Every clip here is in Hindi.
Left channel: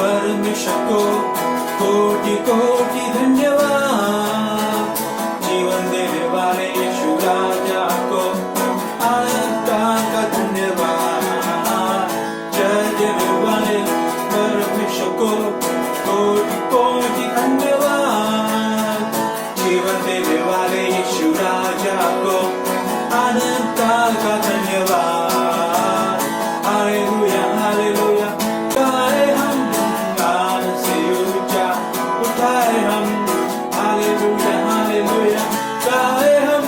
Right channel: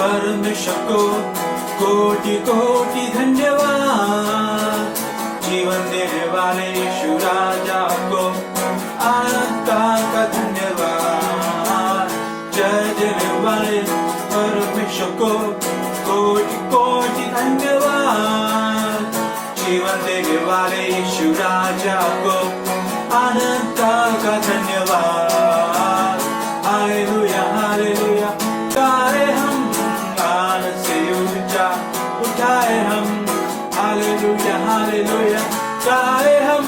परमेश्वर को कोटि कोटि धन्यवाद। जीवन देने वाले यीशु राजा को अनंत का धन्यवाद। जय देने वाले परमेश्वर को कोटि कोटि धन्यवाद। जीवन देने वाले यीशु राजा को अनंत का धन्यवाद। हालेलुया हालेलुया गाए हम आनंद से ऊंचा उठाए हम। हालेलुया हालेलुया गाए हम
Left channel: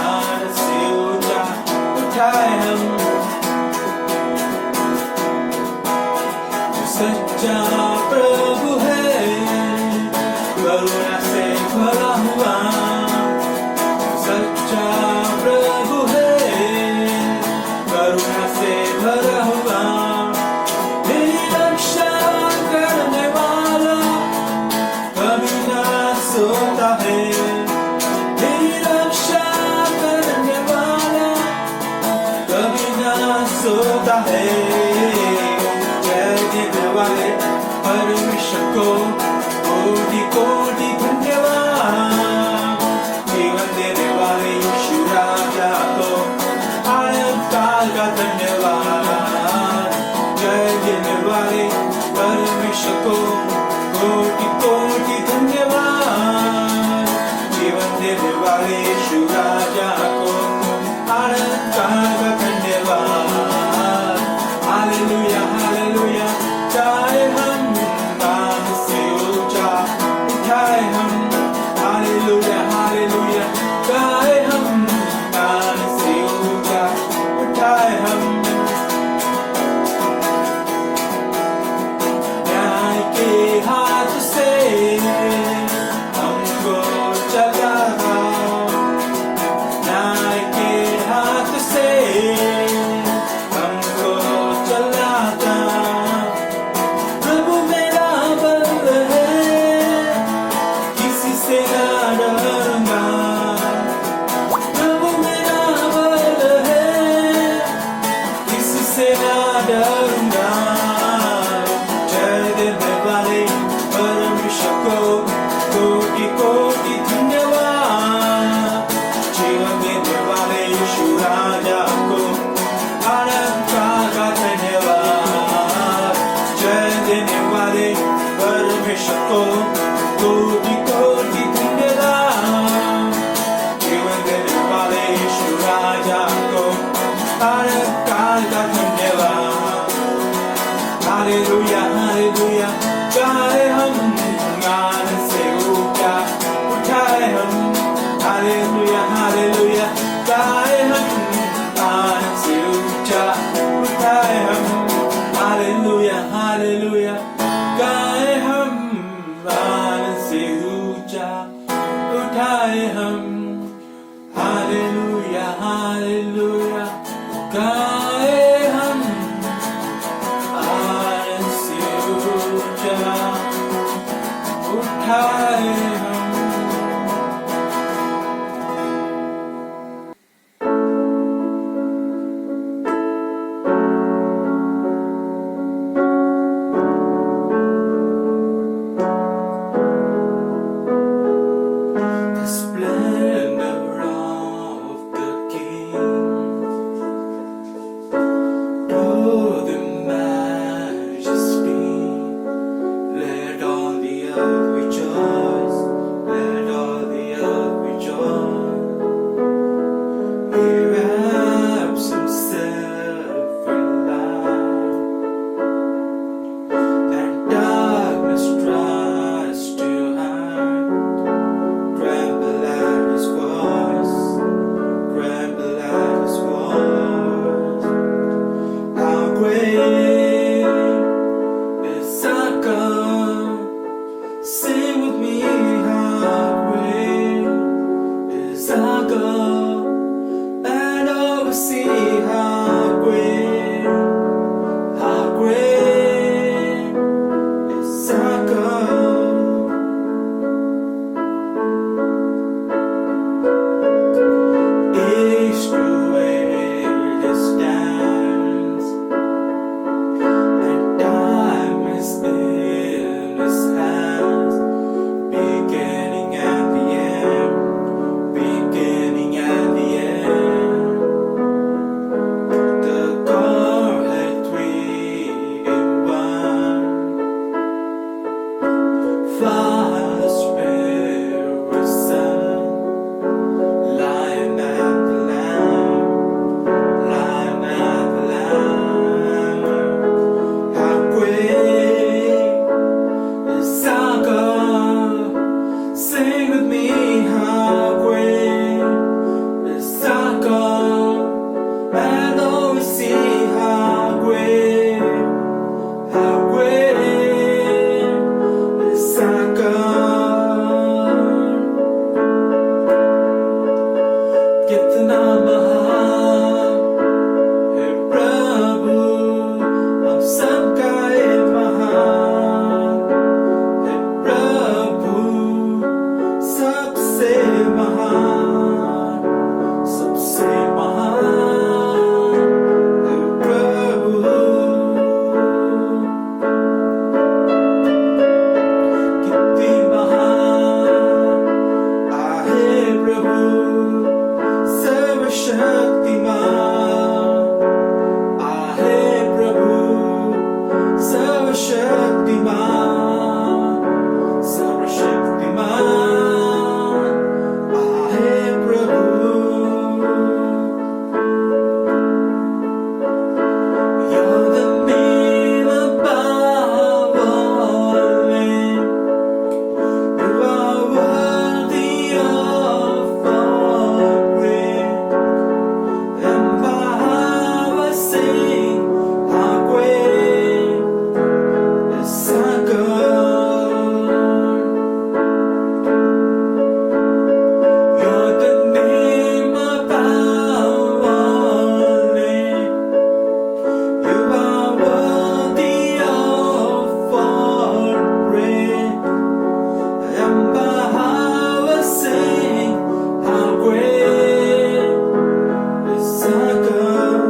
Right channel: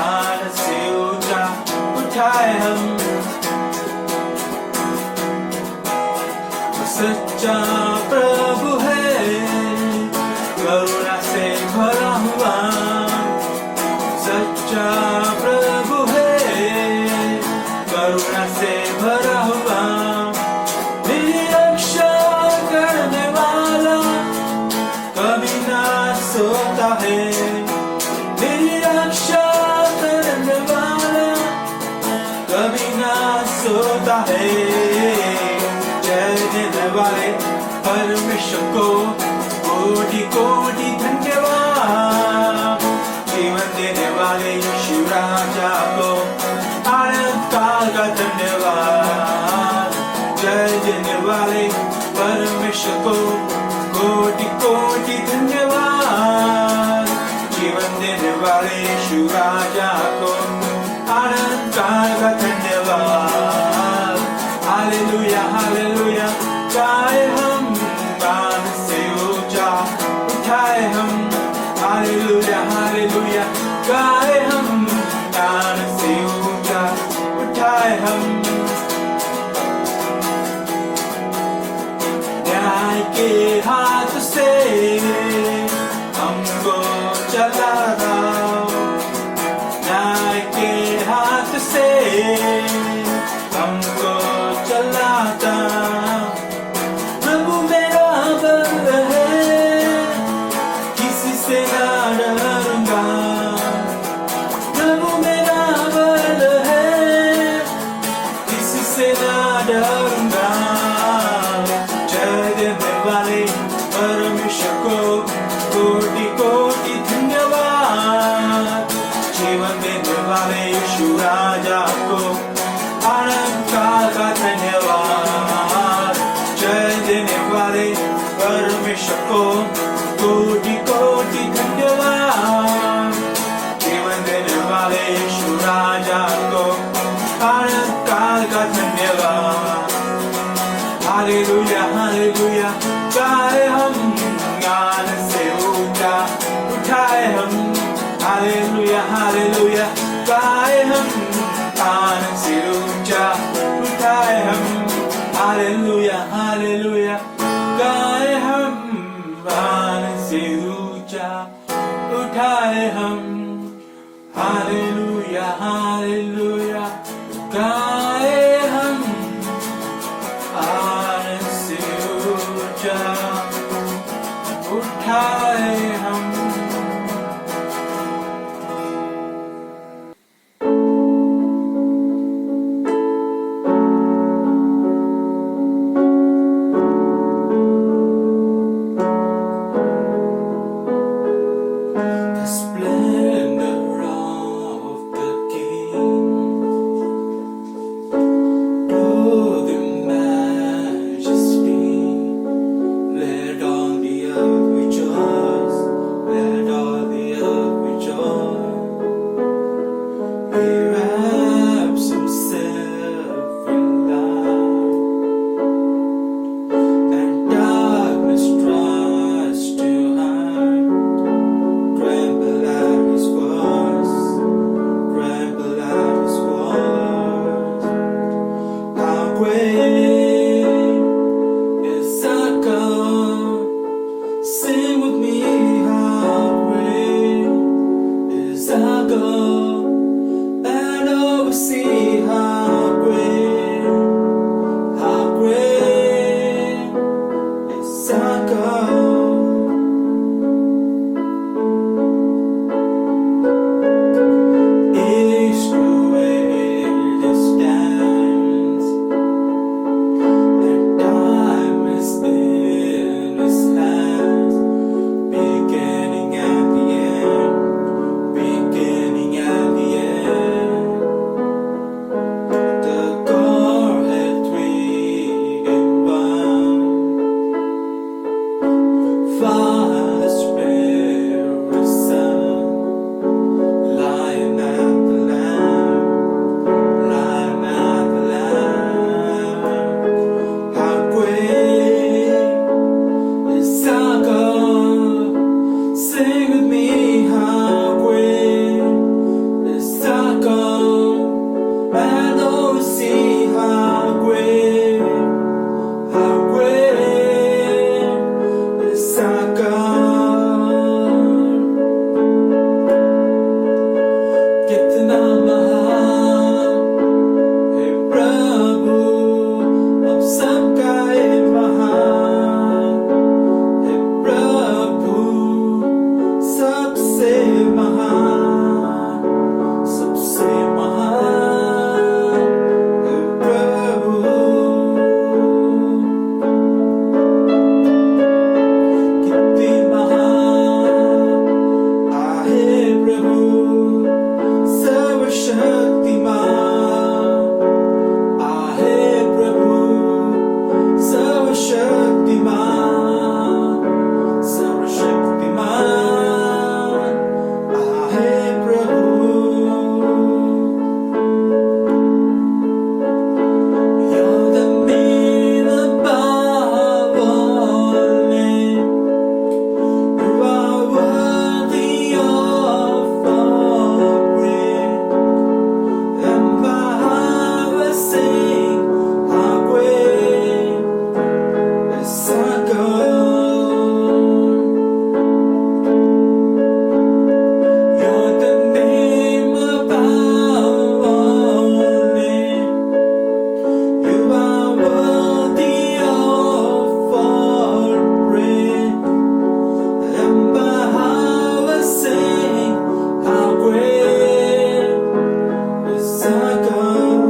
आनंद से ऊंचा उठाए हम। सच्चा प्रभु है करुणा से भरा हुआ। सच्चा प्रभु है करुणा से भरा हुआ। निरीक्षण करने वाला कभी ना सोता है। निरीक्षण करने वाला कभी ना सोता है। जय देने वाले परमेश्वर को कोटि कोटि धन्यवाद। जीवन देने वाले यीशु राजा को अनंत काल का धन्यवाद। जय देने वाले परमेश्वर को कोटि कोटि धन्यवाद। जीवन देने वाले यीशु राजा को अनंत काल का धन्यवाद। हालेलुया हालेलुया गाए हम गान से ऊंचा उठाए हम। हालेलुया हालेलुया गाए हम गान से ऊंचा उठाए हम। न्याय के हाथ से हमको चलाता। न्याय के हाथ से हमको चलाता। प्रभु मेरा बल है किसी से ना डरूंगा। प्रभु मेरा बल है किसी से ना डरूंगा। जय देने वाले परमेश्वर को कोटि कोटि धन्यवाद। जीवन देने वाले यीशु राजा को अनंत काल का धन्यवाद। जय देने वाले परमेश्वर को कोटि कोटि धन्यवाद। जीवन देने वाले यीशु राजा को अनंत काल का धन्यवाद। हालेलुया हालेलुया गाए हम गान से ऊंचा उठाए हम। हालेलुया हालेलुया गाए हम गान से ऊंचा उठाए हम। हालेलुया हालेलुया गाए हम गान से ऊंचा उठाए हम। हालेलुया हालेलुया गाए हम गान से ऊंचा उठाए हम। The splendor of the King सबसे महान है प्रभु। कितनी महान आहे प्रभु, सर्वशक्तिमान आहे प्रभु, सर्वशक्तिमान, सर्वशक्तिमान आहे प्रभु। You're the name above all names. You are worthy of all praise. And how I sing, how great is our God. You're the name above all names. You are worthy of all praise. And how I sing, how great is our God.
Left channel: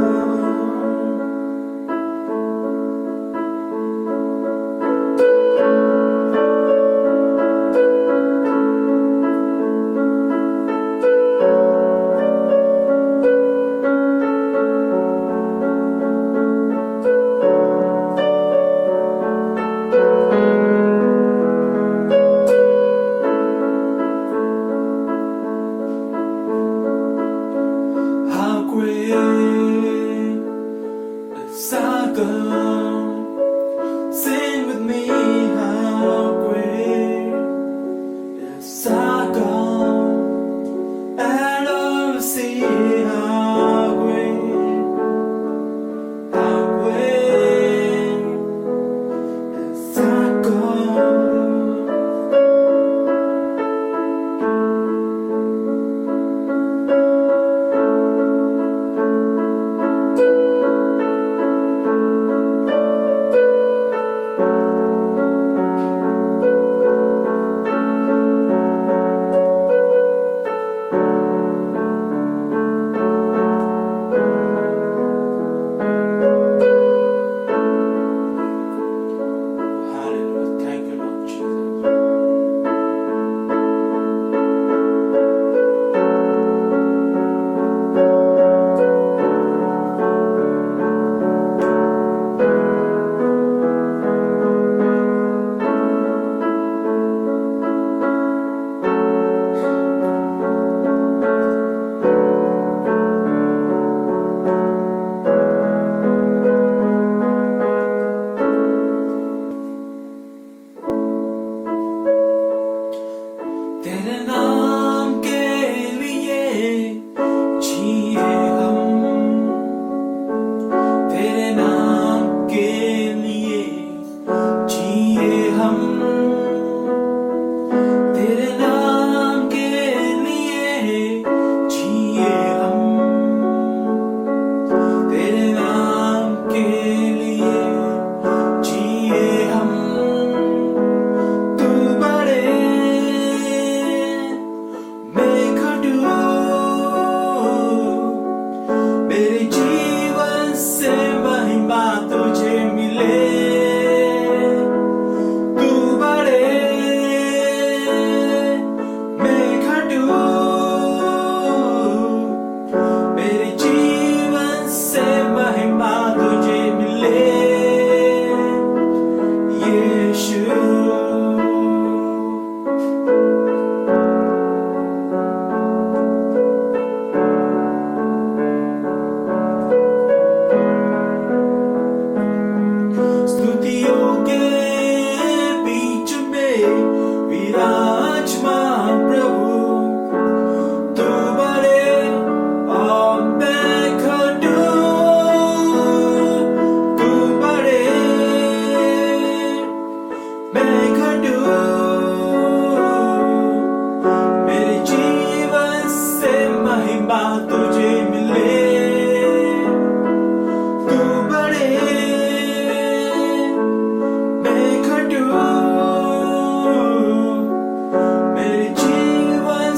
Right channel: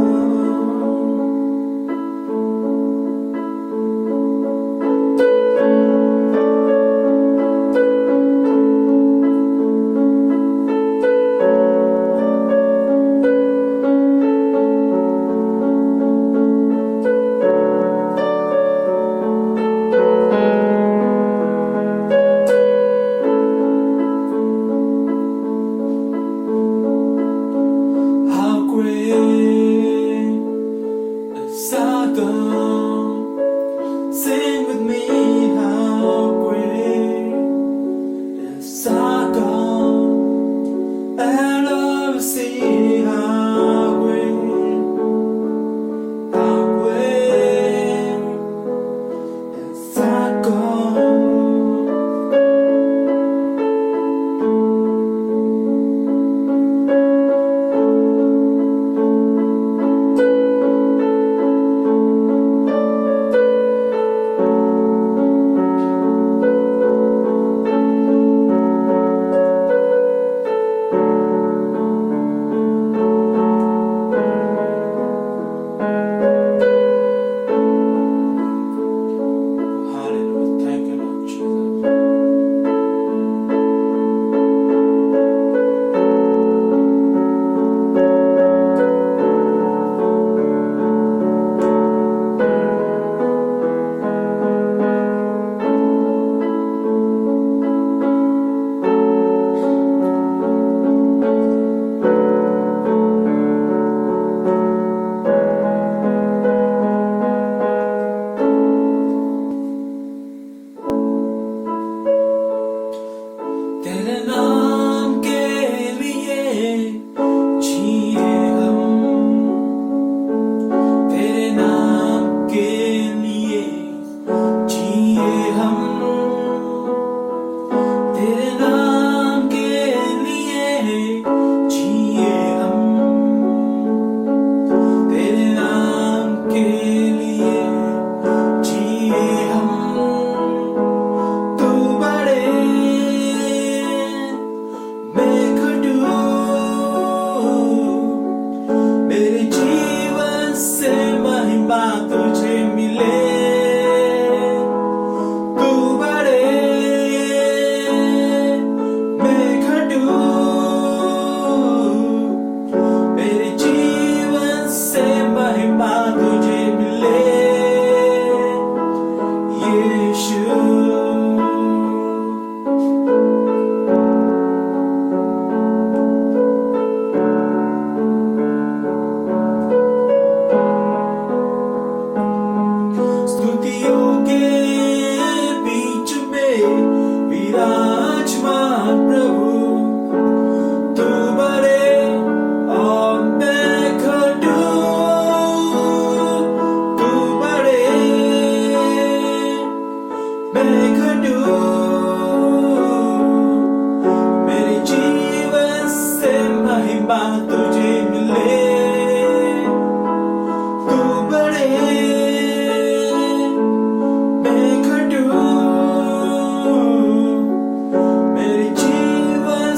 How great is our God. Sing with me, how great is our God. And all will see how great is our God. Hallelujah. Thank you, Lord Jesus. तेरे नाम के लिए जिए हम, तेरे नाम के लिए जिए हम, तेरे नाम के लिए जिए हम, तेरे नाम के लिए जिए हम। तू बड़े मैं खटू, मेरे जीवन से महिमा तुझे मिले। तू बड़े मैं खटू, मेरे जीवन से महिमा तुझे मिले। यीशु स्तुतियों के बीच में विराजमान प्रभु, तू बड़े और मैं खटू। तू बड़े मैं खटू, मेरे जीवन से महिमा तुझे मिले। तू बड़े मैं खटू, मेरे जीवन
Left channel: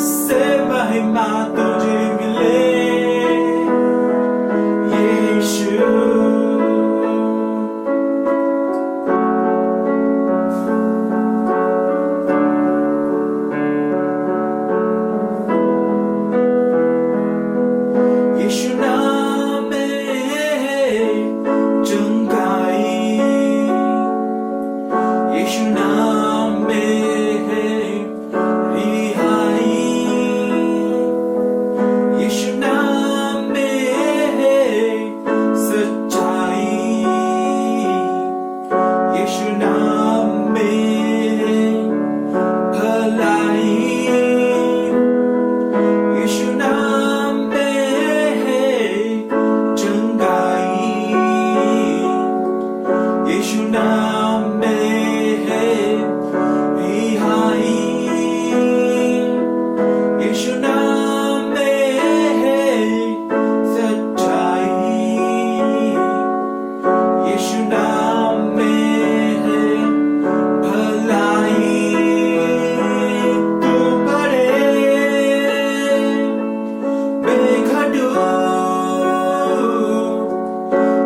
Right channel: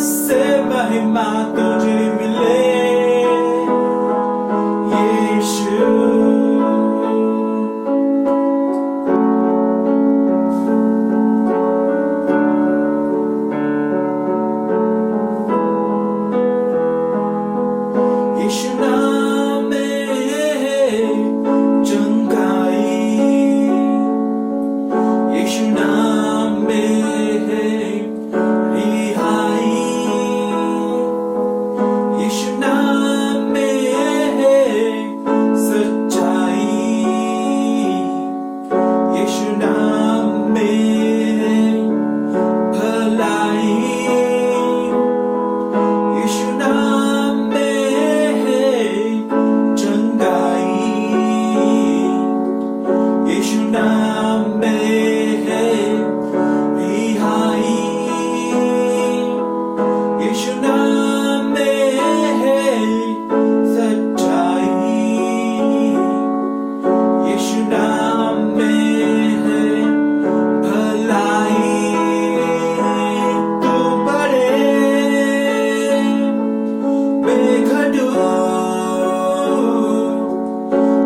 महिमा तुझे मिले यीशु यीशु नाम में है चंगाई यीशु नाम में है रिहाई यीशु नाम में है सच्चाई यीशु नाम में है भलाई यीशु नाम में है चंगाई यीशु नाम में है रिहाई यीशु नाम में है सच्चाई यीशु नाम में है भलाई तू बड़े बेखटू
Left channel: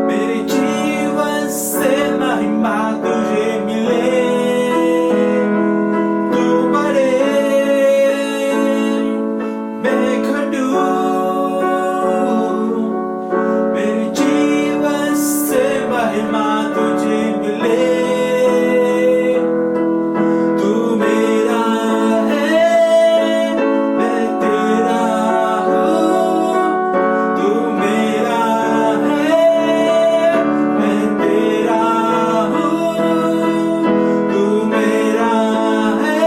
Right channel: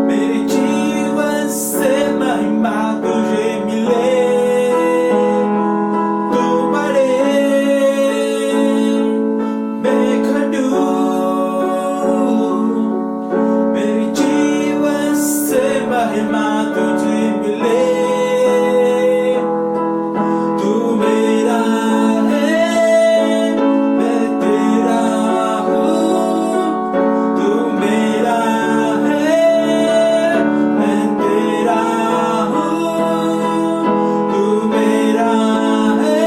मेरे जीवन से महिमा तुझे मिले तू बड़े बेखटू मेरे जीवन से महिमा तुझे मिले तू मेरा है मैं तेरा हूँ तू मेरा है मैं तेरा हूँ तू मेरा है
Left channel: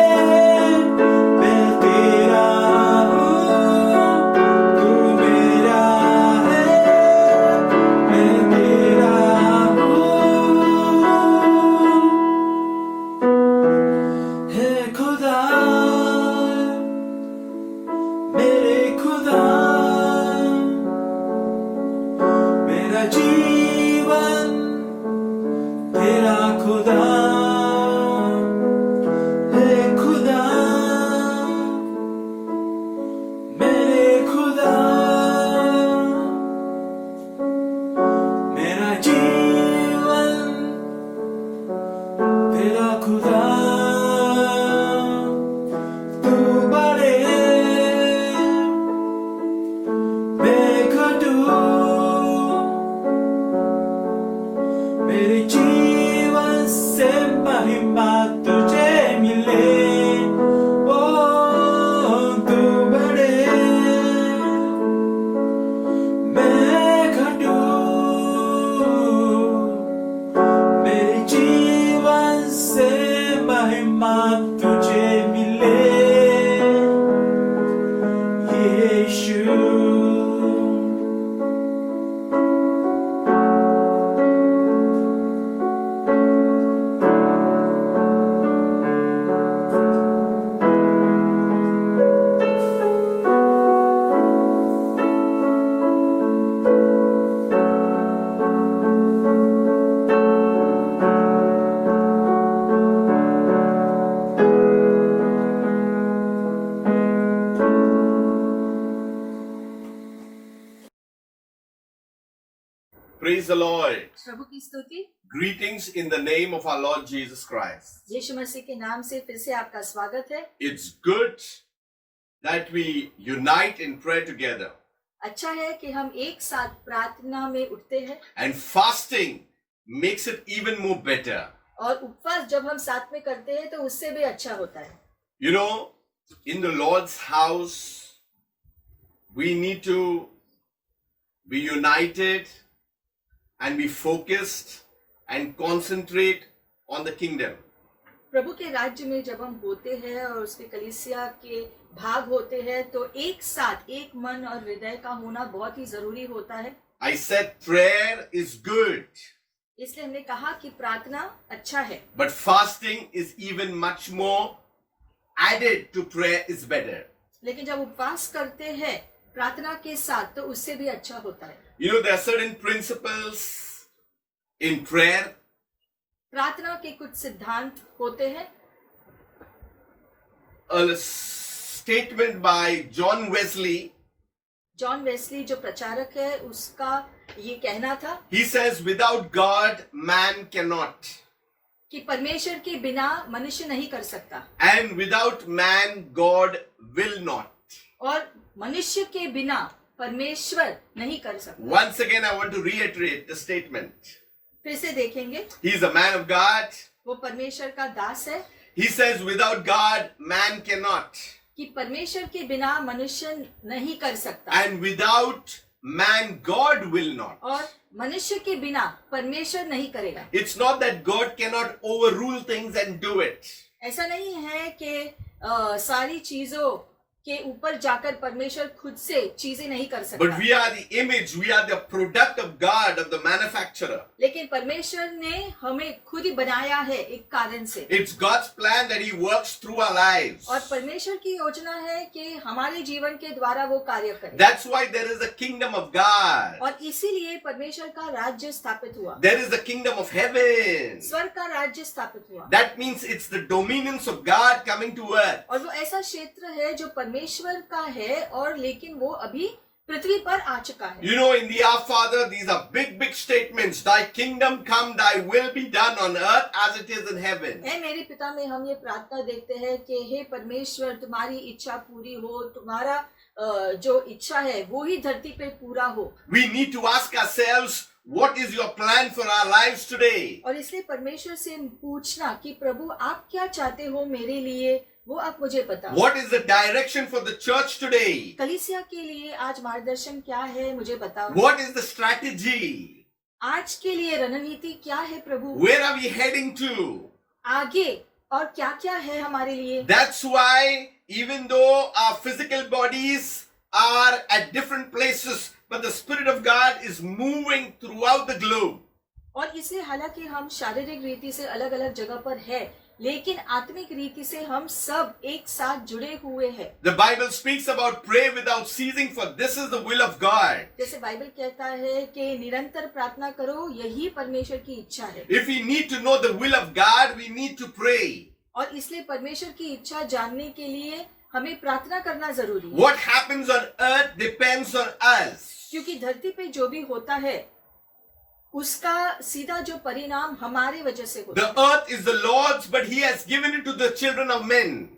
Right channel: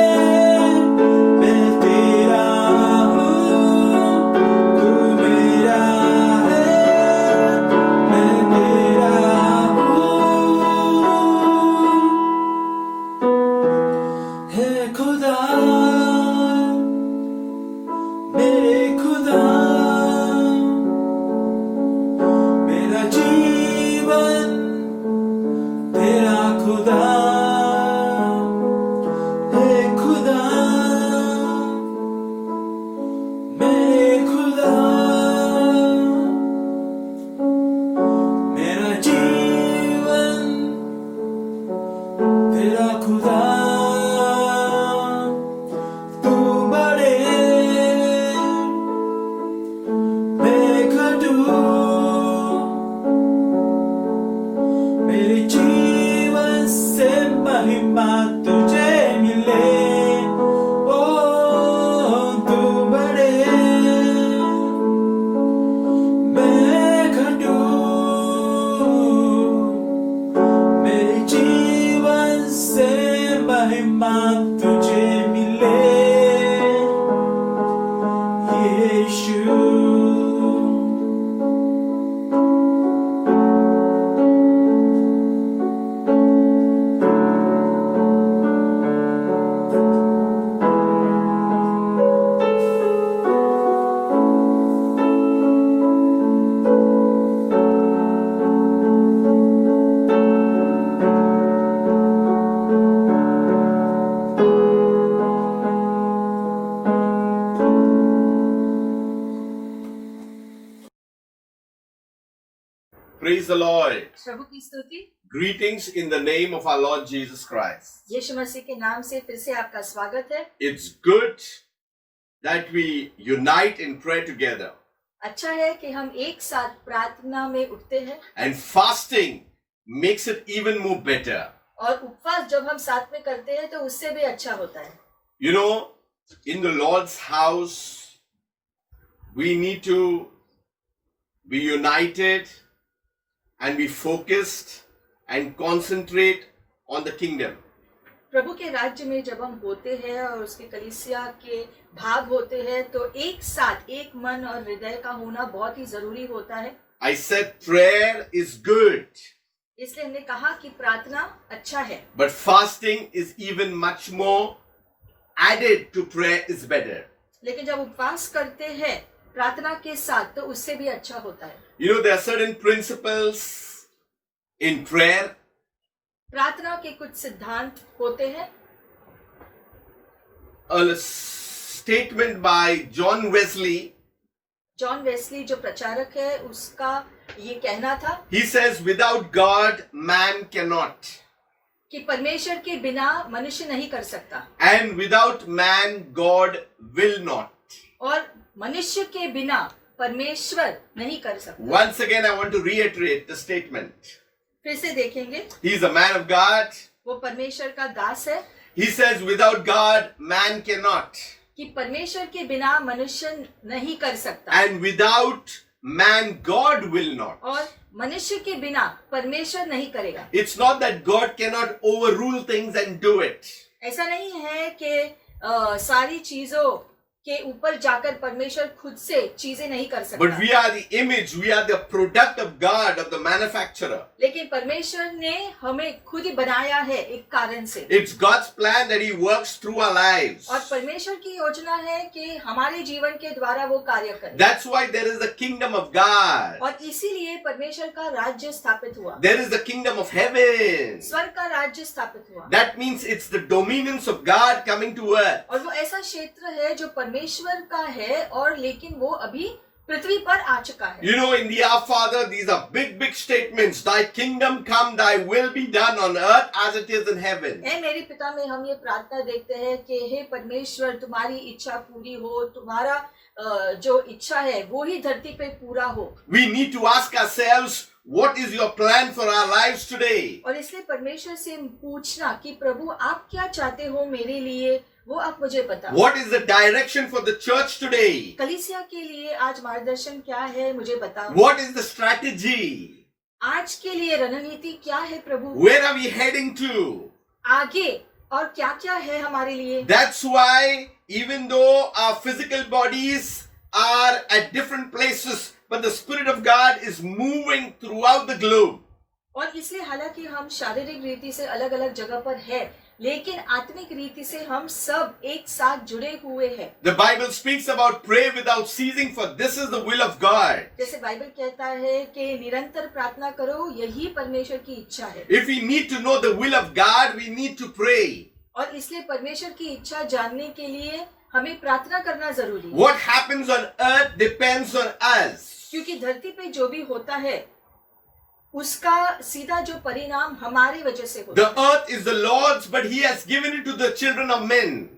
मैं तेरा हूँ तू मेरा है मैं तेरा हूँ हे खुदा मेरे खुदा मेरा जीवन तेरा खुदा हे खुदा मेरे खुदा मेरा जीवन तेरा खुदा तू बड़े बेखटू मेरे जीवन से महिमा तुझे मिले ओ तू बड़े बेखटू मेरे जीवन से महिमा तुझे मिले यीशु Praise the Lord. प्रभु की स्तुति। Greetings in the name of our Lord Jesus Christ. यीशु मसीह के नाम से फिर से आपका स्वागत है। It's good that we unite in prayer together. अच्छा है कि हम एक साथ प्रार्थना में उठते हैं And fasting makes it even more better. और उपवास जब हम साथ में करते हैं तो उससे भी अच्छा होता है। You know, in the Lord's house, we need to be united and be focused and concentrate on the kingdom. प्रभु के राज्य में जब हम होते हैं और उसके कलीसिया के भाग होते हैं तो एक साथ एक मन और हृदय का होना बहुत ही जरूरी होता है। I said prayer is good, इसलिए हमने कहा कि प्रार्थना अच्छा है, but fasting is even much more added to prayer is better. लेकिन जब उपवास करते हैं प्रार्थना के साथ तो उससे भी अच्छा होता है। You know, there are certain principles in prayer. प्रार्थना के कुछ सिद्धांत होते हैं। statement by John Wesley. John Wesley जो प्रचारक है उसका ये कहना था He says, without God, man cannot. कि परमेश्वर के बिना मनुष्य नहीं कर सकता And without man, God will not. और मनुष्य के बिना परमेश्वर नहीं कर सकता। Once again, I want to reiterate the statement. फिर से देखेंगे, He is a man of God. वो परमेश्वर का दास है He says, without God, man cannot. कि परमेश्वर के बिना मनुष्य नहीं कर सकता And without man, God will not. और मनुष्य के बिना परमेश्वर नहीं करेगा। It's not that God cannot overrule things and do it. ऐसा नहीं है कि सारी चीजों के ऊपर जाकर परमेश्वर खुद से चीजें नहीं कर सकता, But we are the image, we are the product of God, of the manufacturer. लेकिन परमेश्वर ने हमें खुद ही बनाया है एक कारण से। It's God's plan that He works through our lives. और परमेश्वर की योजना है कि हमारे जीवन के द्वारा वो कार्य करे। That's why there is a kingdom of God. और इसीलिए परमेश्वर का राज्य स्थापित हुआ, There is the kingdom of heaven. स्वर्ग का राज्य स्थापित हुआ। That means it's the dominions of God coming to earth. और वो ऐसा क्षेत्र है जो परमेश्वर का है और लेकिन वो अभी पृथ्वी पर आ चुका है। You know, in the Our Father, these are big, big statements. Thy kingdom come, thy will be done on earth as it is in heaven. हे मेरे पिता में हम ये प्रार्थना देखते हैं कि हे परमेश्वर तुम्हारी इच्छा पूरी हो, तुम्हारा जो इच्छा है वो ही धरती पे पूरा हो। We need to ask ourselves, what is your plan for our lives today? और इसलिए परमेश्वर से पूछना कि प्रभु आप क्या चाहते हो मेरे लिए, वो आप मुझे बताओ। What is the direction for the church today? कलीसिया के लिए आज मार्गदर्शन क्या है मुझे बताओ। What is the strategy? आज के लिए रणनीति क्या है प्रभु, Where are we heading to? आगे और क्या क्या है हमारे लिए। That's why even though our physical bodies are at different places, but the Spirit of God is moving throughout the globe. और इसलिए हालांकि हम शारीरिक रीति से अलग अलग जगह पर है, लेकिन आत्मिक रीति से हम सब एक साथ जुड़े हुए हैं। The Bible speaks about pray without ceasing, for this is the will of God. जैसे बाइबल कहता है कि निरंतर प्रार्थना करो, यही परमेश्वर की इच्छा है। If we need to know the will of God, we need to pray. और इसलिए परमेश्वर की इच्छा जानने के लिए हमें प्रार्थना करना जरूरी है। What happens on earth depends on us. क्योंकि धरती पे जो भी होता है उसका सीधा जो परिणाम हमारी वजह से होता The है। earth is the Lord's, but He has given it to the children of men.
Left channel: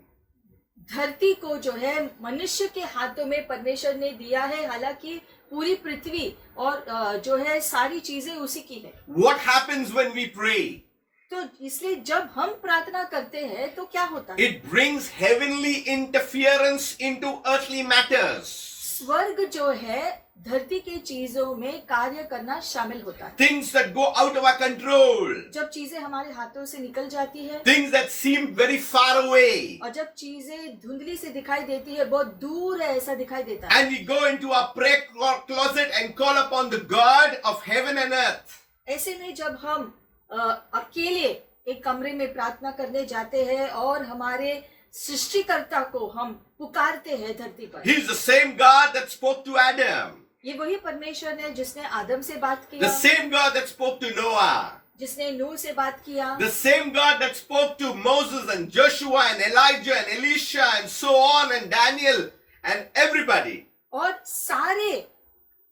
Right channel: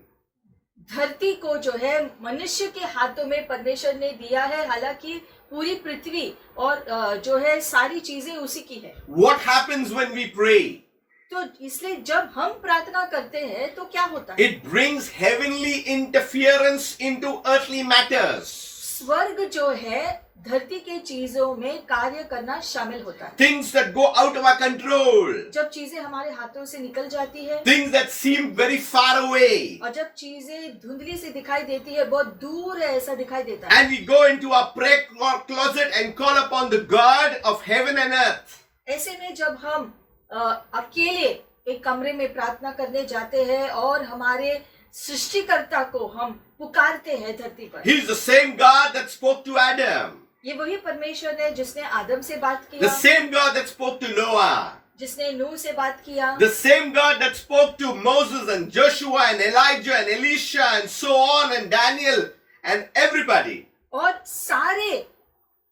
धरती को जो है मनुष्य के हाथों में परमेश्वर ने दिया है, हालांकि पूरी पृथ्वी और जो है सारी चीजें उसी की है। What happens when we pray? तो इसलिए जब हम प्रार्थना करते हैं तो क्या होता है, It brings heavenly interference into earthly matters. स्वर्ग जो है धरती के चीजों में कार्य करना शामिल होता है। Things that go out of our control. जब चीजें हमारे हाथों से निकल जाती है Things that seem very far away. और जब चीजें धुंधली से दिखाई देती है, बहुत दूर है ऐसा दिखाई देता है, And we go into our prayer closet and call upon the God of heaven and earth. ऐसे में जब हम अकेले एक कमरे में प्रार्थना करने जाते हैं और हमारे सृष्टिकर्ता को हम पुकारते हैं धरती पर। He's the same God that spoke to Adam. ये वही परमेश्वर है जिसने आदम से बात The किया, same God that spoke to Noah. जिसने नूह से बात किया, The same God that spoke to Moses and Joshua and Elijah and Elisha and so on and Daniel and everybody. और सारे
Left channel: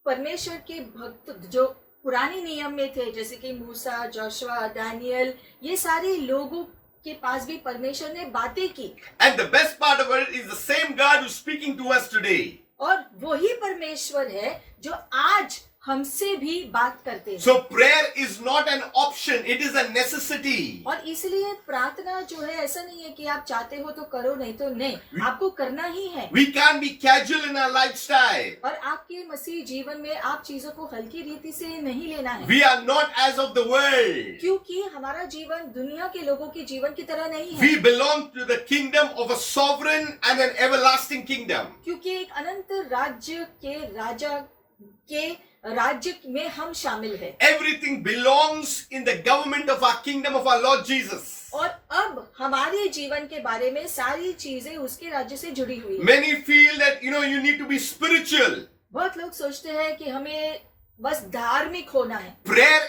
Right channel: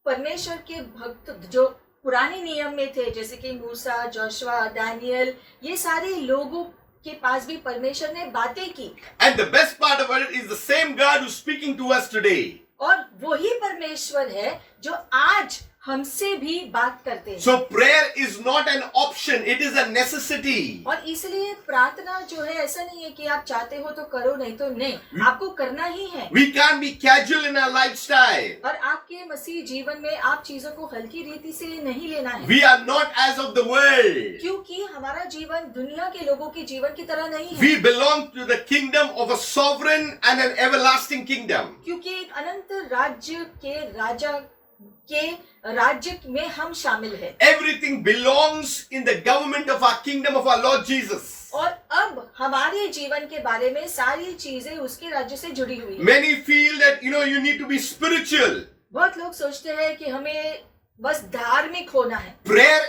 परमेश्वर के भक्त जो पुराने नियम में थे, जैसे कि मूसा, जोशुआ, दानियल, ये सारे लोगों के पास भी परमेश्वर ने बातें की। And the best part of it is the same God who's speaking to us today. और वही परमेश्वर है जो आज हमसे भी बात करते हैं। So prayer is not an option, it is a necessity. और इसलिए प्रार्थना जो है ऐसा नहीं है कि आप चाहते हो तो करो, नहीं तो नहीं, आपको करना ही है। We can't be casual in our lifestyle. और आपके मसीह जीवन में आप चीजों को हल्की रीति से नहीं लेना है, We are not as of the world. क्योंकि हमारा जीवन दुनिया के लोगों के जीवन की तरह नहीं है। We belong to the kingdom of a sovereign and an everlasting kingdom. क्योंकि एक अनंत राज्य के राजा के राज्य में हम शामिल हैं। Everything belongs in the government of our kingdom of our Lord Jesus. और अब हमारे जीवन के बारे में सारी चीजें उसके राज्य से जुड़ी हुई है। Many feel that you need to be spiritual. बहुत लोग सोचते हैं कि हमें बस धार्मिक होना है। Prayer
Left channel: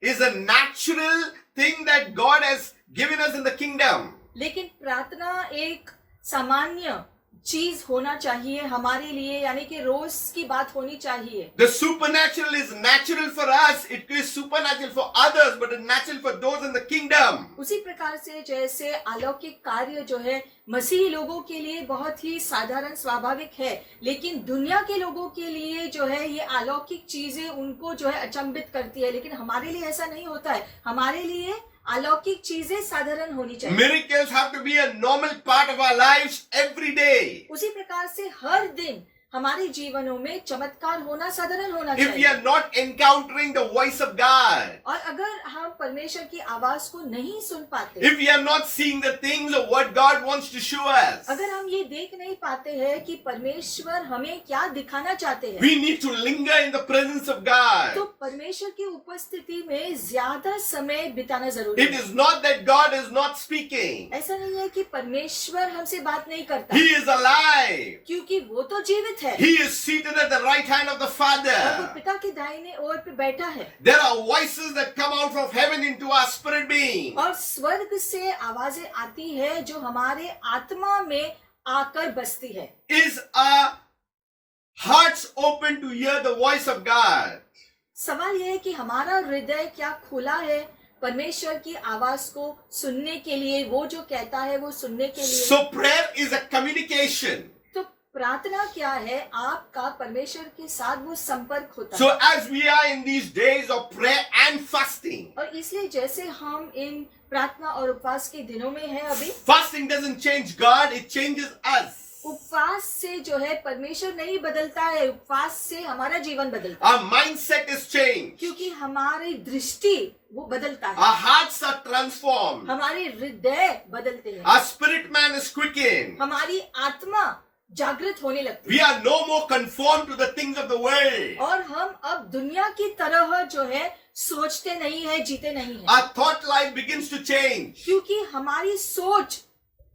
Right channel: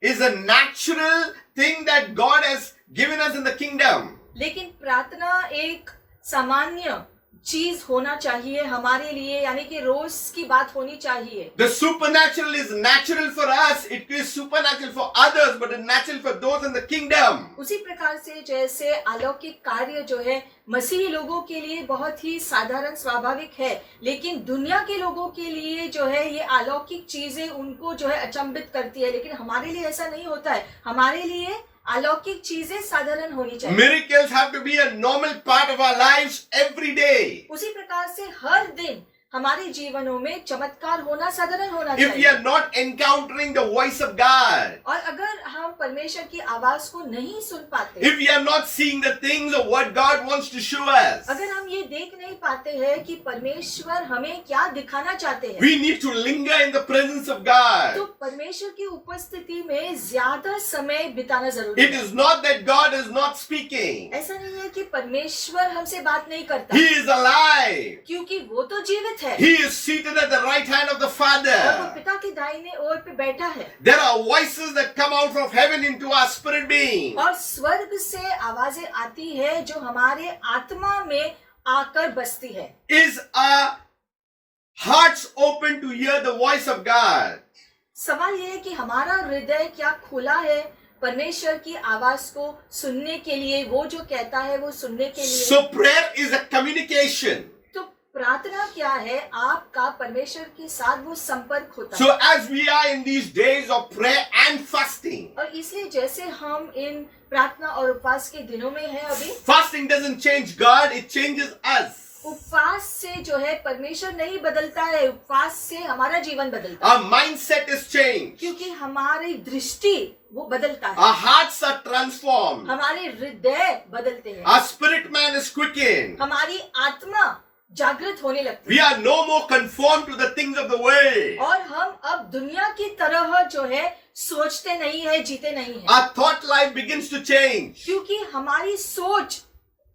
is a natural thing that God has given us in the kingdom. लेकिन प्रार्थना एक सामान्य चीज होना चाहिए हमारे लिए, यानी कि रोज की बात होनी चाहिए। The supernatural is natural for us, it is supernatural for others, but it's natural for those in the kingdom. उसी प्रकार से जैसे अलौकिक कार्य जो है मसीही लोगों के लिए बहुत ही साधारण स्वाभाविक है, लेकिन दुनिया के लोगों के लिए जो है ये अलौकिक चीजें उनको जो है अचंभित करती है, लेकिन हमारे लिए ऐसा नहीं होता है। हमारे लिए अलौकिक चीजें साधारण होनी चाहिए। Miracles have to be a normal part of our lives every day. उसी प्रकार से हर दिन हमारे जीवनों में चमत्कार होना साधारण होना If we चाहिए। are not encountering the voice of God, और अगर हम परमेश्वर की आवाज को नहीं सुन पाते, if we are not seeing the things of what God wants to show us, अगर हम ये देख नहीं पाते हैं कि परमेश्वर हमें क्या दिखाना चाहते हैं, we need to linger in the presence of तो God. परमेश्वर की उपस्थिति में ज्यादा समय बिताना जरूरी It है। is not that God is not speaking. ऐसा नहीं है कि परमेश्वर हमसे बात नहीं करता, He is alive. क्योंकि वो तो जीवित है He is seated at the right hand of the और वो Father. पिता की दाहिने ओर पे बैठा है। There are voices that come out from heaven into our spirit being. और स्वर्ग से आवाजें आती है जो हमारे आत्मा में आकर बसती है। Is our hearts open to hear the voice of God? सवाल यह है कि हमारा हृदय क्या खुला है परमेश्वर की आवाज को सुनने के लिए, वो जो कहता है वो सुनने के लिए। So prayer is a communication. तो प्रार्थना क्या है? आपका परमेश्वर के साथ वो संपर्क होता है। So as we are in these days of prayer and fasting, और इसलिए जैसे हम इन प्रार्थना और उपवास के दिनों में हैं अभी, fasting doesn't change God, it changes us. उपवास से जो है परमेश्वर नहीं बदलता है, उपवास से हमारा जीवन बदलता है, Our mindset is changed. क्योंकि हमारी दृष्टि वो बदलता है, Our hearts are transformed. हमारे हृदय बदलते हैं, Our spirit man is quickened. हमारी आत्मा जागृत होने लगती We है are no more conformed to the things of the world. और हम अब दुनिया की तरह जो है सोचते नहीं है, जीते नहीं है, Our thought life begins to change. क्योंकि हमारी सोच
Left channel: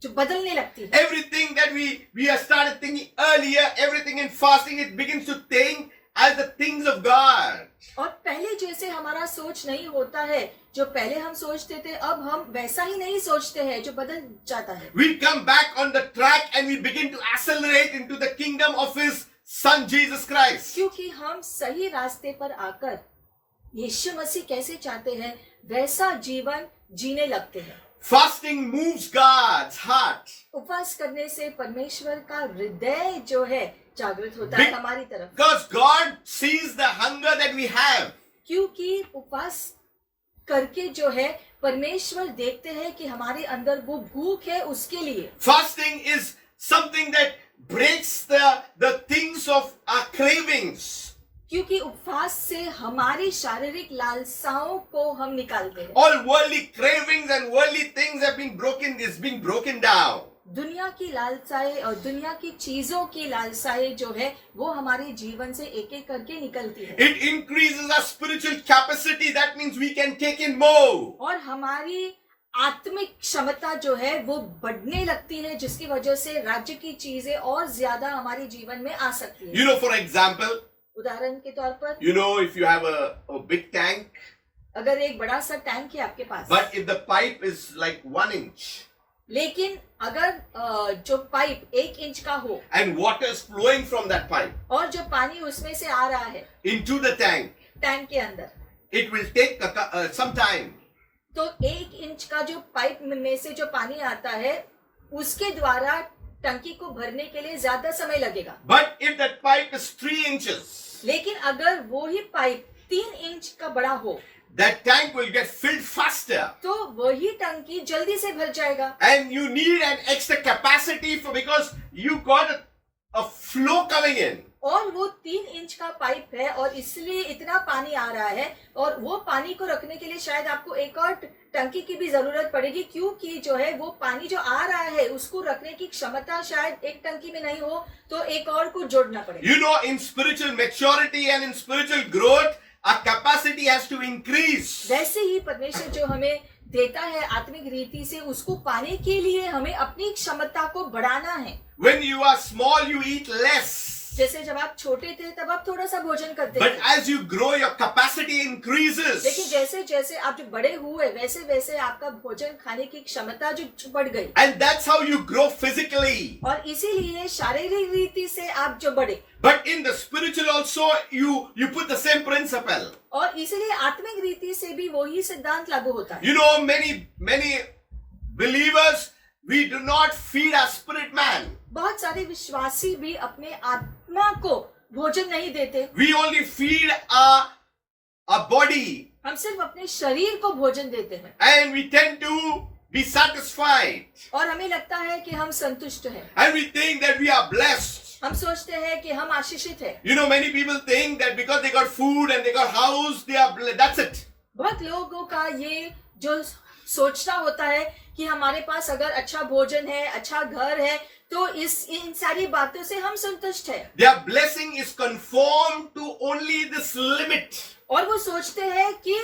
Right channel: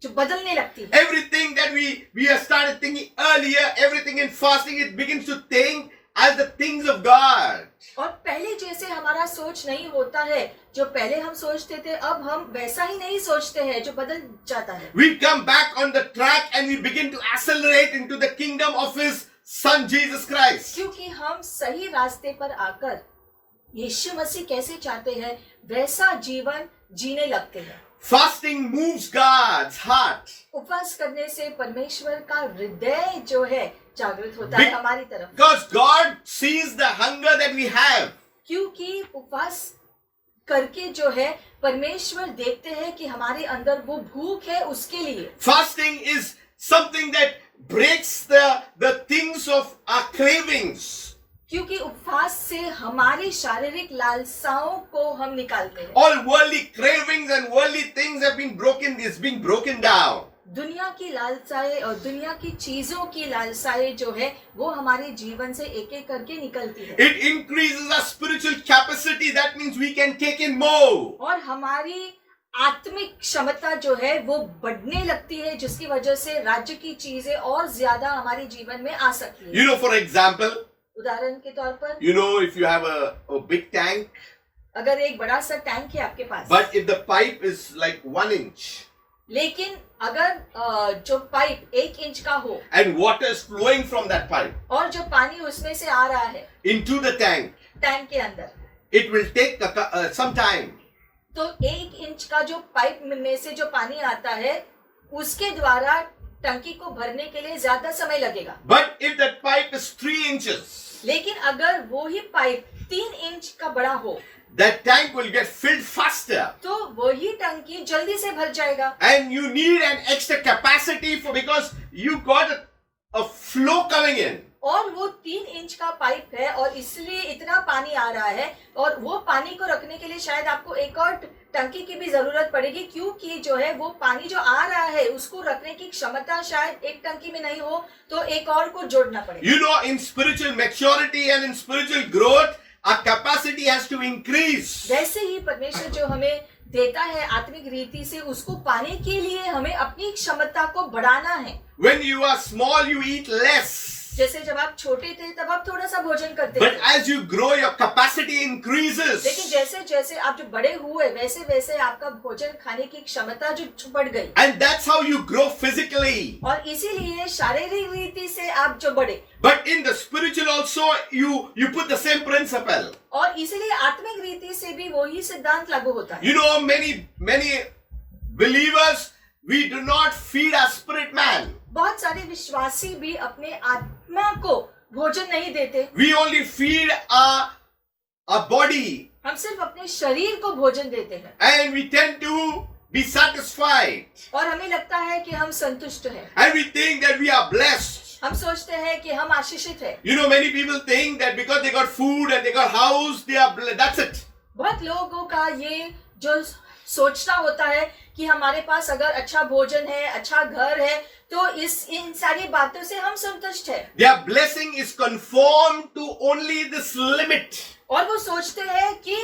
जो बदलने लगती है। Everything that we have started thinking earlier, everything in fasting, it begins to think as the things of God. और पहले जैसे हमारा सोच नहीं होता है, जो पहले हम सोचते थे अब हम वैसा ही नहीं सोचते हैं, जो बदल जाता है। We come back on the track and we begin to accelerate into the kingdom of His Son Jesus Christ. क्योंकि हम सही रास्ते पर आकर यीशु मसीह कैसे चाहते हैं वैसा जीवन जीने लगते हैं। Fasting moves God's heart. उपवास करने से परमेश्वर का हृदय जो है जागृत होता है हमारी तरफ, Because God sees the hunger that we have. क्योंकि उपवास करके जो है परमेश्वर देखते हैं कि हमारे अंदर वो भूख है उसके लिए। Fasting is something that breaks the things of our cravings. क्योंकि उपवास से हमारी शारीरिक लालसाओं को हम निकालते हैं। All worldly cravings and worldly things have been broken, is being broken down. दुनिया की लालसाएं और दुनिया की चीजों की लालसाएं जो है वो हमारे जीवन से एक एक करके निकलती है It increases our spiritual capacity. That means we can take in more. और हमारी आत्मिक क्षमता जो है वो बढ़ने लगती है, जिसकी वजह से राज्य की चीजें और ज्यादा हमारे जीवन में आ सकती है। You know, for example, उदाहरण के तौर पर you know, if you have a big tank, अगर एक बड़ा सा टैंक है आपके पास, but if the pipe is like 1 inch लेकिन अगर जो पाइप 1 इंच का हो and water is flowing from that pipe और जो पानी उसमें से आ रहा है into the tank, टैंक के अंदर, it will take some time. तो 1 इंच का जो पाइप में से जो पानी आता है उसके द्वारा टंकी को भरने के लिए ज्यादा समय लगेगा। But if that pipe is 3 inches, लेकिन अगर वो ही पाइप 3 इंच का बड़ा हो that tank will get filled faster. तो वही टंकी जल्दी से भर जाएगा। And you need an extra capacity because you got a flow coming in. और वो 3 इंच का पाइप है और इसलिए इतना पानी आ रहा है, और वो पानी को रखने के लिए शायद आपको एक और टंकी की भी जरूरत पड़ेगी, क्योंकि जो है वो पानी जो आ रहा है उसको रखने की क्षमता शायद एक टंकी में नहीं हो, तो एक और को जोड़ना पड़ेगा। You know, in spiritual maturity and in spiritual growth, our capacity has to increase. वैसे ही परमेश्वर जो हमें देता है आत्मिक रीति से, उसको पाने के लिए हमें अपनी क्षमता को बढ़ाना है। When you are small, you eat less. जैसे जब आप छोटे थे तब आप थोड़ा सा भोजन करते But थे, as you grow, your capacity लेकिन increases. जैसे जैसे आप जो बड़े हुए वैसे वैसे आपका भोजन खाने की क्षमता जो बढ़ गई, And that's how you grow physically. और इसीलिए शारीरिक रीति से आप जो बढ़े, But in the spiritual also, you put the same principle. और इसीलिए आत्मिक रीति से भी वही सिद्धांत लागू होता है। You know, many believers, we do not feed our spirit man. बहुत सारे विश्वासी भी अपने आत्मा को भोजन नहीं देते, We only feed our body, हम सिर्फ अपने शरीर को भोजन देते हैं, and we tend to be satisfied. और हमें लगता है कि हम संतुष्ट हैं, And we think that we are blessed. हम सोचते हैं कि हम आशीषित हैं। You know, many people think that because they got food and they got house, they are blessed. That's it. बहुत लोगों का ये जो सोचना होता है कि हमारे पास अगर अच्छा भोजन है, अच्छा घर है, तो इन सारी बातों से हम संतुष्ट हैं, Their blessing is conformed to only this limit. और वो सोचते हैं कि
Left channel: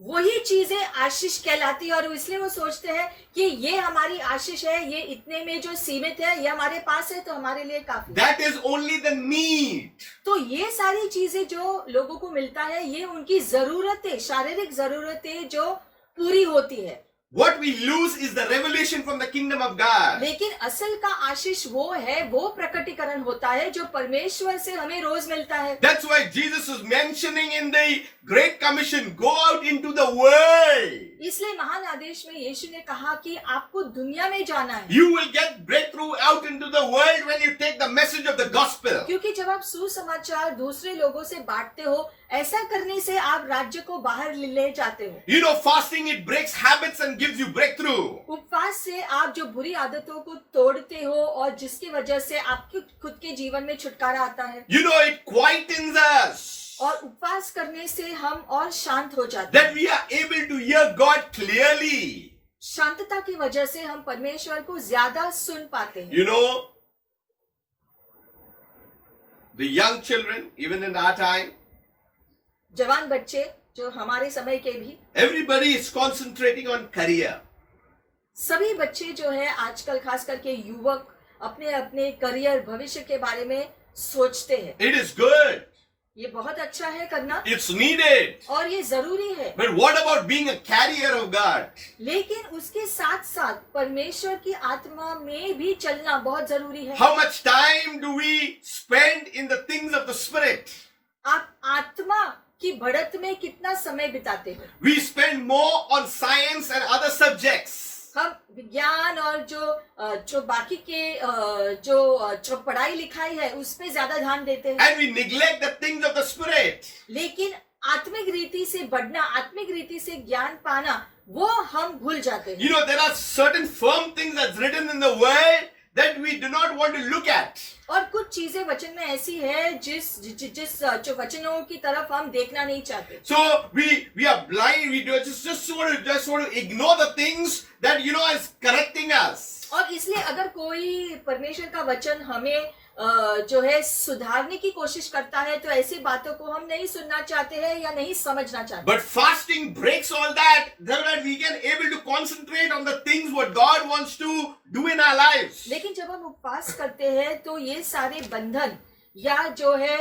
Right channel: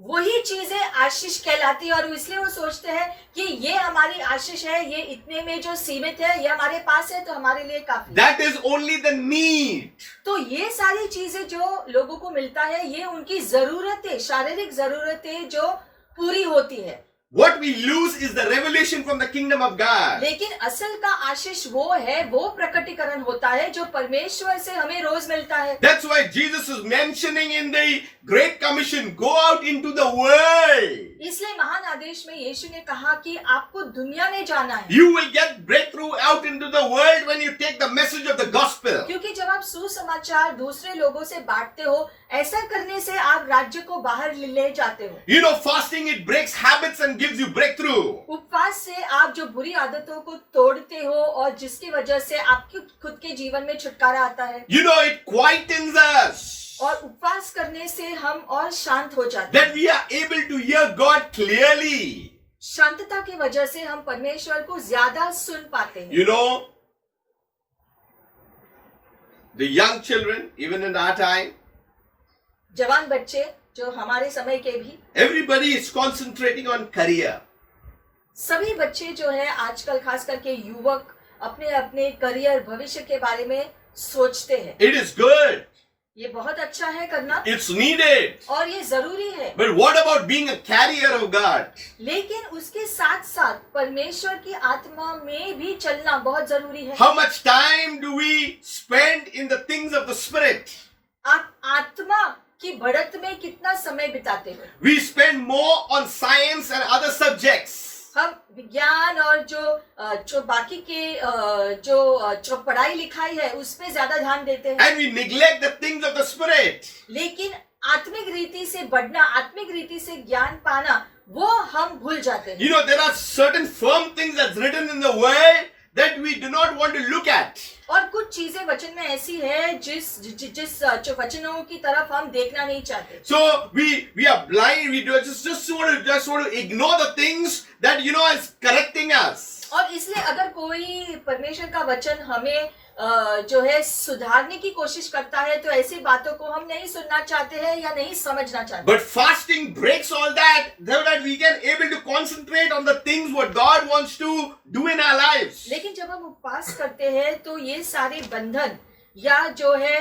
वही चीजें आशीष कहलाती है, और इसलिए वो सोचते हैं कि ये हमारी आशीष है, ये इतने में जो सीमित है, ये हमारे पास है तो हमारे लिए काफी है। That is only the need. तो ये सारी चीजें जो लोगों को मिलता है, ये उनकी जरूरतें, शारीरिक जरूरतें जो पूरी होती है। What we lose is the revelation from the kingdom of God. लेकिन असल का आशीष वो है, वो प्रकटीकरण होता है जो परमेश्वर से हमें रोज मिलता है। That's why Jesus is mentioning in the Great Commission, go out into the world. इसलिए महान आदेश में यीशु ने कहा कि आपको दुनिया में जाना है, You will get breakthrough out into the world when you take the message of the gospel. क्योंकि जब आप सुसमाचार दूसरे लोगों से बांटते हो, ऐसा करने से आप राज्य को बाहर ले जाते हो। You know, fasting, it breaks habits and gives you breakthrough. उपवास से आप जो बुरी आदतों को तोड़ते हो, और जिसकी वजह से आपके खुद के जीवन में छुटकारा आता है, You know, it quietens us. और उपवास करने से हम और शांत हो जाते That हैं। we are able to hear God clearly. शांतता की वजह से हम परमेश्वर को ज्यादा सुन पाते हैं। You know, the young children, even in our time, जवान बच्चे जो हमारे समय के भी, everybody is concentrating on career. सभी बच्चे जो है आजकल खास करके युवक अपने अपने करियर, भविष्य के बारे में सोचते हैं। It is good. ये बहुत अच्छा है करना, It's needed. और ये जरूरी है, But what about being a carrier of God? लेकिन उसके साथ साथ परमेश्वर की आत्मा में भी चलना बहुत जरूरी है। How much time do we spend in the things of the Spirit? आप आत्मा की बढ़त में कितना समय बिताते हो? We spend more on science and other subjects. हम विज्ञान और जो बाकी के जो पढ़ाई लिखाई है उस पे ज्यादा ध्यान देते हैं, And we neglect the things of the Spirit. लेकिन आत्मिक रीति से बढ़ना, आत्मिक रीति से ज्ञान पाना, वो हम भूल जाते हैं। You know, there are certain firm things that's written in the word that we do not want to look at. और कुछ चीजें वचन में ऐसी है जिस जो वचनों की तरफ हम देखना नहीं चाहते। So we are blind. We do just want to ignore the things that is correcting us. और इसलिए अगर कोई परमेश्वर का वचन हमें जो है सुधारने की कोशिश करता है, तो ऐसी बातों को हम नहीं सुनना चाहते हैं या नहीं समझना चाहते। But fasting breaks all that, so that we can able to concentrate on the things what God wants to do in our lives. लेकिन जब हम उपवास करते हैं तो ये सारे बंधन या जो है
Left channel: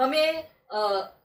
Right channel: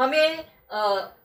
हमें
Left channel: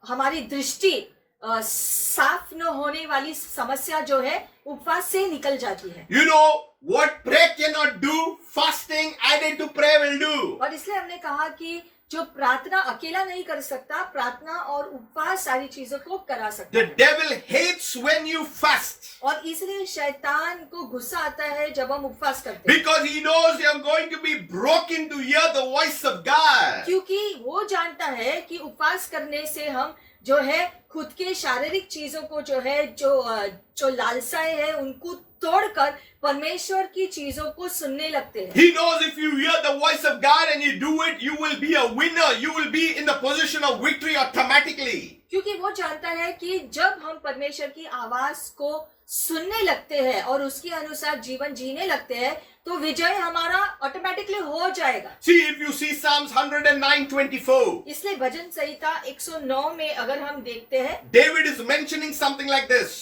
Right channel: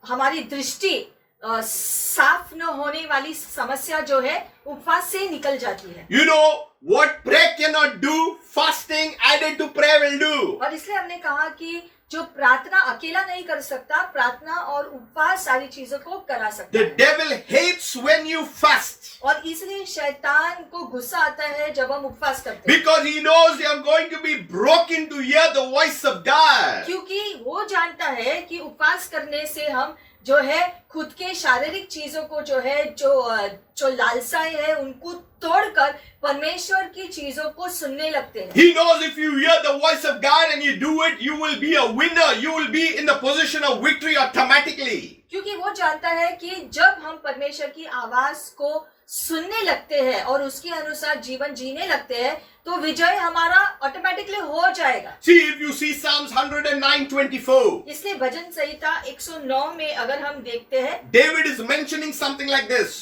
हमारी दृष्टि साफ न होने वाली समस्या जो है उपवास से निकल जाती है। You know what prayer cannot do, fasting added to prayer will do. और इसलिए हमने कहा कि जो प्रार्थना अकेला नहीं कर सकता, प्रार्थना और उपवास सारी चीजों को करा सकता The है। devil hates when you fast और इसलिए शैतान को गुस्सा आता है जब हम उपवास करते हैं, because he knows you are going to be broken to hear the voice of God. क्योंकि वो जानता है कि उपवास करने से हम जो है खुद के शारीरिक चीजों को जो है जो लालसाएं हैं उनको तोड़कर परमेश्वर की चीजों को सुनने लगते हैं। He knows if you hear the voice of God and you do it, you will be a winner. You will be in the position of victory automatically. क्योंकि वो जानता है कि जब हम परमेश्वर की आवाज को सुनने लगते हैं और उसके अनुसार जीवन जीने लगते हैं, तो विजय हमारा ऑटोमेटिकली हो जाएगा। See, if you see Psalms 109:24, इसलिए भजन संहिता 109 में अगर हम देखते हैं, David is mentioning something like this.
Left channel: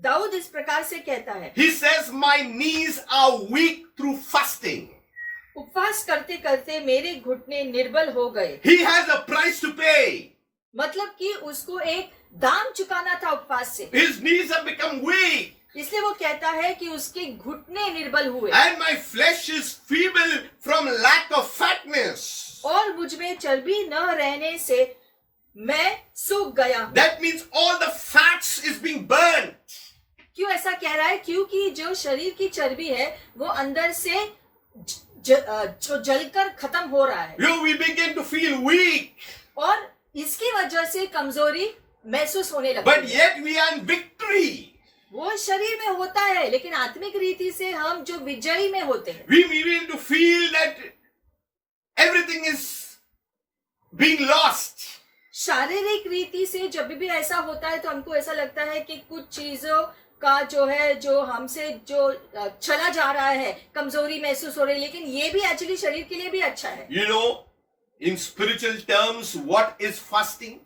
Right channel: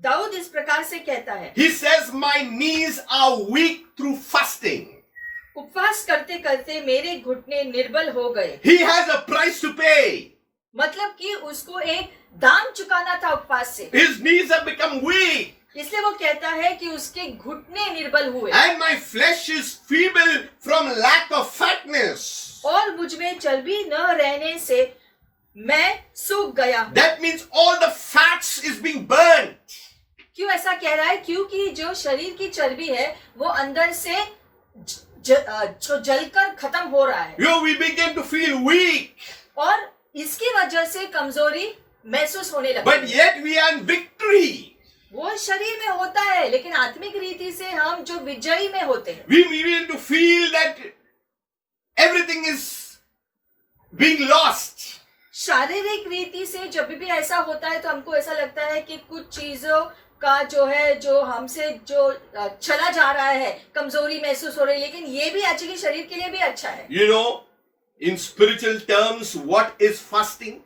Dawood इस प्रकार से कहता है, He says, my knees are weak through fasting. उपवास करते करते मेरे घुटने निर्बल हो गए। He has a price to pay. मतलब कि उसको एक दाम चुकाना था उपवास से, His knees have become weak, इसलिए वो कहता है कि उसके घुटने निर्बल हुए and my flesh is feeble from lack of fatness. और मुझ में चर्बी न रहने से मैं सूख गया हूँ। That means all the fats is being burnt. क्यों ऐसा कह रहा है? क्योंकि जो शरीर की चर्बी है वो अंदर से जो जलकर खत्म हो रहा है We begin to feel weak, और इसकी वजह से कमजोरी महसूस होने but लगती है। yet we are in victory. वो शरीर में होता है, लेकिन आत्मिक रीति से हम जो विजयी में होते हैं। We begin to feel that everything is being lost. शारीरिक रीति से जब भी ऐसा होता है तो हमको ऐसा लगता है कि कुछ चीजों का जो है जो हमसे जो चला जा रहा है, कमजोरी महसूस हो रही है, लेकिन ये भी एक्चुअली शरीर के लिए भी अच्छा है। You know, in spiritual terms, what is fasting?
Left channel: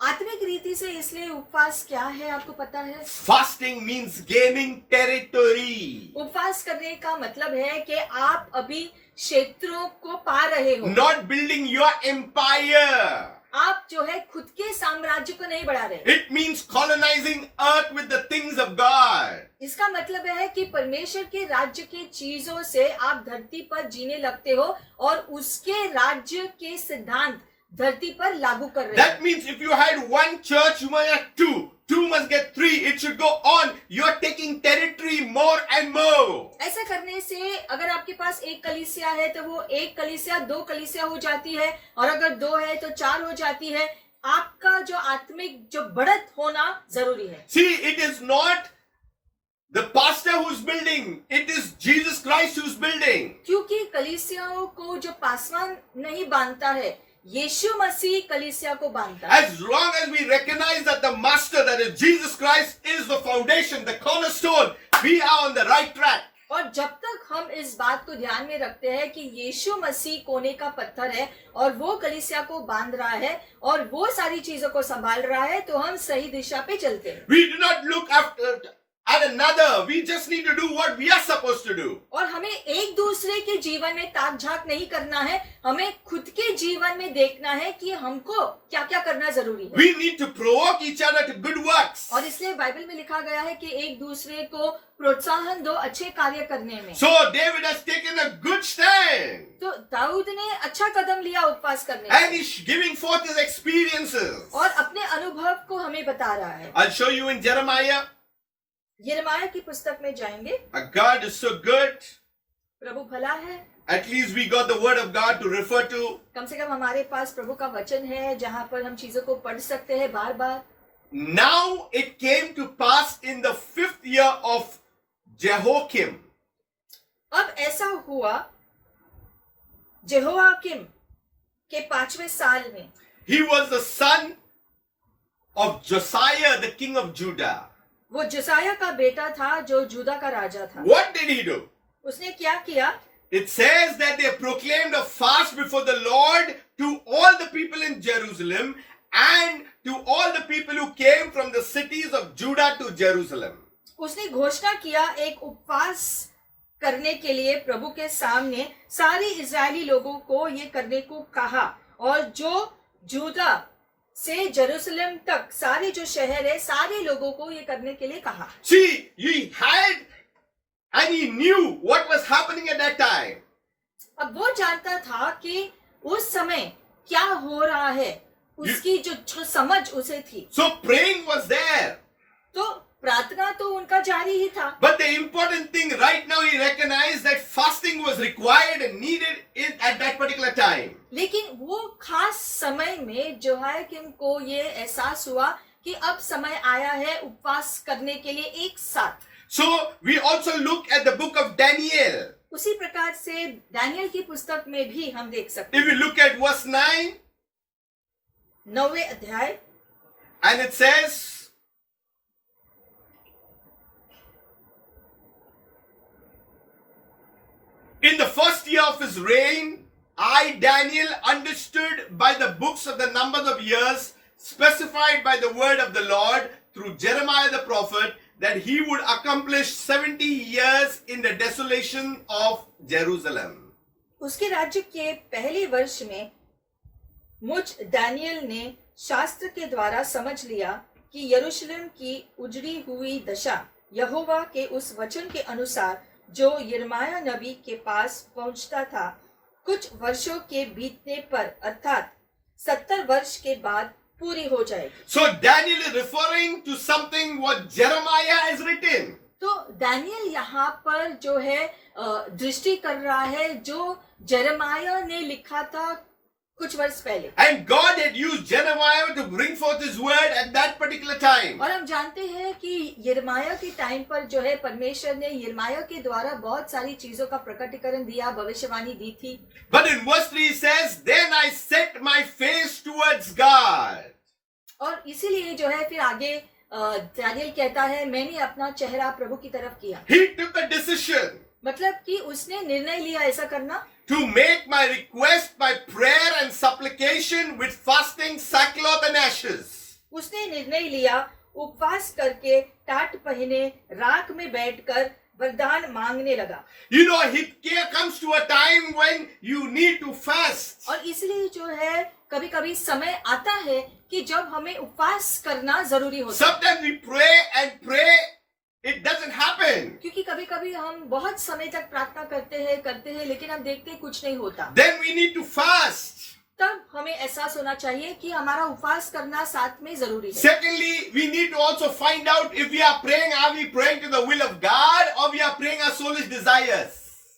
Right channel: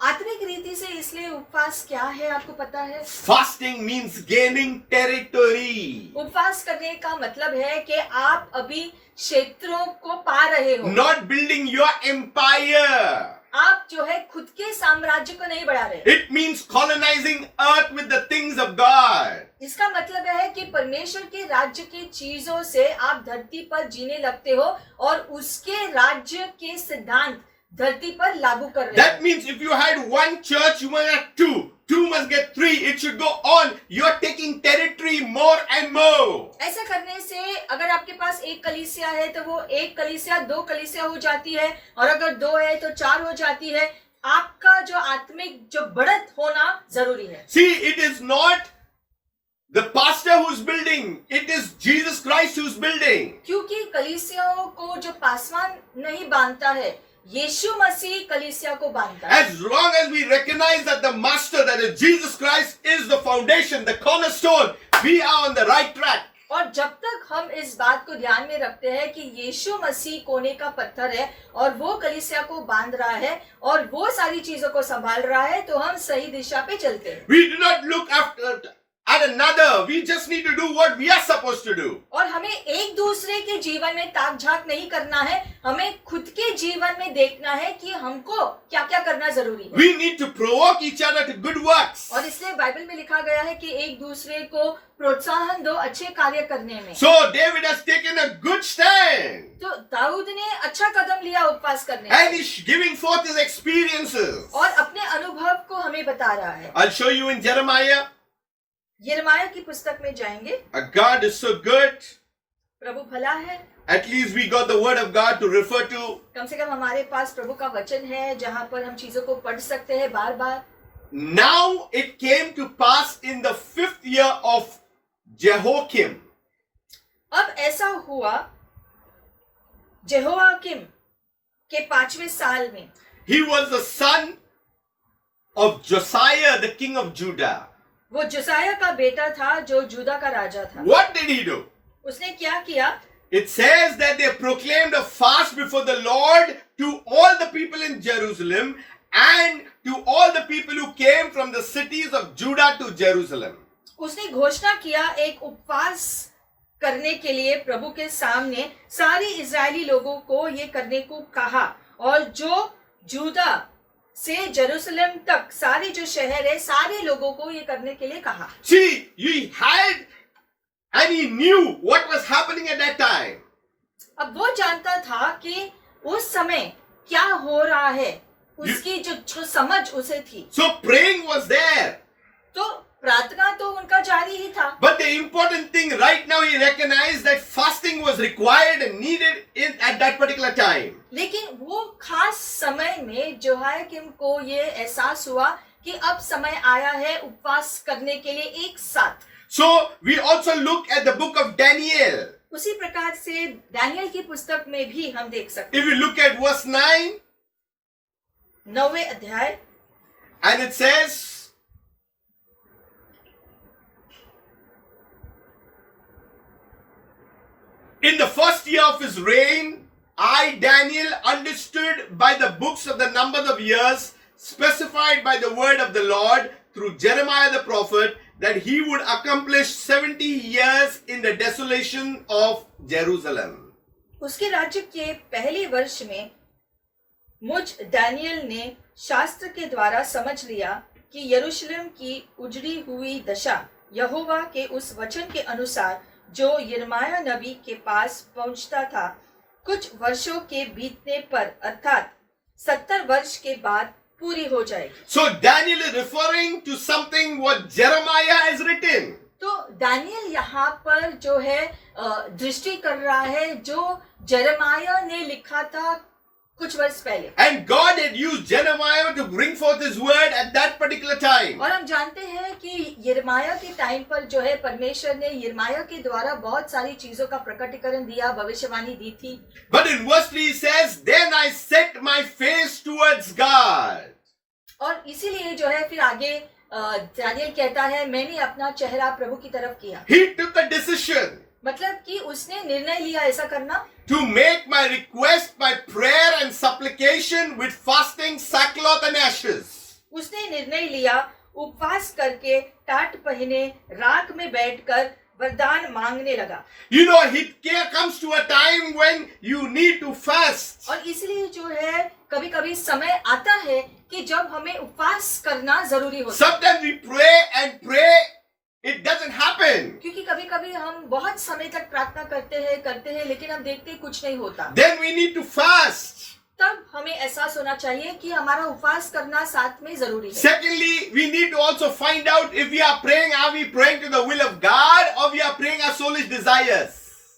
आत्मिक रीति से इसलिए उपवास क्या है आपको पता है? Fasting means gaining territory, उपवास करने का मतलब है कि आप अभी क्षेत्रों को पा रहे हो, not building your empire. आप जो है खुद के साम्राज्य को नहीं बढ़ा रहे। It means colonizing earth with the things of God. इसका मतलब है कि परमेश्वर के राज्य के चीजों से आप धरती पर जीने लगते हो और उसके राज्य के सिद्धांत धरती पर लागू कर रहे That हो। means if you had one church, you must have two. Two must get three. It should go on. You are taking territory more and more. ऐसा करने से अगर आपके पास एक कलीसिया है तो वो एक कलीसिया दो कलीसिया हो जाती है, और अगर दो है तो चार हो जाती है। आपका जो आत्मिक जो बढ़त होना जरूरी है। See, it is not the pastor who's building. It is Jesus Christ who's building. क्योंकि कलीसियाओं को जो पासवान नहीं बांधता है, यीशु मसीह कलीसिया को बांधता है। As long as we recognize that the master, that is Jesus Christ, is the foundation, the cornerstone, we are on the right track. और जब तक हम इस बात को ध्यान में रखते हैं कि यीशु मसीह कोने का पत्थर है और वो कलीसिया को बांध रहा है और वो सारी चीजों को संभाल रहा है, तो हम सही दिशा पे चलते हैं। We do not look at another. We just need to do what we are supposed to do. और हमें एक दूसरे के जीवन में ताक झांक नहीं करना है, हमें खुद के जीवन में देखना है कि हमको क्या क्या करना जरूरी है। We need to provoke each other to good works. और इसलिए बाइबल में लिखा गया है कि एक दूसरे को प्रोत्साहन दो अच्छे कार्य करने में। So David has taken a good stand. तो दाऊद ने अच्छा कदम लिया उपवास करने And में he's giving forth his experiences. और अपने अनुभव को हमें बता रहा है। I'll show you in Jeremiah. यिर्मयाह की पुस्तक में जाएंगे। God is so good. प्रभु भला है। At least we got the word of God to refer to. कम से कम हमारे पास प्रभु का वचन है जहाँ पर हम चीजों को पढ़ सकते हैं बार बार। Now it came to pass in the 5th year of Jehoiakim. अब ऐसा हुआ जेहोयाकीम के 5वें साल में। He was the son of Josiah, the king of Judah. वो जोसाया का बेटा था जो जूदा का राजा था। What did he do? उसने क्या किया? It says that they proclaimed a fast before the Lord to all the people in Jerusalem and to all the people who came from the cities of Judah to Jerusalem. उसने घोषणा किया एक उपवास करने के लिए प्रभु के सामने सारी इजरायली लोगों को ये करने को कहा, और जो जूदा से जेरूसलम तक सारे जो शहर है सारे लोगों को ये करने के लिए कहा। See, he had and he knew what was happening at that time. अब वो जानता था कि उस समय क्या हो रहा है, उसकी जो समझ उसे थी। So praying was there. तो प्रार्थना तो उनका जारी ही था। But the important thing right now, he recognized that fasting was required and needed at that particular time. लेकिन वो खास समय में जोहायकीम को ये एहसास हुआ कि अब समय आया है उपवास करने के लिए एक साथ। So we also look at the book of Daniel. उसी प्रकार से दानियल की पुस्तक में भी हम देख सकते If हैं। we look at verse 9, 9वें अध्याय, and it says, in the first year of his reign, I, Daniel, understood by the books of the numbers of years specified by the word of the Lord through Jeremiah the prophet that he would accomplish 70 years in the desolation of Jerusalem. उसके राज्य के पहले वर्ष में मुझ दानियल ने शास्त्र के द्वारा समझ लिया कि यरूशलेम की उजड़ी हुई दशा यहोवा के उस वचन के अनुसार जो यिर्मयाह नबी के पास पहुंचता था, कुछ वर्षों के बीतने पर अर्थात 70 वर्ष के बाद पूरी हो जाएगी। So Daniel is referring to something what Jeremiah has written. तो दानियल यहाँ पर जो है दृष्टि कर रहा है जो यिर्मयाह ने लिखा था कुछ वर्ष पहले। And God had used Jeremiah to bring forth his word at that particular time. और हम जानते हैं कि यिर्मयाह के टाइम पर जो है परमेश्वर ने यिर्मयाह के द्वारा बहुत सारी चीजों का प्रकटीकरण दिया, भविष्यवाणी दी थी। But in verse 3 he says, Then I set my face towards God. और इसीलिए जो है फिर आगे दानियल कहता है मैंने अपना चेहरा प्रभु की तरफ किया। He took a decision मतलब कि उसने निर्णय लिया ऐसा करना to make my request by prayer and supplication with fasting, sackcloth and ashes. उसने निर्णय लिया उपवास करके टाट पहने राख में बैठकर वरदान मांगने लगा। You know, it comes to a time when you need to fast. और इसलिए जो है कभी कभी समय आता है कि जब हमें उपवास करना जरूरी होता है। Sometimes we pray, it doesn't happen. क्योंकि कभी कभी हम बहुत समय तक प्रार्थना करते हैं लेकिन हम देखते हैं कुछ नहीं होता। Then we need to fast. तब हमें एहसास होना चाहिए कि हमारा उपवास करना साथ में जरूरी है। Secondly, we need to also find out if we are praying to the will of God or we are praying our soulish desires.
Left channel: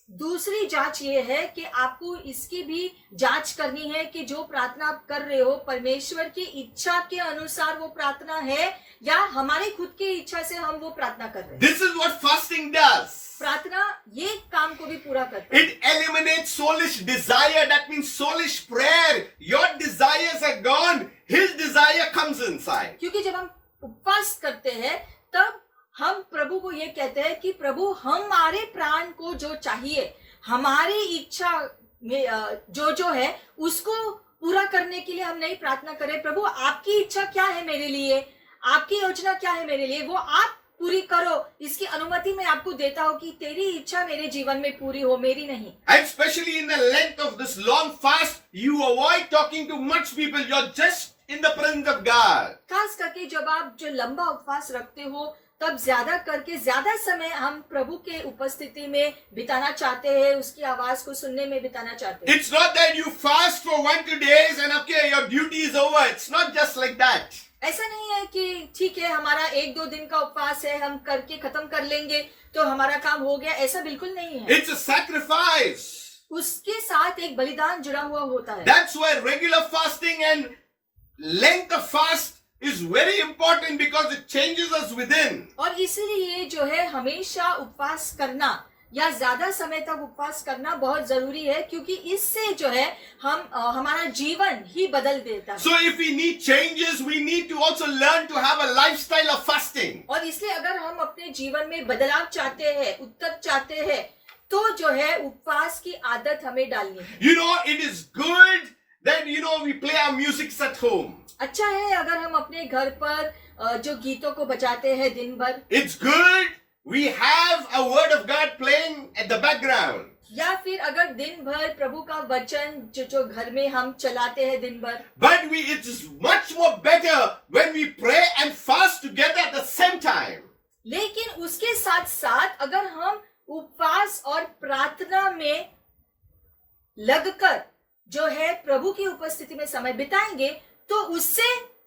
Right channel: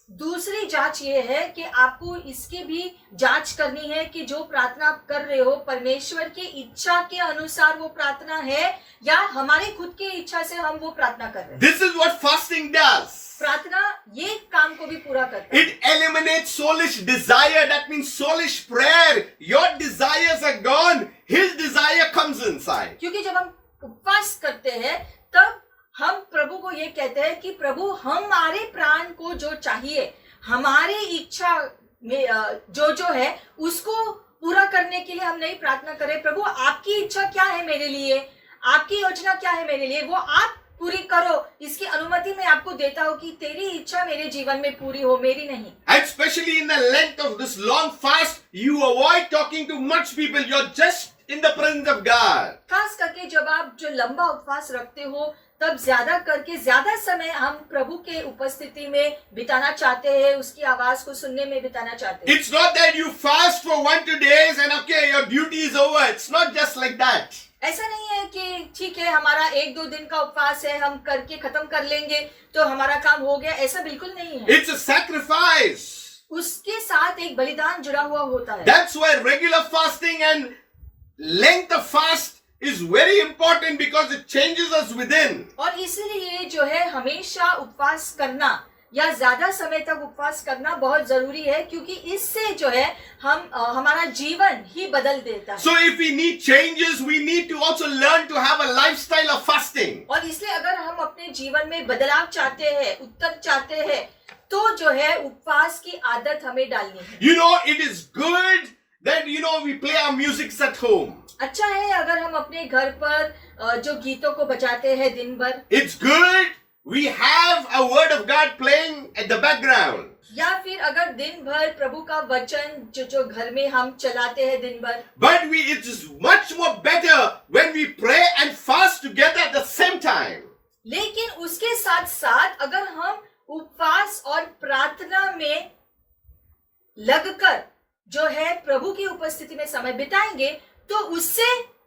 दूसरी जांच ये है कि आपको इसकी भी जांच करनी है कि जो प्रार्थना आप कर रहे हो परमेश्वर की इच्छा के अनुसार वो प्रार्थना है या हमारे खुद की इच्छा से हम वो प्रार्थना कर रहे हैं। This is what fasting does. प्रार्थना ये काम को भी पूरा करता है। It eliminates soulish desire. That means soulish prayer. Your desires are gone. His desire comes inside. क्योंकि जब हम उपवास करते हैं तब हम प्रभु को ये कहते हैं कि प्रभु हमारे प्राण को जो चाहिए हमारी इच्छा में जो है उसको पूरा करने के लिए हम नहीं प्रार्थना करें प्रभु आपकी इच्छा क्या है मेरे लिए, आपकी योजना क्या है मेरे लिए, वो आप पूरी करो, इसकी अनुमति मैं आपको देता हूँ कि तेरी इच्छा मेरे जीवन में पूरी हो, मेरी नहीं। And especially in the length of this long fast, you avoid talking to much people. You're just in the presence of God. खास करके जब आप जो लंबा उपवास रखते हो तब ज्यादा करके ज्यादा समय हम प्रभु के उपस्थिति में बिताना चाहते हैं, उसकी आवाज को सुनने में बिताना चाहते हैं। It's not that you fast for 1-2 days and okay, your duty is over. It's not just like that. ऐसा नहीं है कि ठीक है हमारा 1-2 दिन का उपवास है हम करके खत्म कर लेंगे तो हमारा काम हो गया, ऐसा बिल्कुल नहीं है। It's a sacrifice. उसके साथ एक बलिदान जुड़ा हुआ होता है। That's why regular fasting and length of fast is very important because it changes us within. और इसीलिए जो है हमेशा उपवास करना या ज्यादा समय तक उपवास करना बहुत जरूरी है क्योंकि इससे जो है हम हमारा जीवन ही बदल देता है। So if we need changes, we need to also learn to have a lifestyle of fasting. और इसलिए अगर हम अपने जीवन में बदलाव चाहते हैं, उत्तर चाहते हैं, तो जो है उपवास की आदत हमें डालनी है। You know, it is good that we play our music at home. अच्छा है अगर हम अपने घर पर जो गीतों को बजाते हैं दिन भर। It's good we have a word of God playing at the background. या फिर अगर दिन भर प्रभु का वचन जो घर में हम चलाते हैं दिन भर। But it is much more better when we pray and fast together at the same time. लेकिन उसके साथ साथ अगर हम उपवास और प्रार्थना में लगकर जो है प्रभु की उपस्थिति में समय बिताएंगे तो उससे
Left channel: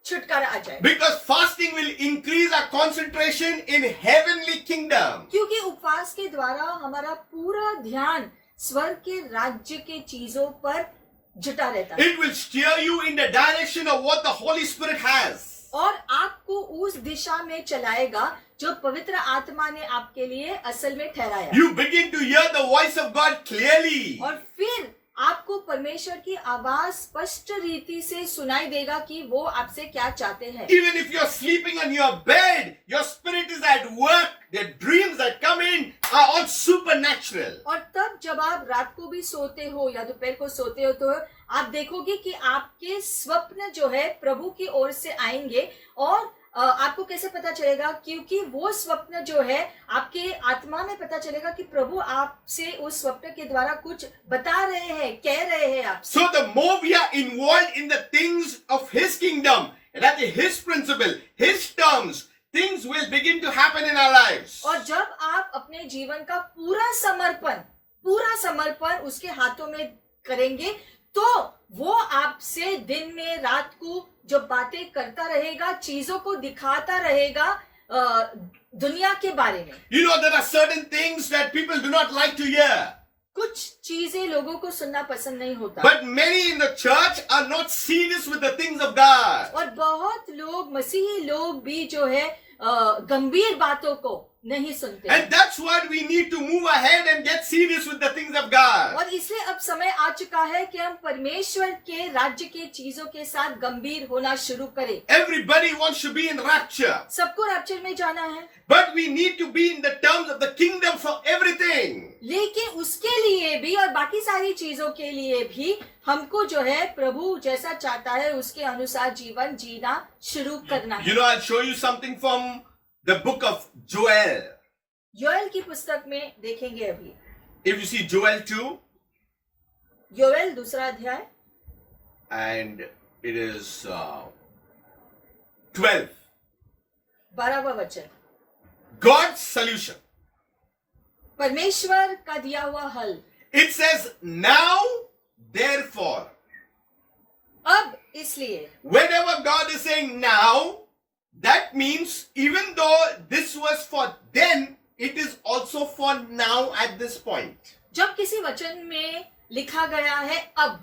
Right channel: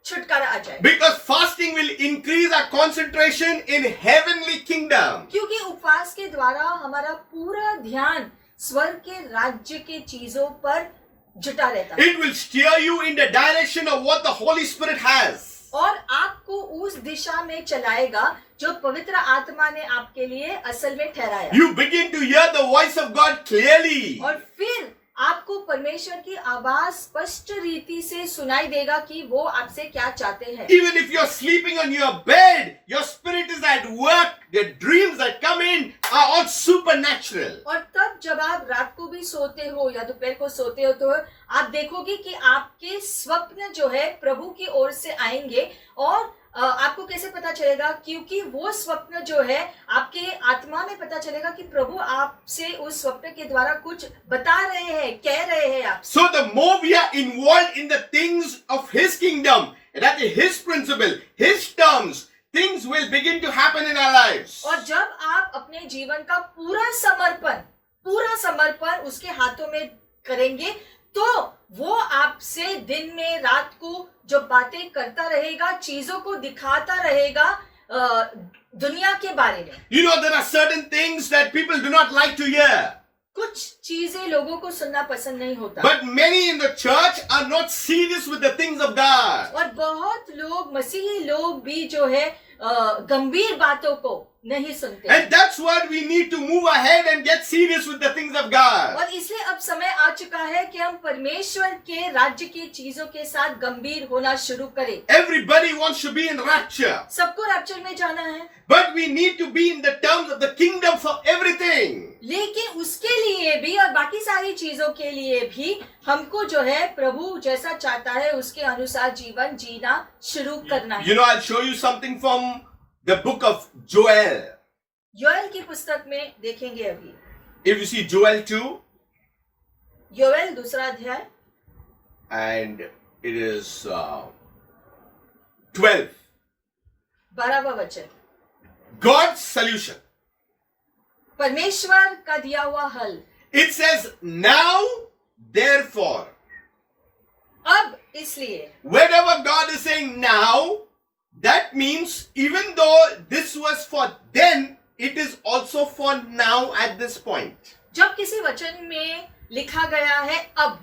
छुटकारा आ जाए। Because fasting will increase our concentration in heavenly kingdom. क्योंकि उपवास के द्वारा हमारा पूरा ध्यान स्वर्ग के राज्य के चीजों पर जुटा रहता है। It will steer you in the direction of what the Holy Spirit has. और आपको उस दिशा में चलाएगा जो पवित्र आत्मा ने आपके लिए असल में ठहराया। You begin to hear the voice of God clearly. और फिर आपको परमेश्वर की आवाज स्पष्ट रीति से सुनाई देगा कि वो आपसे क्या चाहते हैं। Even if you're sleeping on your bed, your spirit is at work. The dreams that come in are all supernatural. और तब जब आप रात को भी सोते हो या दोपहर को सोते हो तो आप देखोगे कि आपके स्वप्न जो है प्रभु की ओर से आएंगे और आपको कैसे पता चलेगा? क्योंकि वो स्वप्न जो है आपके आत्मा में पता चलेगा कि प्रभु आपसे उस स्वप्न के द्वारा कुछ बता रहे हैं, कह रहे हैं आपसे। So the more we are involved in the things of His kingdom, that is His principle, His terms, things will begin to happen in our lives. और जब आप अपने जीवन का पूरा समर्पण उसके हाथों में करेंगे, तो वो आपसे दिन में रात को जो बातें करता रहेगा, चीजों को दिखाता रहेगा दुनिया के बारे में। You know, there are certain things that people do not like to hear. कुछ चीजें लोगों को सुनना पसंद नहीं होता, But many in the church are not serious with the things of God. और बहुत लोग, मसीही लोग भी जो है गंभीर बातों को नहीं सुनते। And that's what we need to move ahead and get serious with the things of God. और इसलिए अब समय आ चुका है कि हम परमेश्वर के राज्य के चीजों के साथ गंभीर होना शुरू करें। Everybody wants to be in rapture. सबको रैप्चर में जाना है, But we need to be in the terms of the kingdom for everything. लेकिन उसके लिए भी और बाकी सारी चीजों के लिए भी हमको जो है प्रभु जैसा चाहता है उसके अनुसार जीवन जीना शुरू करना है। You know, I'll show you something from the book of Joel. Joel की पुस्तक में देखेंगे अभी। If you see Joel 2, Joel दूसरा अध्याय and it is 12. 12वां वचन। God's solution. परमेश्वर का दिया हुआ हल। It says, now, therefore. अब इसलिए, Whenever God is saying now, that means even though this was for then, it is also for now at this point. जब किसी वचन में लिखा गया है अब,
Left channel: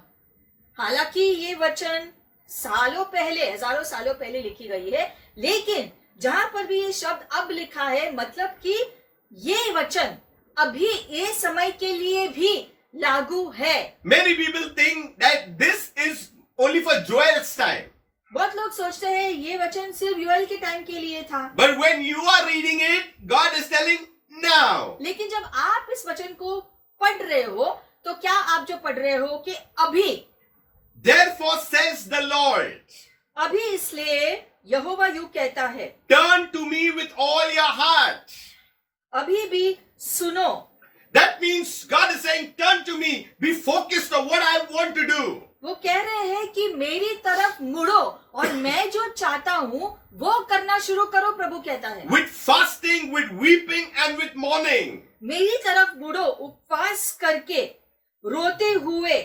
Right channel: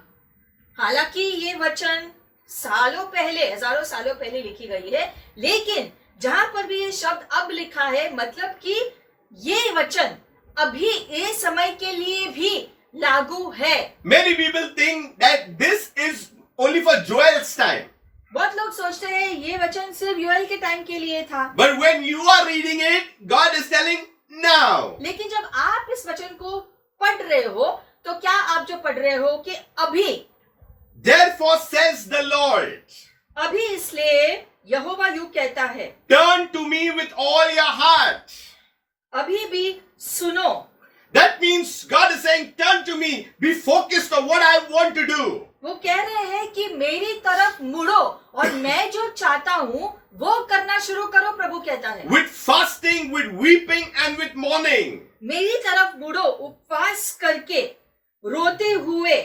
हालांकि ये वचन सालों पहले, हजारों सालों पहले लिखी गई है, लेकिन जहां पर भी ये शब्द अब लिखा है, मतलब कि ये वचन अभी ये समय के लिए भी लागू है। Many people think that this is only for Joel's time. बहुत लोग सोचते हैं ये वचन सिर्फ योएल के टाइम के लिए था, But when you are reading it, God is telling now. लेकिन जब आप इस वचन को पढ़ रहे हो, तो क्या आप जो पढ़ रहे हो कि अभी, Therefore says the Lord, अभी इसलिए यहोवा यूं कहता है, turn to me with all your heart. अभी भी सुनो। That means God is saying, turn to me, be focused on what I want to do. वो कह रहे हैं कि मेरी तरफ मुड़ो और मैं जो चाहता हूँ वो करना शुरू करो, प्रभु कहता है। With fasting, with weeping and with mourning. मेरी तरफ मुड़ो, उपवास करके, रोते हुए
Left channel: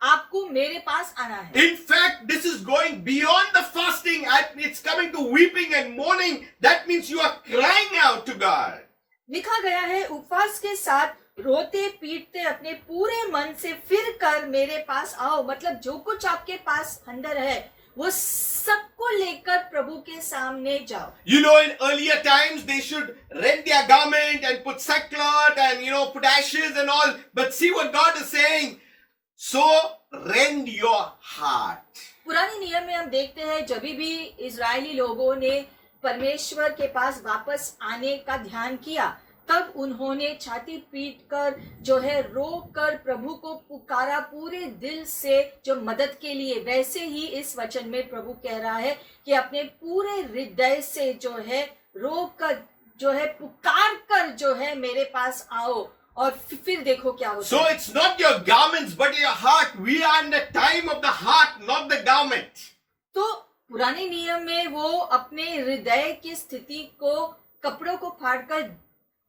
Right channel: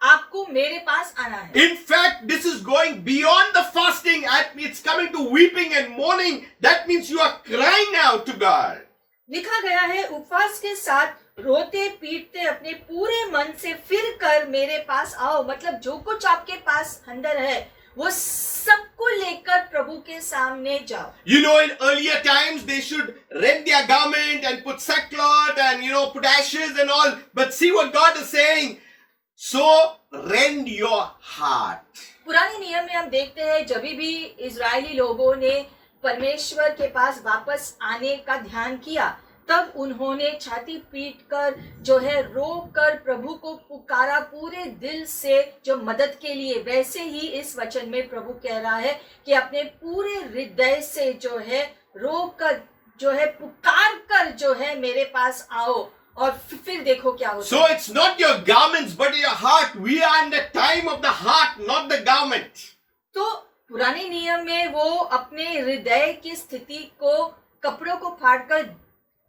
आपको मेरे पास आना है। In fact, this is going beyond the fasting. It's coming to weeping and mourning. That means you are crying out to God. लिखा गया है उपवास के साथ रोते पीटते अपने पूरे मन से फिर कर मेरे पास आओ, मतलब जो कुछ आपके पास अंदर है वो सबको लेकर प्रभु के सामने जाओ। You know, in earlier times, they should rend their garment and put sackcloth and, put ashes and all. But see what God is saying. So, rend your heart. पुराने नियम में हम देखते हैं जब भी इजरायली लोगों ने परमेश्वर के पास वापस आने का ध्यान किया, तब उन्होंने छाती पीट कर जो है रो कर प्रभु को पुकारा पूरे दिल से जो मदद के लिए। वैसे ही इस वचन में प्रभु कह रहा है कि अपने पूरे हृदय से जो है रो कर जो है पुकार कर जो है मेरे पास आओ, और फिर देखो क्या होता So, है। it's not your garments but your heart. We are in the time of the heart, not the garment. तो पुराने नियम में वो अपने हृदय की स्थिति को कपड़ों को फाड़कर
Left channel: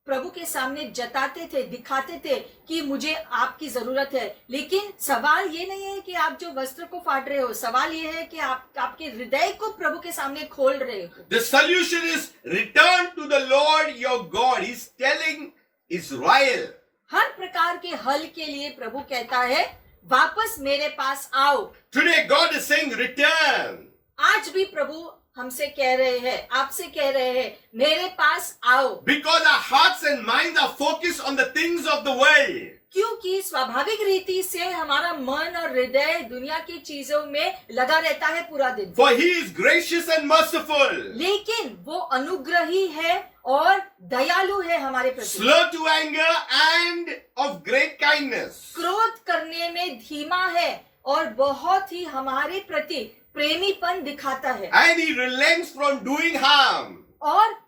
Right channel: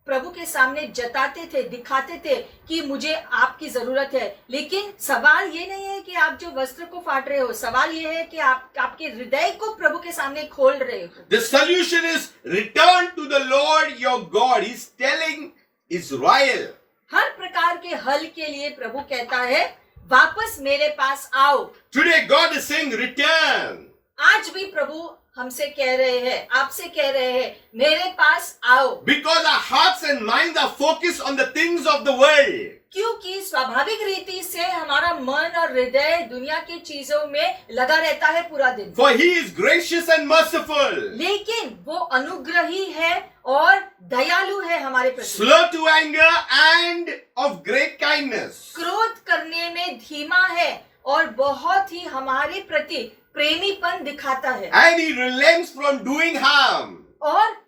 प्रभु के सामने जताते थे, दिखाते थे कि मुझे आपकी जरूरत है। लेकिन सवाल ये नहीं है कि आप जो वस्त्र को फाड़ रहे हो, सवाल ये है कि आप आपके हृदय को प्रभु के सामने खोल रहे हो। The solution is return to the Lord your God. He's telling Israel. हर प्रकार के हल के लिए प्रभु कहता है वापस मेरे पास आओ। Today God is saying return. आज भी प्रभु हमसे कह रहे हैं, आपसे कह रहे हैं मेरे पास आओ। Because our hearts and minds are focused on the things of the world. क्योंकि स्वाभाविक रीति से हमारा मन और हृदय दुनिया की चीजों में लगा रहता है पूरा दिन। For he is gracious and merciful. लेकिन वो अनुग्रही है और दयालु है हमारे प्रति। Slow to anger and of great kindness. क्रोध करने में धीमा है और बहुत ही हमारे प्रति प्रेमीपन दिखाता है and he relents from doing harm. और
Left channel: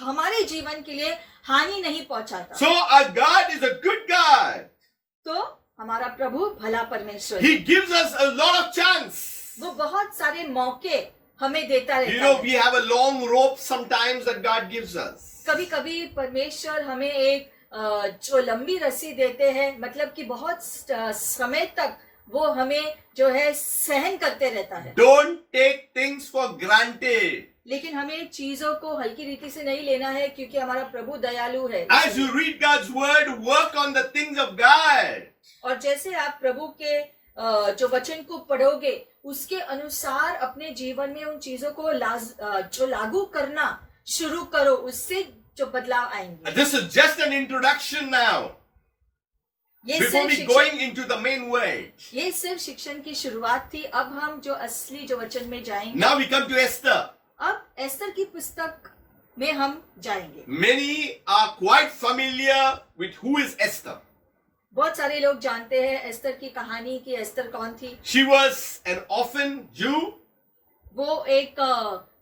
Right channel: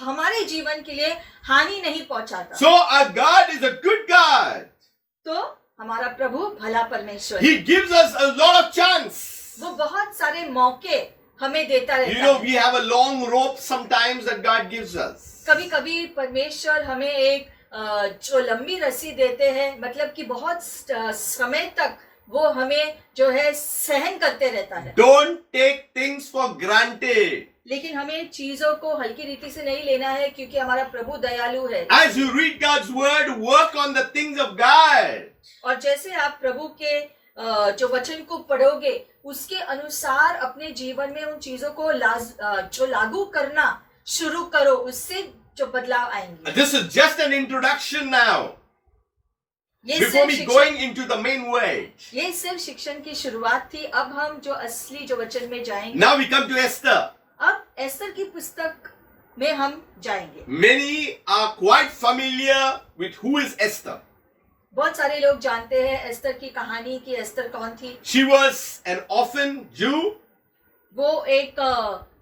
हमारे जीवन के लिए हानि नहीं पहुंचाता। So our God is a good God. तो हमारा प्रभु भला परमेश्वर है। He gives us a lot of chance. वो बहुत सारे मौके हमें देता You रहता know, है। we have a long rope sometimes that God gives us. कभी कभी परमेश्वर हमें एक जो लंबी रस्सी देते हैं, मतलब कि बहुत समय तक वो हमें जो है सहन करते रहता है। Don't take things for granted. लेकिन हमें चीजों को हल्की रीति से नहीं लेना है, क्योंकि हमारा प्रभु दयालु है। As you read God's word, work on the things of God. और जैसे आप प्रभु के जो वचन को पढ़ोगे, उसके अनुसार अपने जीवन में उन चीजों को जो लागू करना शुरू करो, उससे जो बदलाव आएंगे। This is just an introduction now. ये Before सिर्फ we शिक्षण- going into the main word. ये सिर्फ शिक्षण की शुरुआत थी। अब हम जो असली जो वचन में जाएंगे। Now we come to Esther. अब एस्तर की पुस्तक में हम जाएंगे। Many are quite familiar with who is Esther. बहुत सारे लोग जानते हैं एस्तर की कहानी कि एस्तर कौन थी। She was an orphan Jew वो एक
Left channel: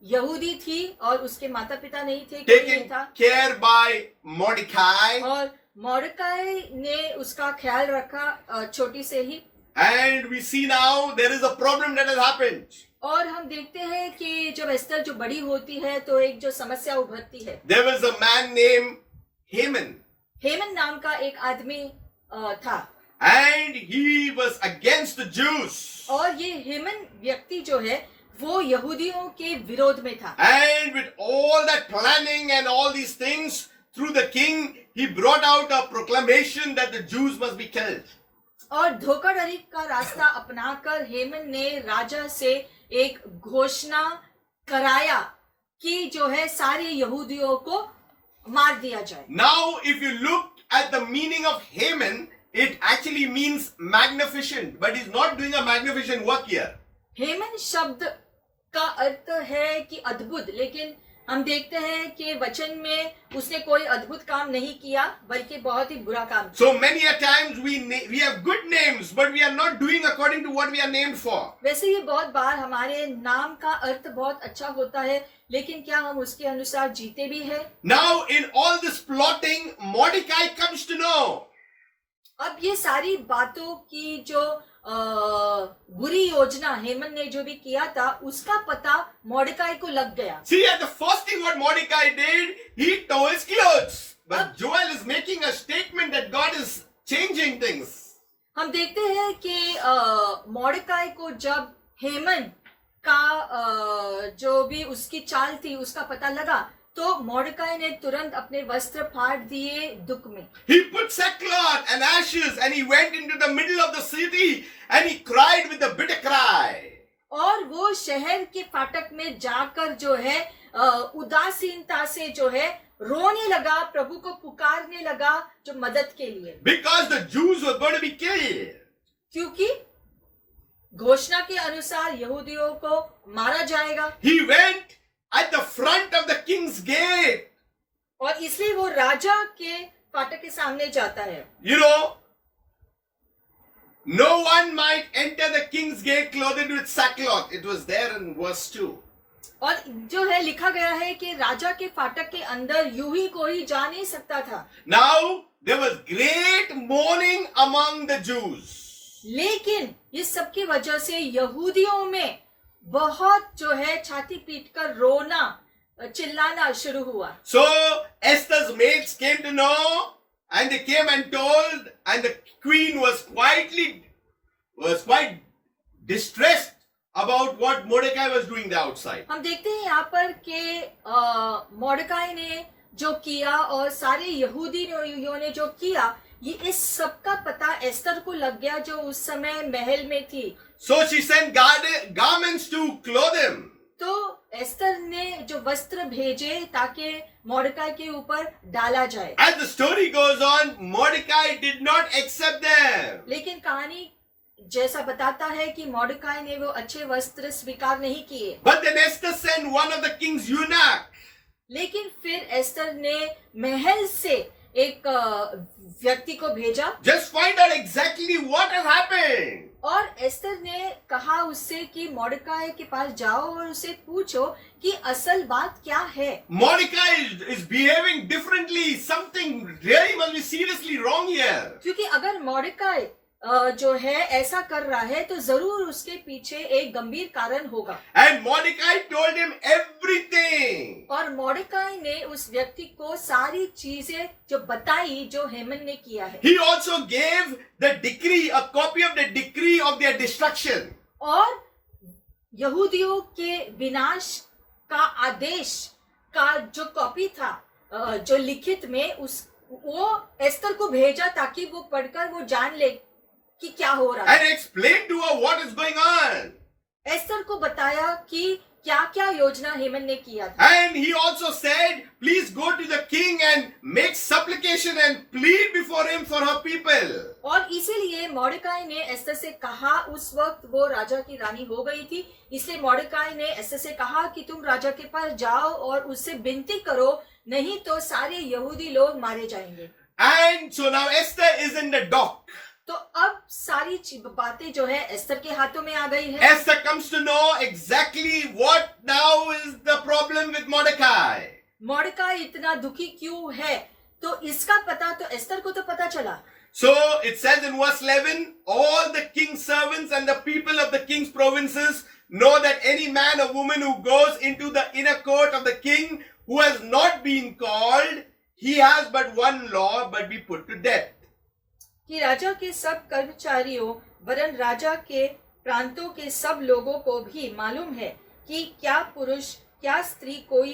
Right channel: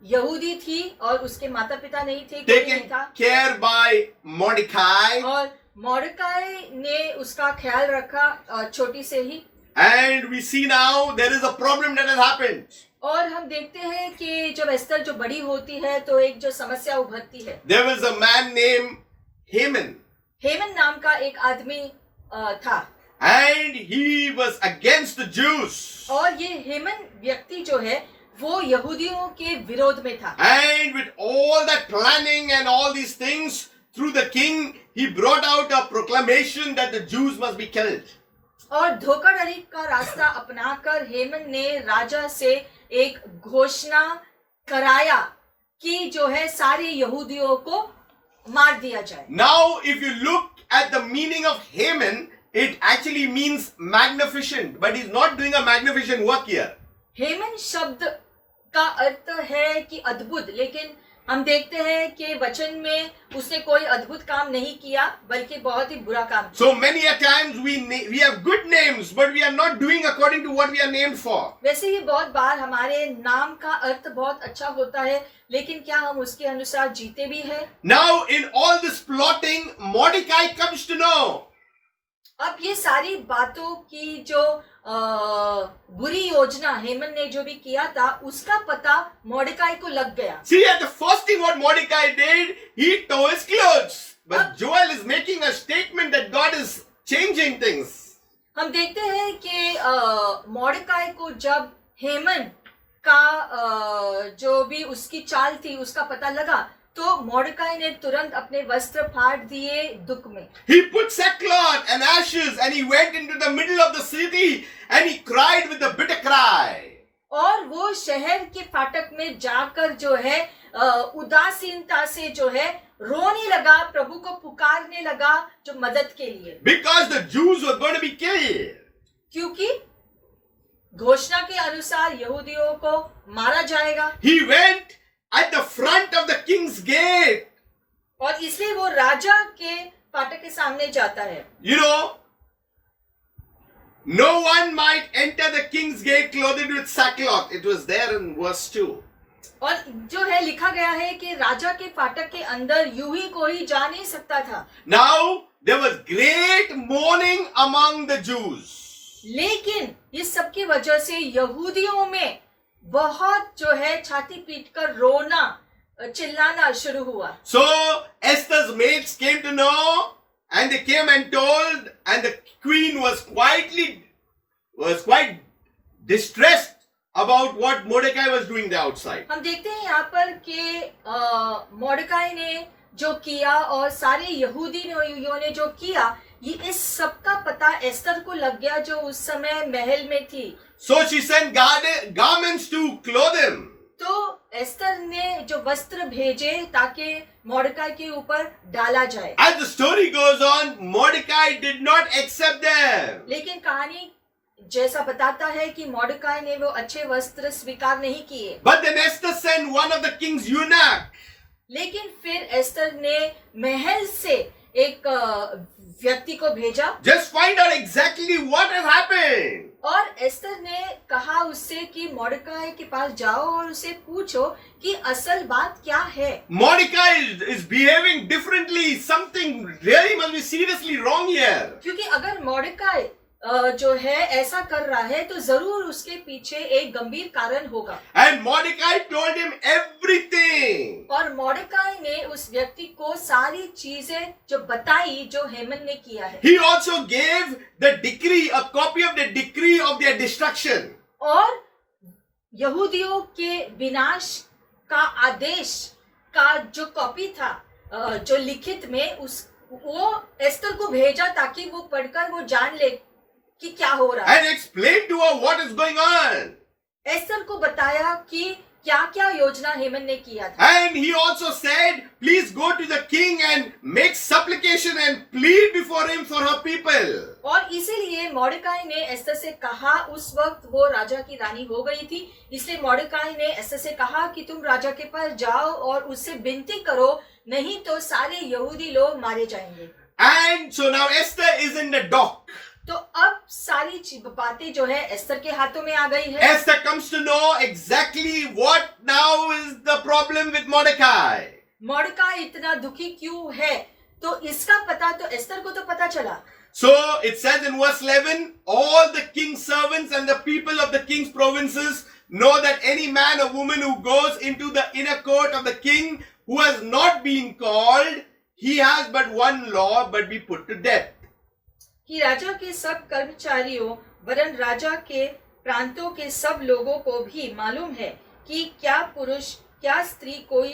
यहूदी थी और उसके माता पिता नहीं थे, कोई नहीं taken था। care by Mordecai, और मोर्देकाई ने उसका ख्याल रखा छोटी से ही। and we see now there is a problem that has happened. और हम देखते हैं कि जब एस्तर जो बड़ी होती है तो एक जो समस्या उभरती है। There was a man named Haman, हेमन नाम का एक आदमी था and he was against the Jews. और ये हेमन व्यक्ति जो है वो यहूदियों के विरोध में था। And with all that planning and all these things, through the king, he brought out a proclamation that the Jews must be killed. और धोखाधड़ी का रास्ता अपनाकर हेमन ने राजा से एक घोषणा कराया कि जो है सारे यहूदियों को मार दिया जाए। Now, if you look at the meaning of Haman, it actually means magnificent, but he's not doing a magnificent work here. हेमन शब्द का अर्थ है कि अद्भुत, लेकिन हम देखते हैं कि वचन में उसने कोई अद्भुत काम नहीं किया, बल्कि बहुत ही बुरा काम किया। So many a times we have good names, but we are not doing according to what we are named for. वैसे ये बहुत बार हमारे नाम का अर्थ बहुत अच्छा होता है, लेकिन क्या हम उसके अनुसार जीते भी हैं? Now, in all this plotting, Mordecai comes to know. अब ये सारी बातों की जो बुरी योजना हेमन ने जो भी किया था, उसका पता मोर्देकाई को लग गया। See, at the first thing what Mordecai did, he tore his clothes. But Joel is making a statement that God is changing things. हम देखते हैं कि मोर्देकाई को जब हेमन का जो भी उसकी चाल थी उसका पता लगा, तो मोर्देकाई ने तुरंत अपने वस्त्र फाड़ दिए दुख में। He put sackcloth and ashes and he went into the middle of the city and he cried with a bitter cry. और वो शहर के फाटक में जाकर जो है उदासीनता से जो है रोने लगा, प्रभु को पुकारने लगा जो मदद के लिए, Because the Jews were going to be killed. क्योंकि घोषणा के अनुसार यहूदियों को मारा जाएगा। He went at the front of the king's gate. और इसलिए वो राजा के फाटक के सामने जाता है। You know, no one might enter the king's gate clothed with sackcloth. It was there in verse 2. और जो है लिखा गया है कि राजा के फाटक के अंदर यूं ही कोई जा नहीं सकता था। Now, there was great mourning among the Jews. लेकिन इस सब की वजह से यहूदियों में बहुत जो है छाती पीटकर रोना चिल्लाना शुरू हुआ। So Esther's maids came to know, and they came and told, and the queen was quite distressed about what Mordecai was doing there outside. हम देखते हैं यहाँ पर कि मोर्देकाई ने जो किया और सारे यहूदियों ने जो किया, ये इस सब का पता एस्तर को लग गया जो उस समय महल में थी। So she sent garments to clothe him. तो एस्तर ने जो वस्त्र भेजे ताकि मोर्देकाई के ऊपर डाला जाए। As the story goes on, Mordecai did not accept them. लेकिन कहानी जैसा बताता है कि मोर्देकाई ने वो अच्छे वस्त्र स्वीकार नहीं किए। But then Esther sent one of the king's eunuch. लेकिन फिर एस्तर ने महल से एक व्यक्ति को भेजा Just find out exactly what has happened. और एस्तर ने कहा उससे कि मोर्देकाई के पास जाओ और उसे पूछो कि असल बात क्या है। Mordecai is behaving differently. Something really must be seriously wrong here. क्योंकि अगर मोर्देकाई जो है ऐसा कर रहा है तो जरूर उसके पीछे एक गंभीर कारण होगा। And Mordecai told him everything. और मोर्देकाई ने उस व्यक्ति को सारी चीजें जो बताई जो हेमन ने किया है। He also gave the decree, a copy of the decree of their destruction. और यहूदियों के विनाश का आदेश का जो कॉपी था जो लिखित में उस वो एस्तर को भेजा ताकि वो पढ़कर वो जान ले कि क्या हो रहा है। And explain to her what is going on. Esther को बताया कि क्या क्या योजना हेमन ने किया था। And he also said, please go to the king and make supplication and plead before him for her people. और इसीलिए मोर्देकाई ने एस्तर से कहा, उस वक्त वो राजा की रानी हो गई थी, इसलिए मोर्देकाई ने एस्तर से कहा कि तुम राजा के पास जाओ और उससे विनती करो, नहीं तो सारे यहूदी लोग मारे जाएंगे। And so now Esther is in the dock. तो अब सारी बातें जो है एस्तर के हाथों में आ गई है। Esther comes to know exactly what now is the problem with Mordecai. मोर्देकाई इतना दुखी क्यों है, तो इसका पता तो एस्तर को तो पता चला। So it says in verse 11, all the king's servants and the people of the king's provinces know that any man or woman who goes into the inner court of the king who has not been called, he has but one law, but be put to death. कि राजा के सब कर्मचारियों वरन राजा के प्रांतों के सब लोगों को भी मालूम है कि क्या पुरुष क्या स्त्री कोई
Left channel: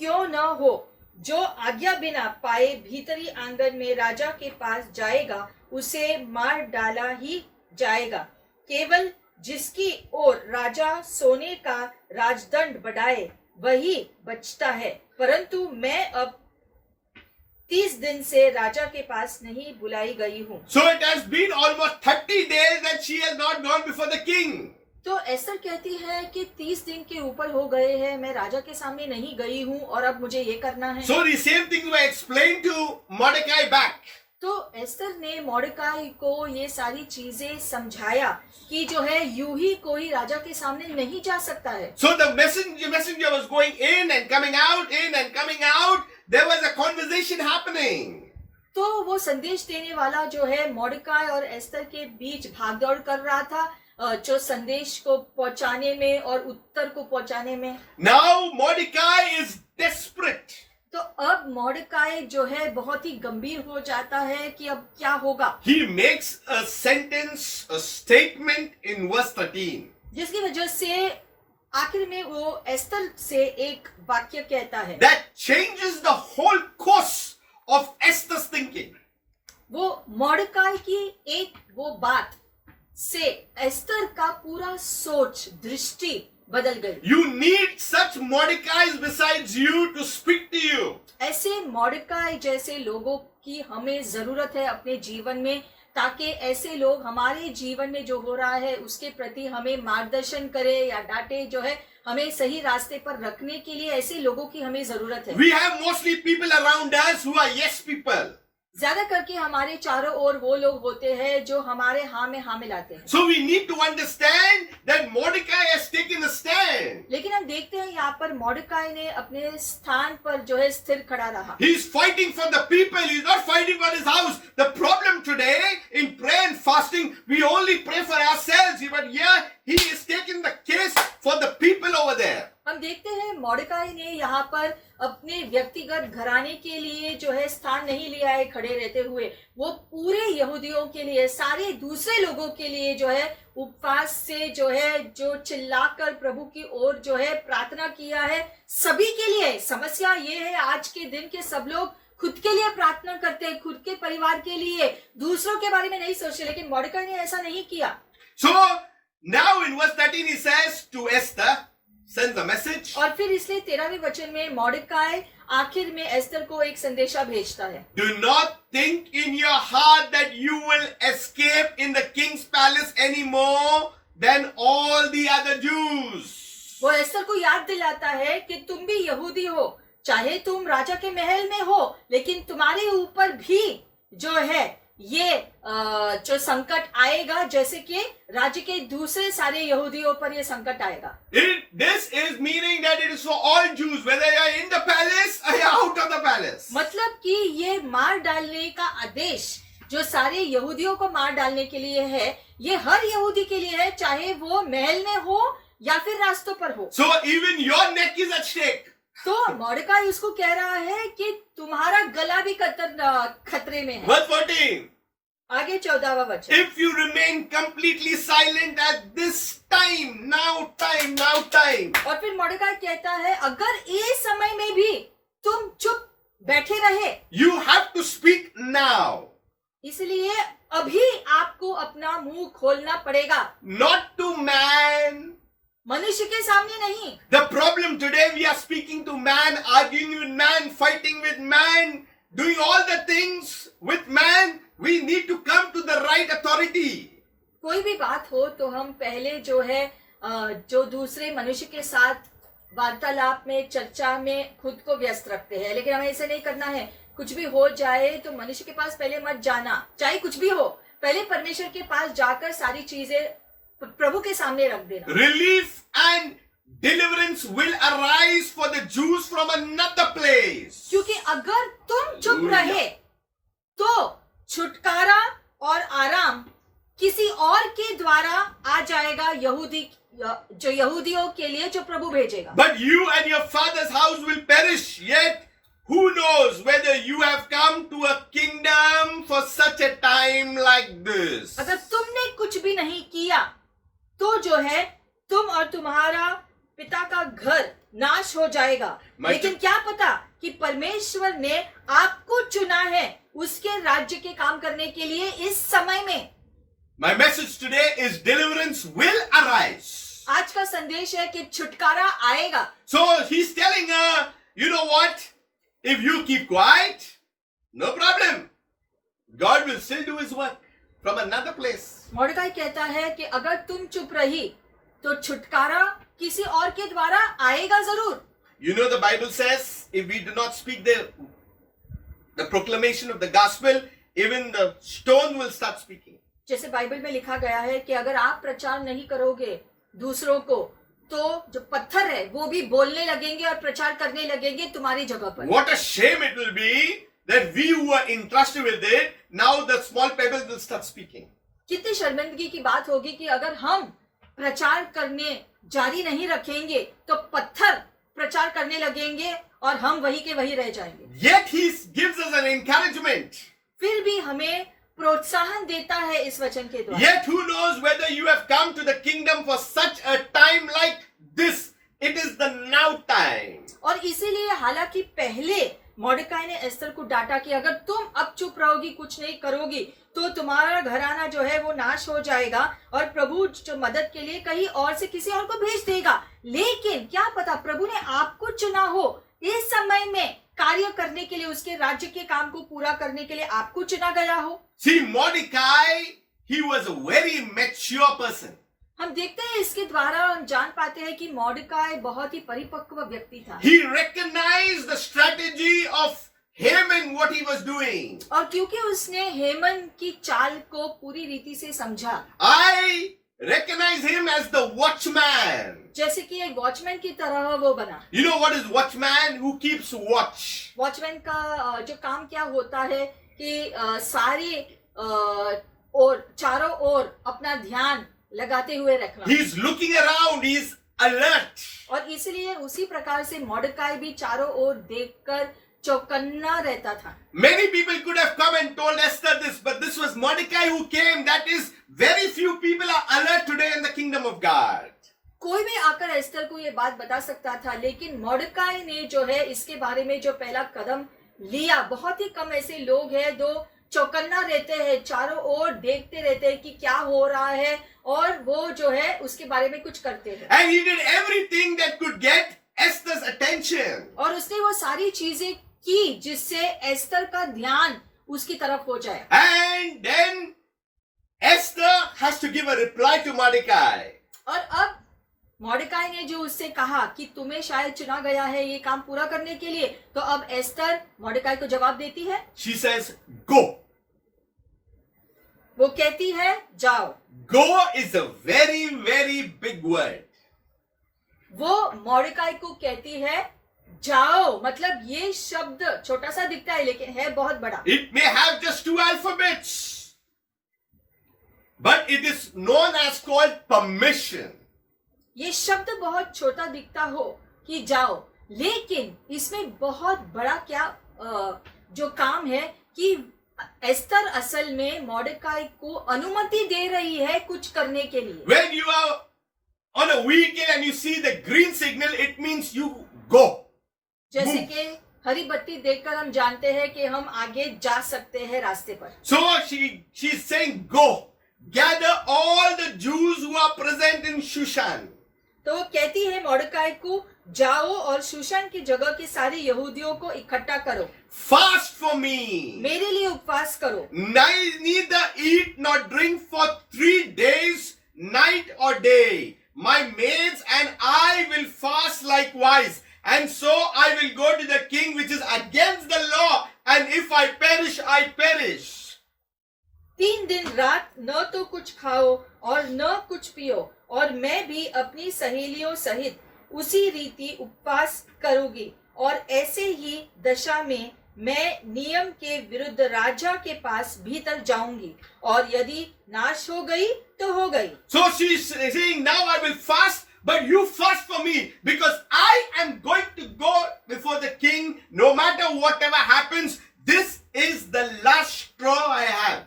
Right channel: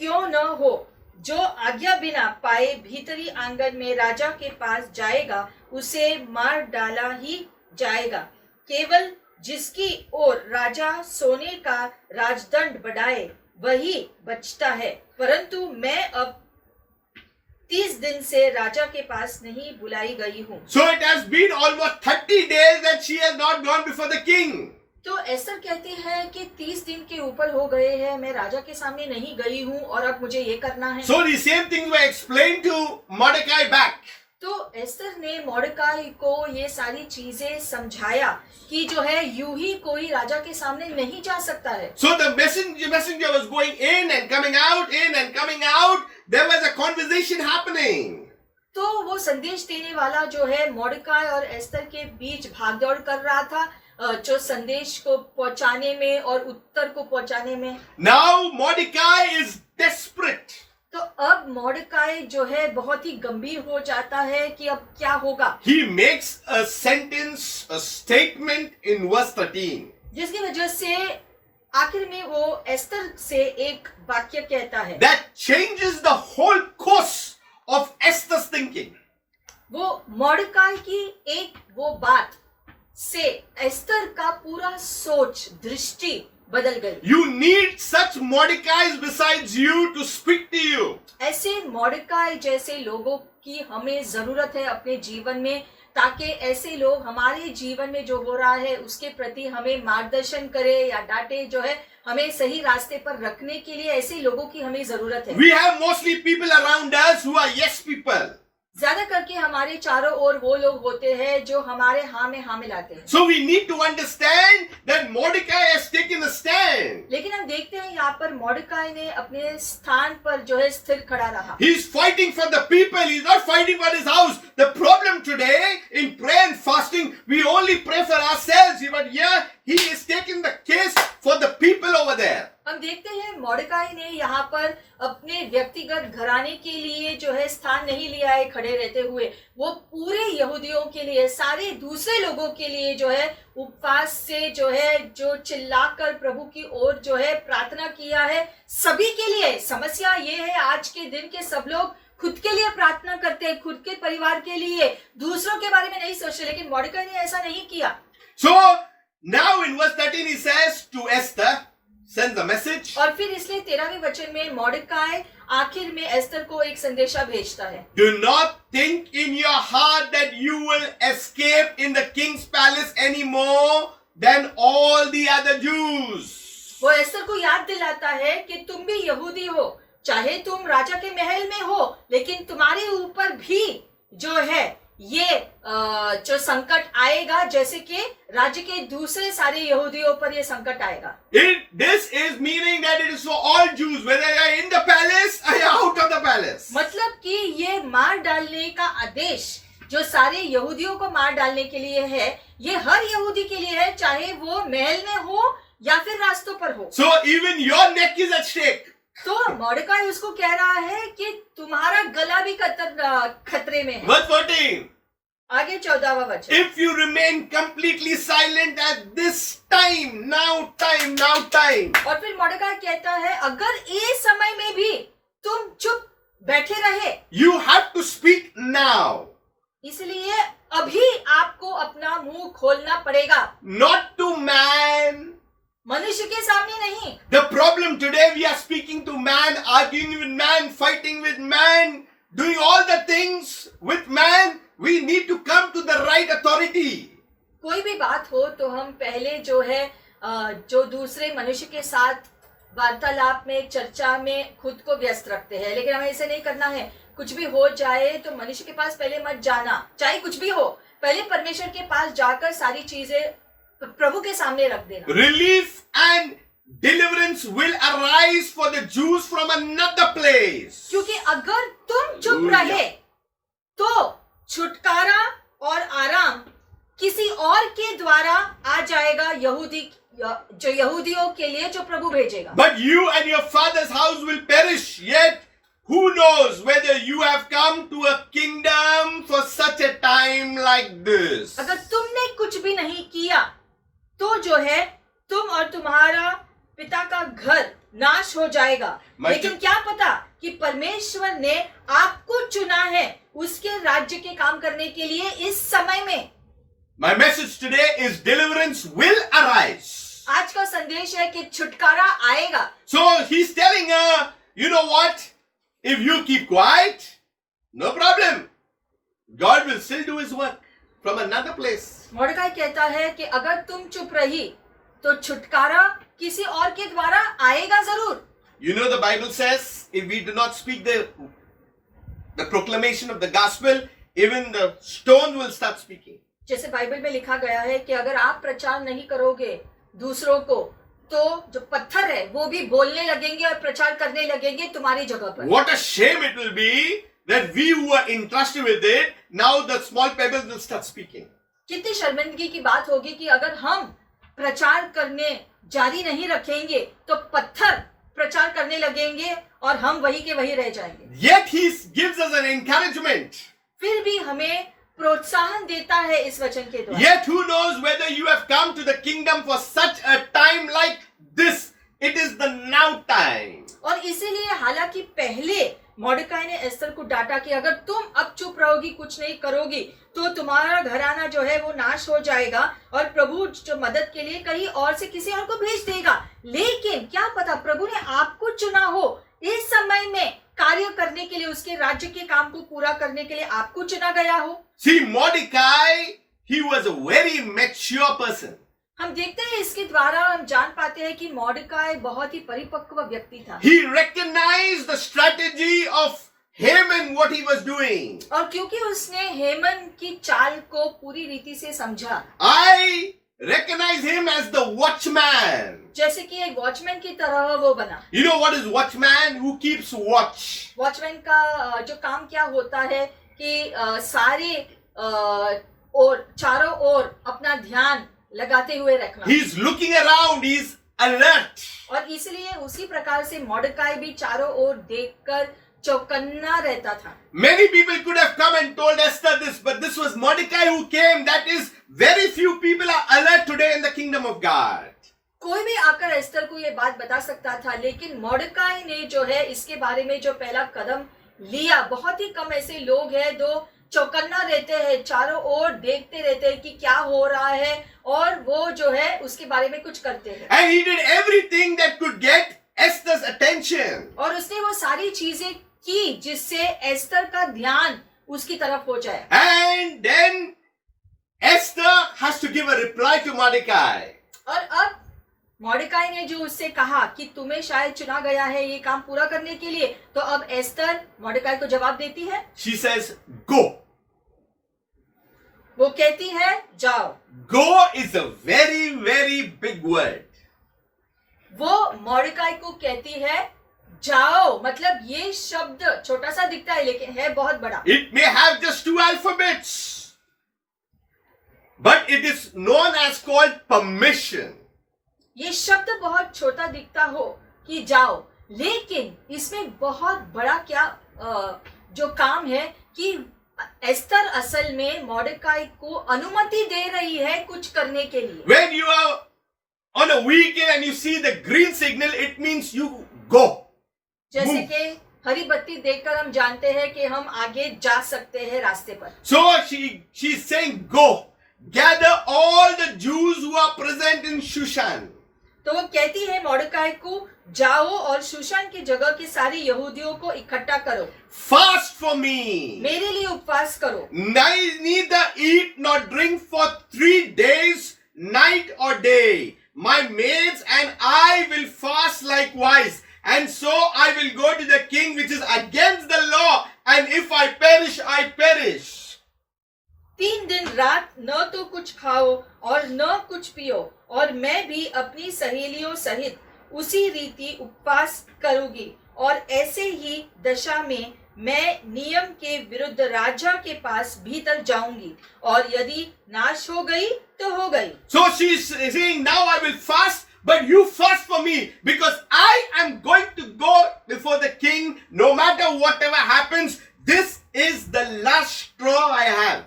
क्यों न हो जो आज्ञा बिना पाए भीतरी आंगन में राजा के पास जाएगा उसे मार डाला ही जाएगा। केवल जिसकी ओर राजा सोने का राजदंड बढ़ाए वही बचता है, परंतु मैं अब 30 दिन से राजा के पास नहीं बुलाई गई हूँ। So it has been almost 30 days that she has not gone before the king. तो एस्तर कहती है कि 30 दिन के ऊपर हो गए हैं, मैं राजा के सामने नहीं गई हूँ और अब मुझे ये करना है। So the same things were explained to Mordecai back. तो एस्तर ने मोर्देकाई को ये सारी चीजें समझाया कि जो है यूं ही कोई राजा के सामने नहीं जा सकता है। So the messenger was going in and coming out, in and coming out. There was a conversation happening. तो वो संदेश देने वाला जो है मोर्देकाई और एस्तर के बीच भागदौड़ कर रहा था, जो संदेश को पहुंचाने में और उत्तर को पहुंचाने में। Now Mordecai is desperate. तो अब मोर्देकाई जो है बहुत ही गंभीर हो जाता है कि अब क्या होगा। He makes a sentence, a statement in verse 13. जिसकी वजह से आखिर में वो एस्तर से एक वाक्य कहता है That changes the whole course of Esther's thinking. वो मोर्देकाई की एक वो बात से एस्तर का पूरा सोच दृष्टि बदल गई। You need such Mordecais besides you to speak to you. ऐसे मोर्देकाई जैसे लोगों की हमें जरूरत है अपने जीवन में, ताकि ऐसे लोग हमारे जीवन में जो हो रहा है उसके प्रति हमें मार्गदर्शन करे या डांटे, जो है हमें सही रास्ते पर रखने के लिए ऐसे लोगों की हमें जरूरत है। We have mostly people around us who are yes people. ज्यादा करके हमारे चारों ओर वो लोग होते हैं जो हमारे हाँ में हाँ मिलाते हैं। So we need to understand that Mordecai has taken a stand. लेकिन हम देखते हैं यहाँ पर मोर्देकाई ने अपने स्थान पर जो है स्थिर खड़ा रहा। He is fighting for the people. He is not fighting for his house. The problem today in prayer and fasting, we only pray for ourselves. But here he is taking the case for the people over there. हम देखते हैं मोर्देकाई ने यहाँ पर अपने व्यक्तिगत घराने के लिए जो है स्थान नहीं लिया है खड़े रहते हुए, वो पूरे यहूदियों के लिए, सारे दूसरे लोगों के लिए जो है उपवास से जो है जो चिल्लाकर प्रभु की ओर जो है प्रार्थना किया है, सभी के लिए। समस्या ये है आज के दिन के सब लोग खुद के लिए प्रार्थना करते हैं, खुद के परिवार के लिए, दूसरों के बारे में नहीं सोचते, लेकिन मोर्देकाई ने ऐसा नहीं किया। So now in verse 13 he says to Esther, sends a message. और फिर इसलिए 13वें वचन में मोर्देकाई आखिर में एस्तर को एक संदेशा भेजता है। Do not think in your heart that you will escape in the king's palace any more than all the other Jews. वो एस्तर को याद दिलाता है कि तुम भी यहूदी हो, चाहे तुम राजा के महल में हो, लेकिन तुम्हारे ऊपर भी जो है ये जो संकट आएगा, जैसे कि राज्य के दूसरे सारे यहूदियों पर ये संकट आएगा। This is meaning that it is for all Jews, whether you are in the palace or you are out of the palace. मतलब कि ये मार डालने का आदेश जो सारे यहूदियों को मार डालने के लिए है, ये हर यहूदी के लिए है, चाहे वो महल में हो या फिर रास्तों पर हो। So even your neck is at stake. तो मॉर्डकाई उसको कह रहा है कि तुम्हारा गला भी खतरे में है। Verse 14. आगे 14वां वचन। If you remain completely silent at this time, now time. और फिर मॉर्डकाई कहता है अगर इस समय में भी तुम चुप बैठे रहे, You have to speak now. इसलिए अभी आपको अपना मुंह खोलना पड़ेगा, Not to man. मनुष्य के सामने नहीं। The problem today, we are speaking to man, arguing with man, fighting with man, doing all the things with man. We need to come to the right authority. कोई भी बात हो तो हम पहले जो है जो दूसरे मनुष्य के साथ वार्तालाप में, चर्चा में खुद को व्यस्त रखते हैं, लेकिन हमें ऐसे नहीं करना है। कुछ भी हो जाए तो मनुष्य के पास पहले मत जाना, चाहे कुछ भी हो, पहले परमेश्वर के पास जाकर सारी चीजें प्रभु के सामने रख देना। Relief and deliverance will arise for the Jews from another place. क्योंकि अगर तुम चुप रहे तो छुटकारा और आराम किसी और के द्वारा आ जाएगा, जो यहूदियों के लिए जो प्रभु भेजेगा। But you and your father's house will perish. Yet who knows whether you have come to a kingdom for such a time like this. अगर तुमने कुछ भी नहीं किया तो जो है तुम और तुम्हारा पिता का घर नाश हो जाएगा, लेकिन क्या पता कि परमेश्वर ने आपको चुना है उसके राज्य के काम करने के लिए इस समय में। My message today is deliverance will arise. आज का संदेश है कि छुटकारा आएगा। So he's telling her, you know what? If you keep quiet, no problem. God will still do his work from another place. मॉर्डकाई कहता है कि अगर तुम चुप रही तो छुटकारा किसी और के द्वारा आएगा जरूर। You know the Bible says if we do not speak the proclamation of the gospel, even the stone will start speaking. जैसे बाइबल में लिखा गया है कि अगर आप प्रचार नहीं करोगे दूसरों को तो जो पत्थर है वो भी बोलने लगेंगे और प्रचार करने लगेंगे तुम्हारी जगह पर। What a shame it will be that we who are entrusted with it, now the small pebbles will start speaking. कितनी शर्मिंदगी की बात होगी कि अगर हम प्रचार करने जारी नहीं रखेंगे तो पत्थर प्रचार करने लगेंगे और हम वही के वही रह जाएंगे। Yet he gives us an encouragement. फिर भी हमें प्रोत्साहन देता है इस वचन के द्वारा। Yet who knows whether you have come to the kingdom for such a time like this. It is the now time. और इसीलिए हालांकि पहले मॉर्डकाई ने एस्तर को डांटा कि अगर तुम अब चुप रहोगी, कुछ नहीं करोगी, तो तुम्हारा घराना जो है वो नाश हो जाएगा और प्रभु जो मदद के लिए कहीं और से किसी और को भेज देगा। लेकिन क्या पता प्रभु ने आपको चुना हो इस समय में कार्य करने के लिए, उसके राज्य के काम को पूरा करने के लिए आपको चुना गया हो। See, Mordecai, he was a very mature person. हम देखते हैं इसके द्वारा हम जान पाते हैं कि मॉर्डकाई बहुत ही परिपक्व व्यक्ति था। He recognized the strategy of Haman, what he was doing. और क्योंकि उसने हेमन की चाल को पूरी रीति से समझा, I recognize him as the watchman. जैसे कि एक वॉचमैन की तरह वो बना। You know what is watchman? Who keeps watch. Watchman का जो काम क्या होता है कि सारे और चारों ओर अपना ध्यान लगाते हुए रखना। He is looking around. He is alert. और इसलिए उसी प्रकार से मॉर्डकाई भी चारों ओर देखकर चौकन्ना रहता था। Many people could have come and told Esther this, but this was Mordecai who came. That is, very few people are alert today in the kingdom of God. कोई भी आकर एस्तर को ये बात बता सकता था, लेकिन मॉर्डकाई ने जो है इसके बारे में जो पहला कदम लिया, बहुत ही कम ऐसे लोग हैं जो चौकन्ना रहते हैं, चारों ओर देखते रहते हैं कि क्या हो रहा है और वो जो है उसके बारे में कुछ करते हैं। And he did everything that could get Esther's attention. और उसने वो सारी चीजें की जिससे एस्तर का ध्यान उसकी तरफ हो जाए। And then Esther has to give a reply to Mordecai. और अब मॉर्डकाई ने जो उससे कहा कि तुम्हें शायद चुना गया है ये काम पूरा करने के लिए, तो अब एस्तर मॉर्डकाई को जवाब देती है, She says, Go. वो कहती है जाओ। Go is a very, very big word. वो मॉर्डकाई को कहती है जाओ, मतलब ये शब्द छोटा सा दिखता है लेकिन है बहुत बड़ा। It may have just 2 alphabets, but it is known as called permission. ये शब्द बहुत छोटा दिखता हो कि जाओ, लेकिन इसमें बहुत बड़ा क्या जो काम है कि एस्तर असल में मॉर्डकाई को अनुमति दे रही है कुछ करने के लिए। When you are on a weekend and you see the green signal, it means you go. जैसे Move. कि हरी बत्ती देखकर हम जानते हैं कि हम आगे जा सकते हैं रास्ते पर। So she's saying, Go. Gather all the Jews who are present in Shushan. तो वो कहती है मॉर्डकाई को जाओ और शूशान की जगह के सारे यहूदियों को इकट्ठा करो, Fast for me. मेरे लिए उपवास करो, Neither eat nor drink for 3 days, night or day. My maids and I will fast likewise. And so I will go to the king, which is against the law. And if I perish, I perish. 3 दिन रात न तो कुछ खाओ और न कुछ पियो, और मैं भी अपनी सहेलियों सहित उसी रीति उपवास करूंगी, और ऐसे ही दशा में मैं नियम के विरुद्ध राजा के पास भीतर जाऊंगी, और यदि नाश हो गई तो हो गई। So she's saying, now I will fast, but you fast for me, because I am going to go before the king, no matter whatever happens. This is the last straw I have.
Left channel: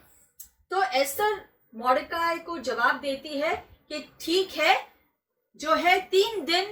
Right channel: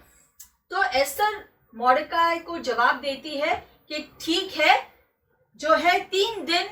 तो एस्तर मॉर्डकाई को जवाब देती है कि ठीक है, जो है 3 दिन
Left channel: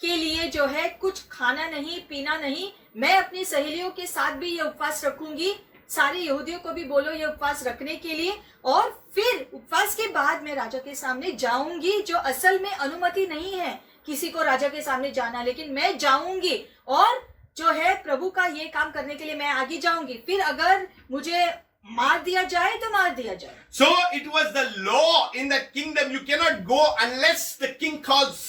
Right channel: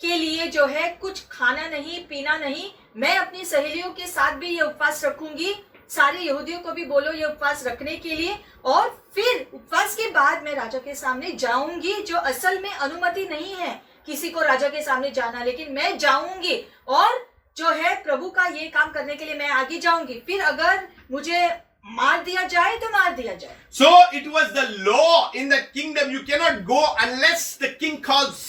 के लिए जो है कुछ खाना नहीं पीना नहीं, मैं अपनी सहेलियों के साथ भी ये उपवास रखूंगी, सारे यहूदियों को भी बोलो ये उपवास रखने के लिए, और फिर उपवास के बाद मैं राजा के सामने जाऊंगी, जो असल में अनुमति नहीं है किसी को राजा के सामने जाना, लेकिन मैं जाऊंगी और जो है प्रभु का ये काम करने के लिए मैं आगे जाऊंगी, फिर अगर मुझे मार दिया जाए तो मार दिया जाए। So it was the law in the kingdom. You cannot go unless the king calls.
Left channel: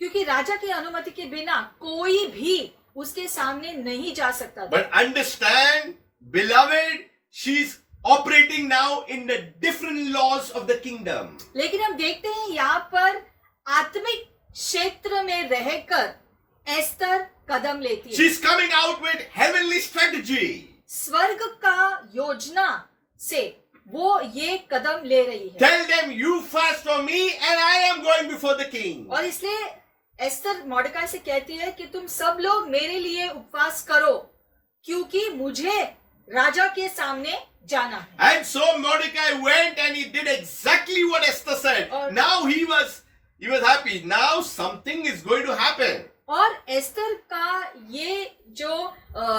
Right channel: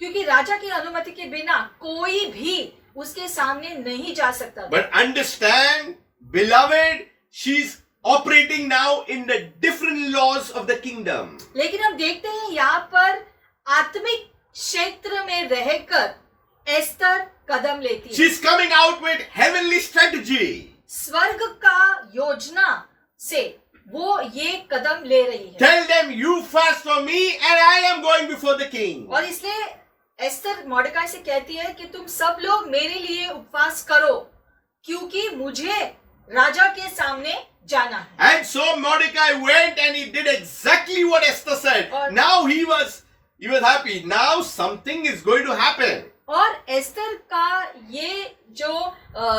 क्योंकि राजा की अनुमति के बिना कोई भी उसके सामने नहीं जा सकता था। But understand, beloved, she's operating now in the different laws of the kingdom. लेकिन हम देखते हैं यहाँ पर आत्मिक क्षेत्र में रहकर एस्तर कदम लेती है। She's coming out with heavenly strategy. स्वर्ग का योजना से वो ये कदम ले रही है। Tell them, you fast for me and I am going before the king. और इसलिए एस्तर मॉर्डकाई से कहती है कि तुम सब लोग मेरे लिए उपवास करो, क्योंकि मुझे राजा के सामने जाना है। And so Mordecai went and he did exactly what Esther said. और Now he was happy. Now something is going to happen. और एस्तर का ये जो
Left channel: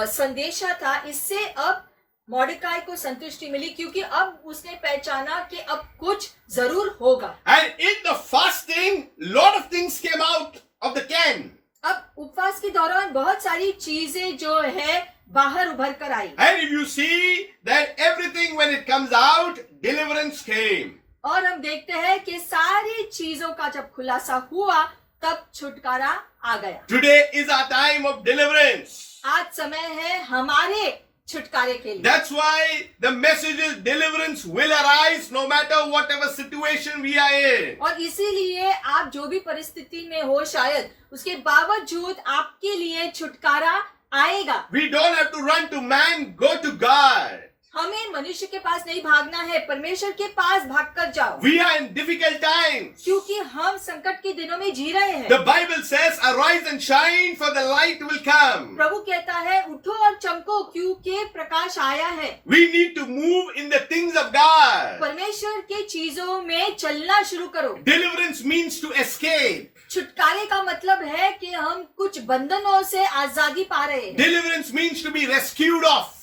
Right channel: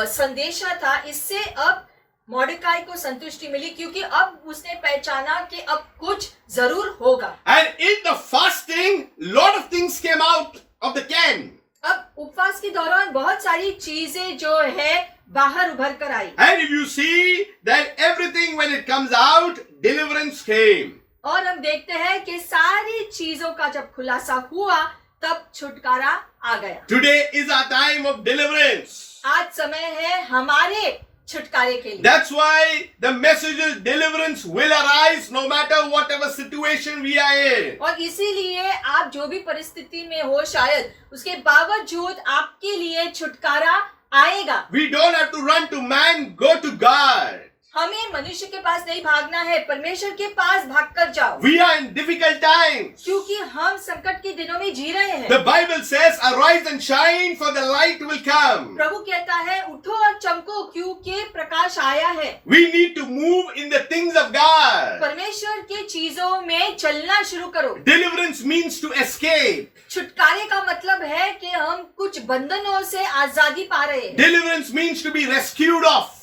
संदेशा था, इससे अब मॉर्डकाई को संतुष्टि मिली, क्योंकि अब उसने पहचाना कि अब कुछ जरूर होगा। And in the fasting, lot of things came out of the can. अब उपवास के दौरान बहुत सारी चीजें जो है बाहर उभर कर आई, And if you see that everything when it comes out, deliverance came. और हम देखते हैं कि सारी चीजों का जब खुलासा हुआ तब छुटकारा आ गया। Today is our time of deliverance. आज समय है हमारे छुटकारे के लिए। That's why the message is deliverance will arise no matter whatever situation we are in. और इसीलिए आप जो भी परिस्थिति में हो, शायद उसके बावजूद आपके लिए छुटकारा आएगा। We don't have to run to man, go to God. हमें मनुष्य के पास नहीं भागना है, परमेश्वर के पास भागकर जाओ, We are in difficult times. क्योंकि हम संकट के दिनों में जी रहे हैं। The Bible says, arise and shine for the light will come. प्रभु कहता है उठो और चमको, क्योंकि प्रकाश आया है। We need to move in the things of God. परमेश्वर के चीजों में चलना शुरू करो। Deliverance means to escape. छुटकारे का मतलब है कि हम कुछ बंधनों से आजादी पा रहे हैं। Deliverance means to be rescued off.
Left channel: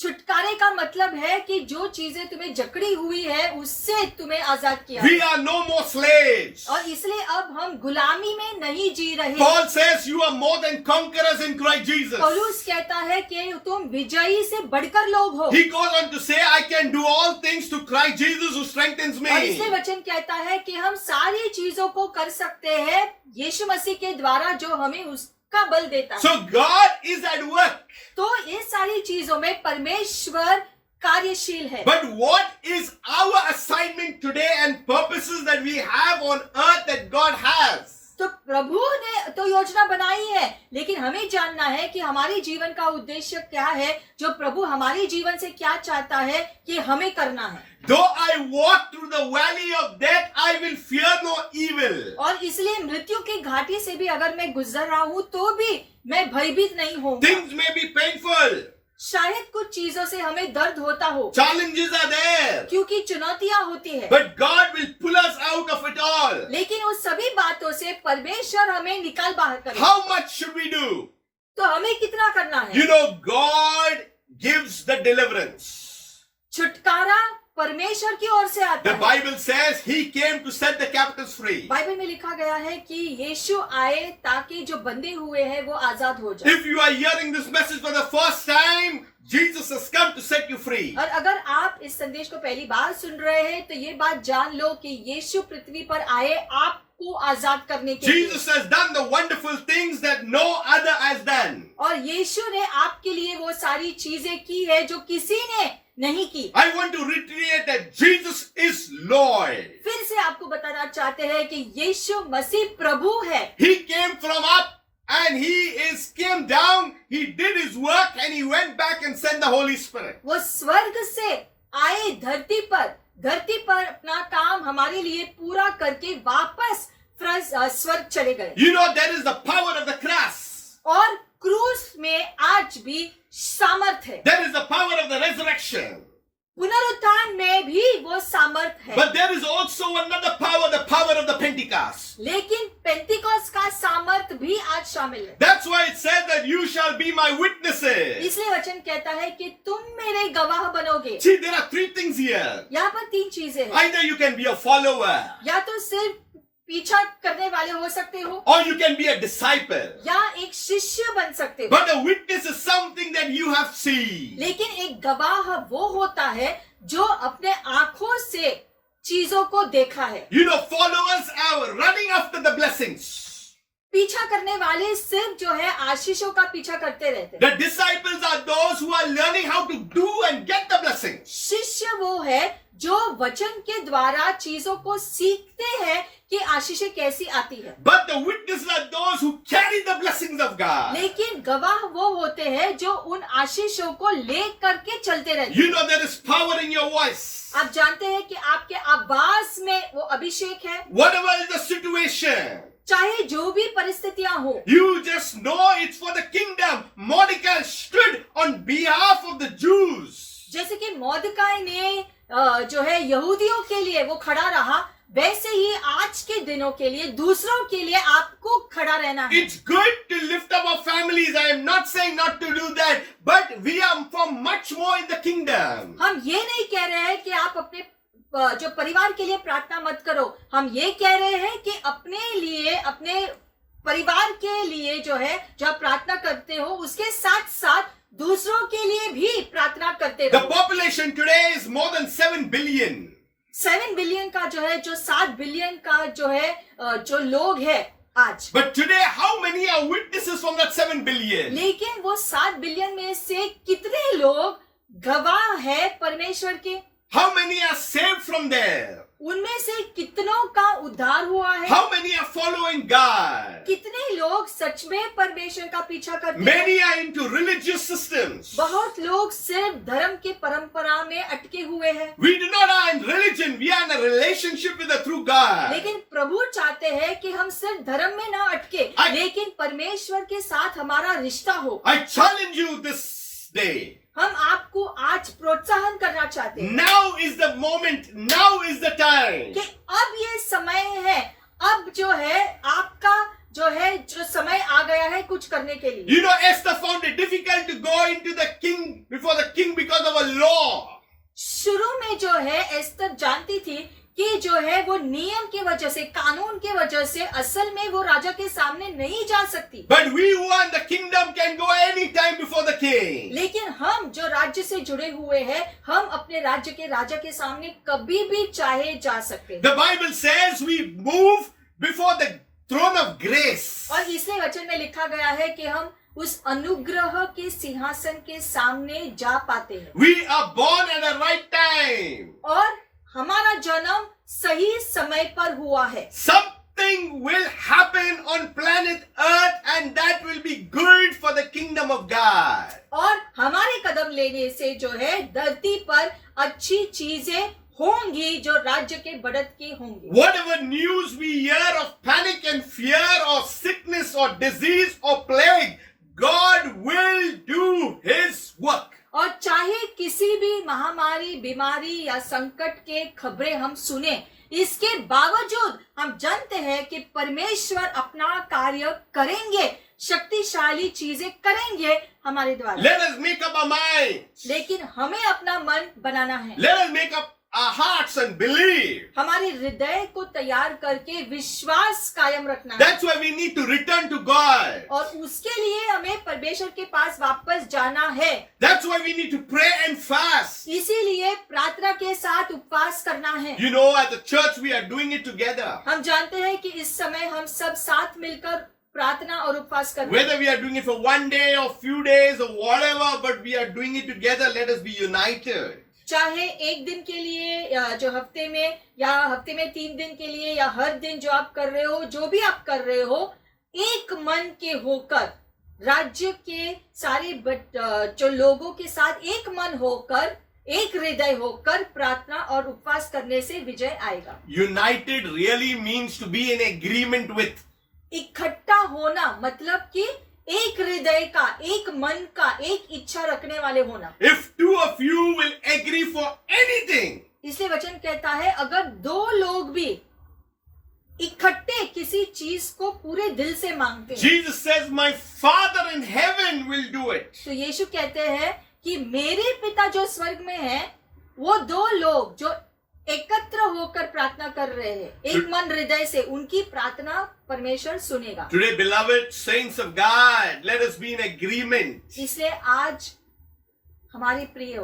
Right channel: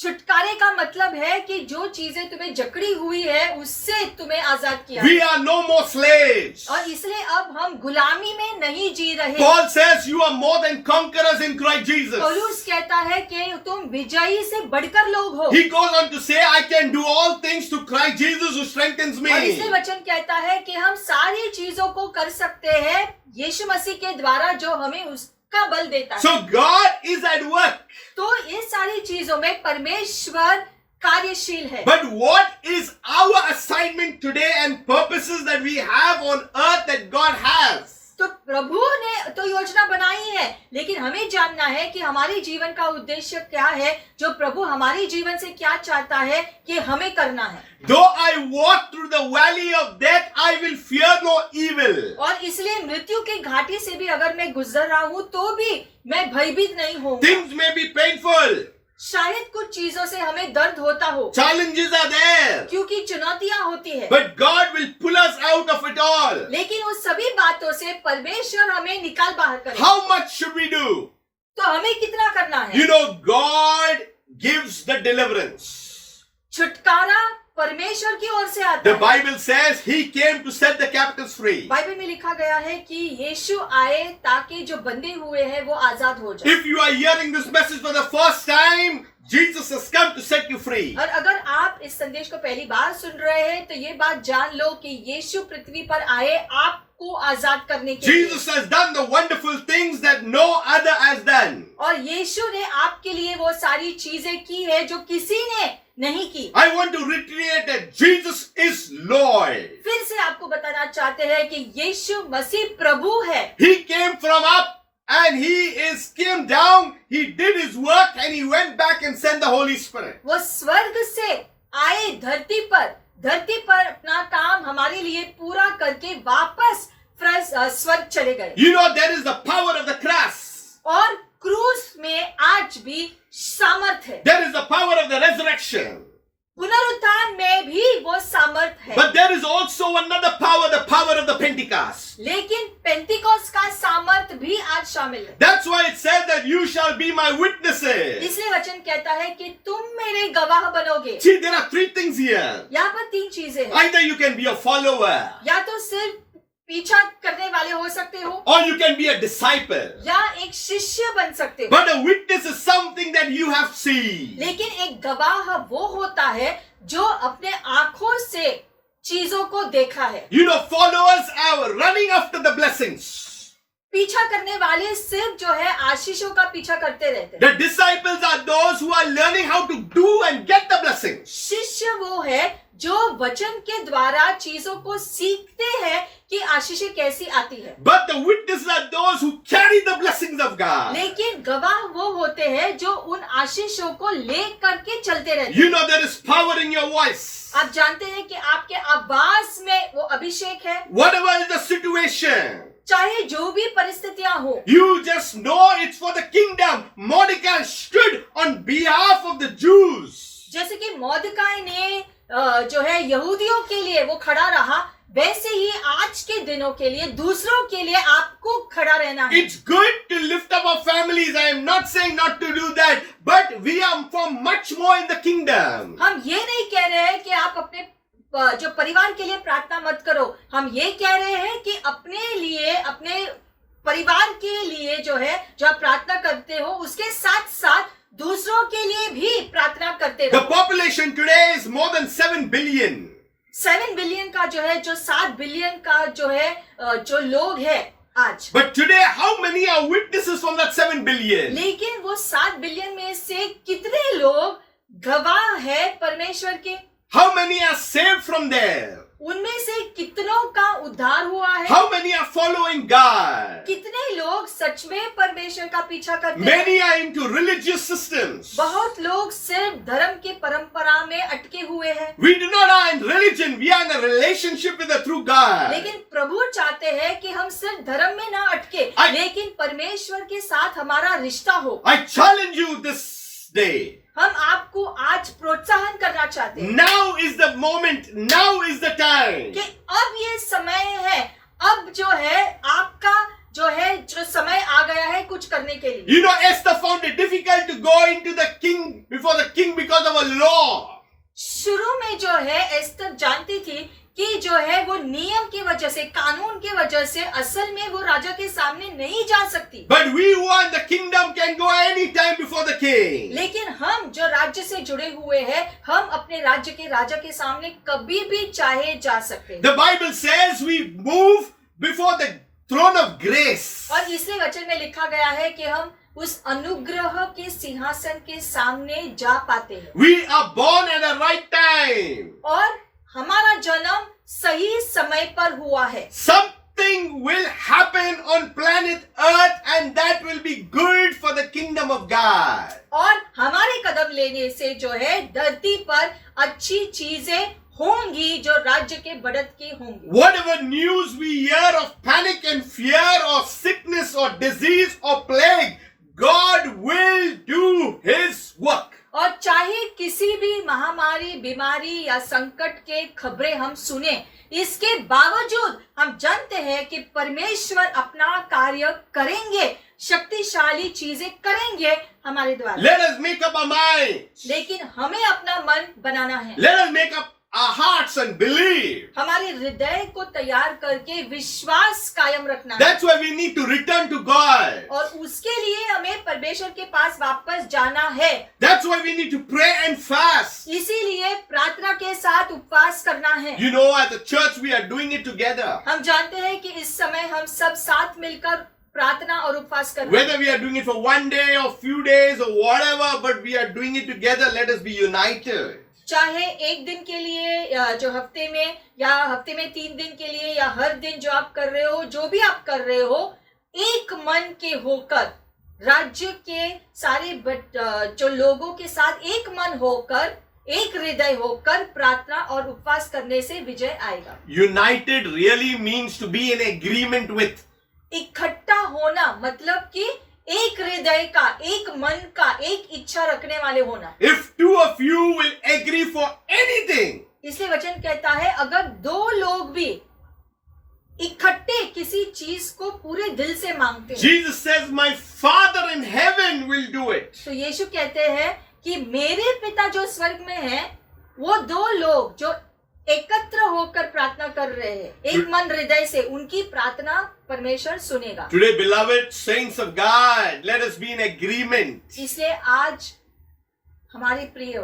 छुटकारे का मतलब है कि जो चीजें तुम्हें जकड़ी हुई है उससे तुम्हें आजाद किया We are no more slaves. और इसलिए अब हम गुलामी में नहीं जी रहे। Paul says you are more than conquerors in Christ Jesus. पौलुस कहता है कि तुम विजयी से बढ़कर लोग हो। He goes on to say, I can do all things through Christ Jesus who strengthens और इसलिए me. वचन कहता है कि हम सारी चीजों को कर सकते हैं यीशु मसीह के द्वारा जो हमें उसका बल देता है। So God is at work. तो ये सारी चीजों में परमेश्वर कार्यशील है। But what is our assignment today and purposes that we have on earth that God has? तो प्रभु ने तो योजना बनाई है, लेकिन हमें जानना है कि हमारे जीवन का उद्देश्य क्या है, जो प्रभु हमारे जीवन से क्या चाहता है कि हमें करना है। Though I walk through the valley of death, I will fear no evil. और इसलिए मृत्यु की घाटी से भी अगर मैं गुजर रहा हूँ तो भी मैं भयभीत नहीं हूँ। Things may be painful. शायद कुछ चीजों से हमें दर्द होता हो, Challenges are there. क्योंकि चुनौतियां होती है, But God will pull us out of it all. लेकिन उस सभी बातों से परमेश्वर हमें निकाल बाहर करे। How much should we do? तो हमें कितना करना है? You know, God gives the deliverance. छुटकारा परमेश्वर की ओर से आता The है। Bible says He came to set the captives free. Bible में लिखा गया है कि यीशु आए ताकि जो बंधे हुए हैं वो आजाद हो जाए। If you are hearing this message for the first time, Jesus has come to set you free. और अगर आप इस संदेश को पहली बार सुन रहे हैं तो ये बात जान लो कि यीशु पृथ्वी पर आए आपको आजाद करने के लिए। Jesus has done the wonderful things that no other has done. और यीशु ने आपके लिए वो सारी चीजें की है जो किसी ने नहीं की। I want to reiterate that Jesus is Lord. फिर से आपको बताना चाहते हैं कि यीशु मसीह प्रभु है। He came from up and came down. He did his work and he went back and sent the Holy Spirit. वो स्वर्ग से आए धरती पर अपना काम हमारे लिए पूरा करके वापस स्वर्ग चले गए। You know, there is the power of the cross. और क्रूस में आज भी सामर्थ है। There is the power of the resurrection. पुनरुत्थान में भी वो सामर्थ है। But there is also another power, the power of the Pentecost. लेकिन पेंटिकोस का सामर्थ भी आज शामिल है। That's why it said that you shall be my witnesses. इसलिए वचन कहता है कि तुम मेरे गवाह बनोगे। See, there are three things here. यहाँ पर तीन चीजें हैं। Either you can be a follower, या तो सिर्फ पीछा करने वाले हो सकते हो, or you can be a disciple. या एक शिष्य बन सकते हो। But a witness is something that you have seen. लेकिन एक गवाह वो होता है जो अपने आंखों से चीजों को देखा है। You know, followers are running after the blessings. पीछा करने वाले सिर्फ जो है आशीषों का पीछा करते रहते हैं। The disciples are those who are learning how to do and get the blessings. शिष्य वो है जो वचन के द्वारा चीजों को सीखते हैं कि आशीषें कैसी आती है। But the witnesses are those who carry the blessings of God. लेकिन गवाह वो होते हैं जो उन आशीषों को ले करके चलते रहते हैं। You know, there is power in your voice. आप जानते हैं कि आपके आवाज में वो अभिषेक है। Whatever is the situation, चाहे जो भी परिस्थितियां हो, you just know it's for the kingdom. Mordecai stood on behalf of the Jews. जैसे कि मोर्देकाई ने जो है यहूदियों के लिए वो खड़ा रहा, वैसे ही आज के दिनों के लिए दूसरों के लिए आपको खड़ा रहना है। It's good to lift up our families. I am not saying not to do that, but we are for much more in the kingdom. हम ये नहीं कह रहे हैं कि आप अपने जो परिवार के लिए प्रार्थना मत करो। हम ये कह रहे हैं कि अपने लिए, अपने परिवार के लिए जो है जो आप प्रार्थना करते हो उसके साथ साथ दूसरों के लिए भी प्रार्थना करते The रहो। population today is more than 7 billion. 7 billion का जो है, जो 7 बिलियन का जो है जो लोग है आज। But today, how many are witnesses from that 7 billion? लेकिन वो 7 बिलियन में से कितने लोग गवाह है परमेश्वर के? How many are saved from there? उनमें से कितनों का उद्धार हुआ है? How many are following God? कितने लोग सच में परमेश्वर का पीछा करते हैं? Many are into religious systems. बहुत लोग सिर्फ धर्म के परंपरा में अटके हुए हैं। We do not are in religion. We are in a relationship with the true God. लेकिन प्रभु चाहते हैं कि हम सिर्फ धर्म में ना अटके, लेकिन परमेश्वर के साथ हमारा रिश्ता हो। I challenge you this day. हम आपको आज प्रोत्साहन करना चाहते हैं Now is the moment. Now is the time. कि अब ये समय है, अब जो है आपका जो समय आ गया है कुछ करने के लिए। You know, Esther found it difficult to go into the king before before the king because of a law. शुरू में जो है एस्तर जानती थी कि जो है वो नियम की वजह से, कानून की वजह से असल में वो राजा के सामने नहीं जा सकती। But we who are in the kingdom can go anytime before the king. लेकिन हम जो राज्य से जुड़े हुए हैं, हम अपने राज्य के राजा के सामने कभी भी चाहे जा सकते हैं। The Bible says we move before the throne of grace. और इसलिए वचन में लिखा गया है कि हम उस अनुग्रह के सिंहासन के सामने जा पाते हैं। We are born at the right time. और हमारा जन्म सही समय पर हुआ है। Something will happen on planet Earth and that will be good for the kingdom of God. और हमारे कदम लेने से जो है धरती पर अच्छी चीजें होंगी जो राज्य के बढ़त की होंगी। Whatever news we hear of panic and fear or sickness or disease or plague, God will do His work. और चाहे किसी भी महामारी, बीमारी या संकट के खबरें हम सुने, इसके बावजूद हम जानते हैं कि परमेश्वर अपना कार्य करेंगे, शक्तिशाली चीजें करेंगे हमारे द्वारा। Let us make up our minds. लेकिन हमें अपना मन बनाना है। Let us make up our hearts and believe. हमारे हृदय को तैयार करके विश्वास कायम रखना है। That's why we need to return to God. और उसके लिए हमें परमेश्वर के पास वापस जाना है। That's why we need to pray and fast. इसीलिए प्रार्थना के साथ उपवास करना है। You know, at the church we are doing it together. हम जानते हैं कि इस समय हम सब साथ मिलकर प्रार्थना और उपवास करते हैं। Whether we are doing it for one day or few days or whatever, but we are doing it together. Let us be united. चाहे एक दिन के लिए या जो हफ्ते में 3 दिन के लिए या हर दिन जो आप कर रहे हो, जो भी आप कर रहे हो, एक मन के होकर राज्य के सारे जो लोगों के साथ एक मन होकर, एक हृदय होकर प्रार्थना और उपवास करने से विजय आएगा। United really means to be in agreement with. इकट्ठा होना मतलब कि एक हृदय का, एक मन का, एक इच्छा रखने वाले होना। If two of you will agree for anything, इसलिए वचन कहता है अगर 2 लोग भी इकट्ठे किसी चीज को पूरे दिल से मांगते हैं, Jesus says, "My Father in heaven will do it." तो यीशु कहते हैं कि मेरे पिता जो स्वर्ग में हैं, वो 2 लोग जो एकत्र होकर प्रार्थना कर रहे हैं, एक मन हृदय से, उनकी प्रार्थना परमेश्वर सुनेगा। Today, beloved saints of God, let us be in agreement. इसलिए आज हमारे प्रिय,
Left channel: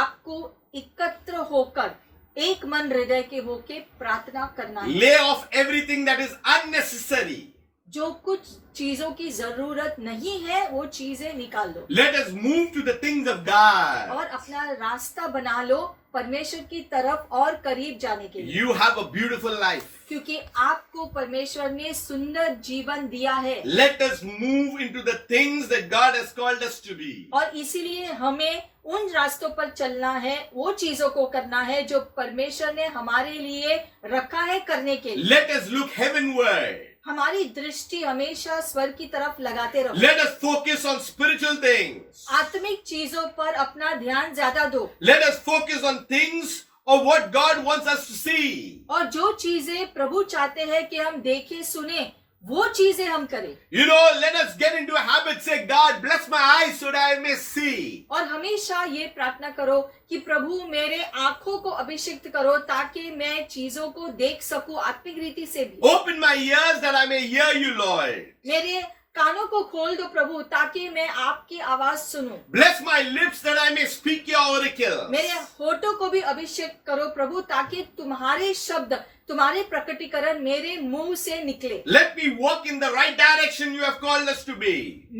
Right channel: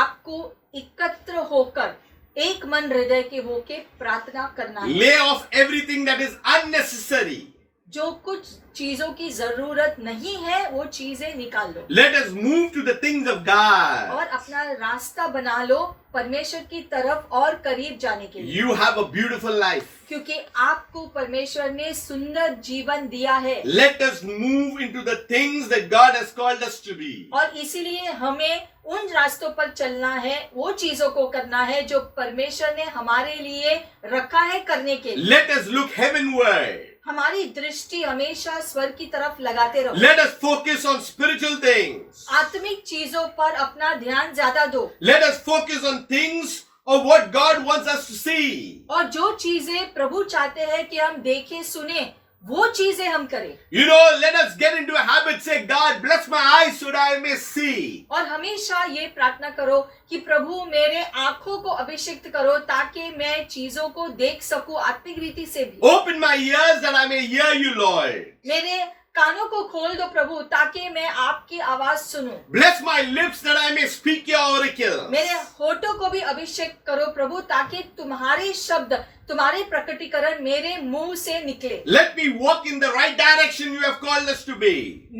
आपको एकत्र होकर एक मन हृदय के होके प्रार्थना करना है। Lay off everything that is unnecessary. जो कुछ चीजों की जरूरत नहीं है वो चीजें निकाल लो। Let us move to the things of God. और अपना रास्ता बना लो परमेश्वर की तरफ और करीब जाने के लिए। You have a beautiful life. क्योंकि आपको परमेश्वर ने सुंदर जीवन दिया है। Let us move into the things that God has called us to be. और इसीलिए हमें उन रास्तों पर चलना है, वो चीजों को करना है जो परमेश्वर ने हमारे लिए रखा है करने के लिए। Let us look heavenward. हमारी दृष्टि हमेशा स्वर्ग की तरफ लगाते रहो। Let us focus on spiritual things. आत्मिक चीजों पर अपना ध्यान ज्यादा दो। Let us focus on things of what God wants us to see. और जो चीजें प्रभु चाहते हैं कि हम देखें सुने, वो चीजें हम करें। You know, let us get into a habit, say, "God, bless my eyes so that I may see." और हमेशा ये प्रार्थना करो कि प्रभु मेरे आंखों को अभिषिक्त करो ताकि मैं चीजों को देख सकूं आत्मिक रीति से भी। Open my ears that I may hear you, Lord. मेरे कानों को खोल दो प्रभु ताकि मैं आपकी आवाज सुनूं। Bless my lips that I may speak your oracles. मेरे होठों को भी अभिषेक करो प्रभु ताकि तुम्हारे शब्द, तुम्हारे प्रकटीकरण मेरे मुंह से निकले। Let me walk in the right direction you have called us to be.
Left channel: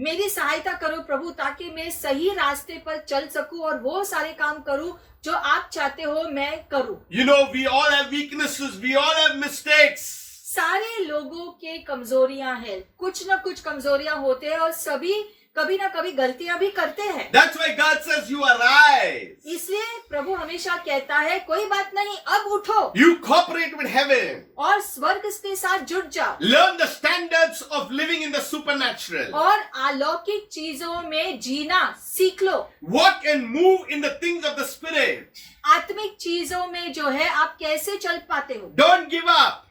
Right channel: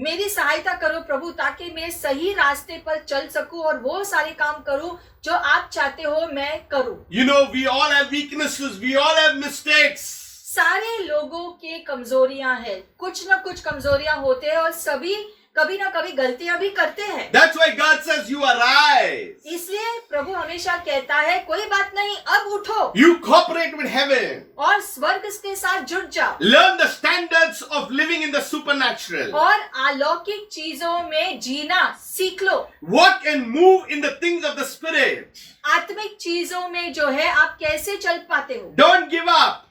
मेरी सहायता करो प्रभु ताकि मैं सही रास्ते पर चल सकूं और वो सारे काम करूं जो आप चाहते हो मैं करूं। You know, we all have weaknesses. We all have mistakes. सारे लोगों के कमजोरियां हैं, कुछ ना कुछ कमजोरियां होते हैं और सभी कभी ना कभी गलतियां भी करते हैं। That's why God says you arise. इसलिए प्रभु हमेशा कहता है कोई बात नहीं, अब उठो You cooperate with heaven. और स्वर्ग के साथ जुड़ जाओ Learn the standards of living in the supernatural. और अलौकिक चीजों में जीना सीख लो। Walk and move in the things of the Spirit. आत्मिक चीजों में जो है आप कैसे चल पाते हो। Don't give up.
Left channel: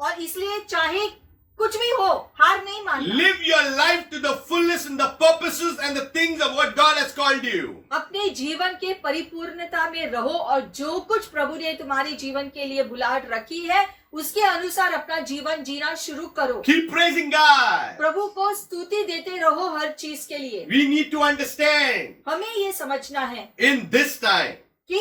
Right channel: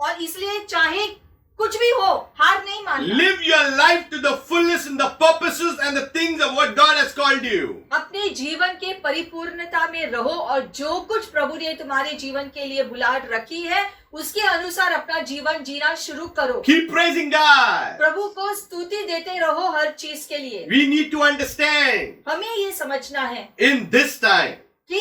और इसलिए चाहे कुछ भी हो, हार नहीं मानना। Live your life to the fullness and the purposes and the things of what God has called you. अपने जीवन के परिपूर्णता में रहो और जो कुछ प्रभु ने तुम्हारे जीवन के लिए बुलाहट रखी है उसके अनुसार अपना जीवन जीना शुरू करो। Keep praising God. प्रभु को स्तुति देते रहो हर चीज के लिए। We need to understand हमें ये समझना है in this time, कि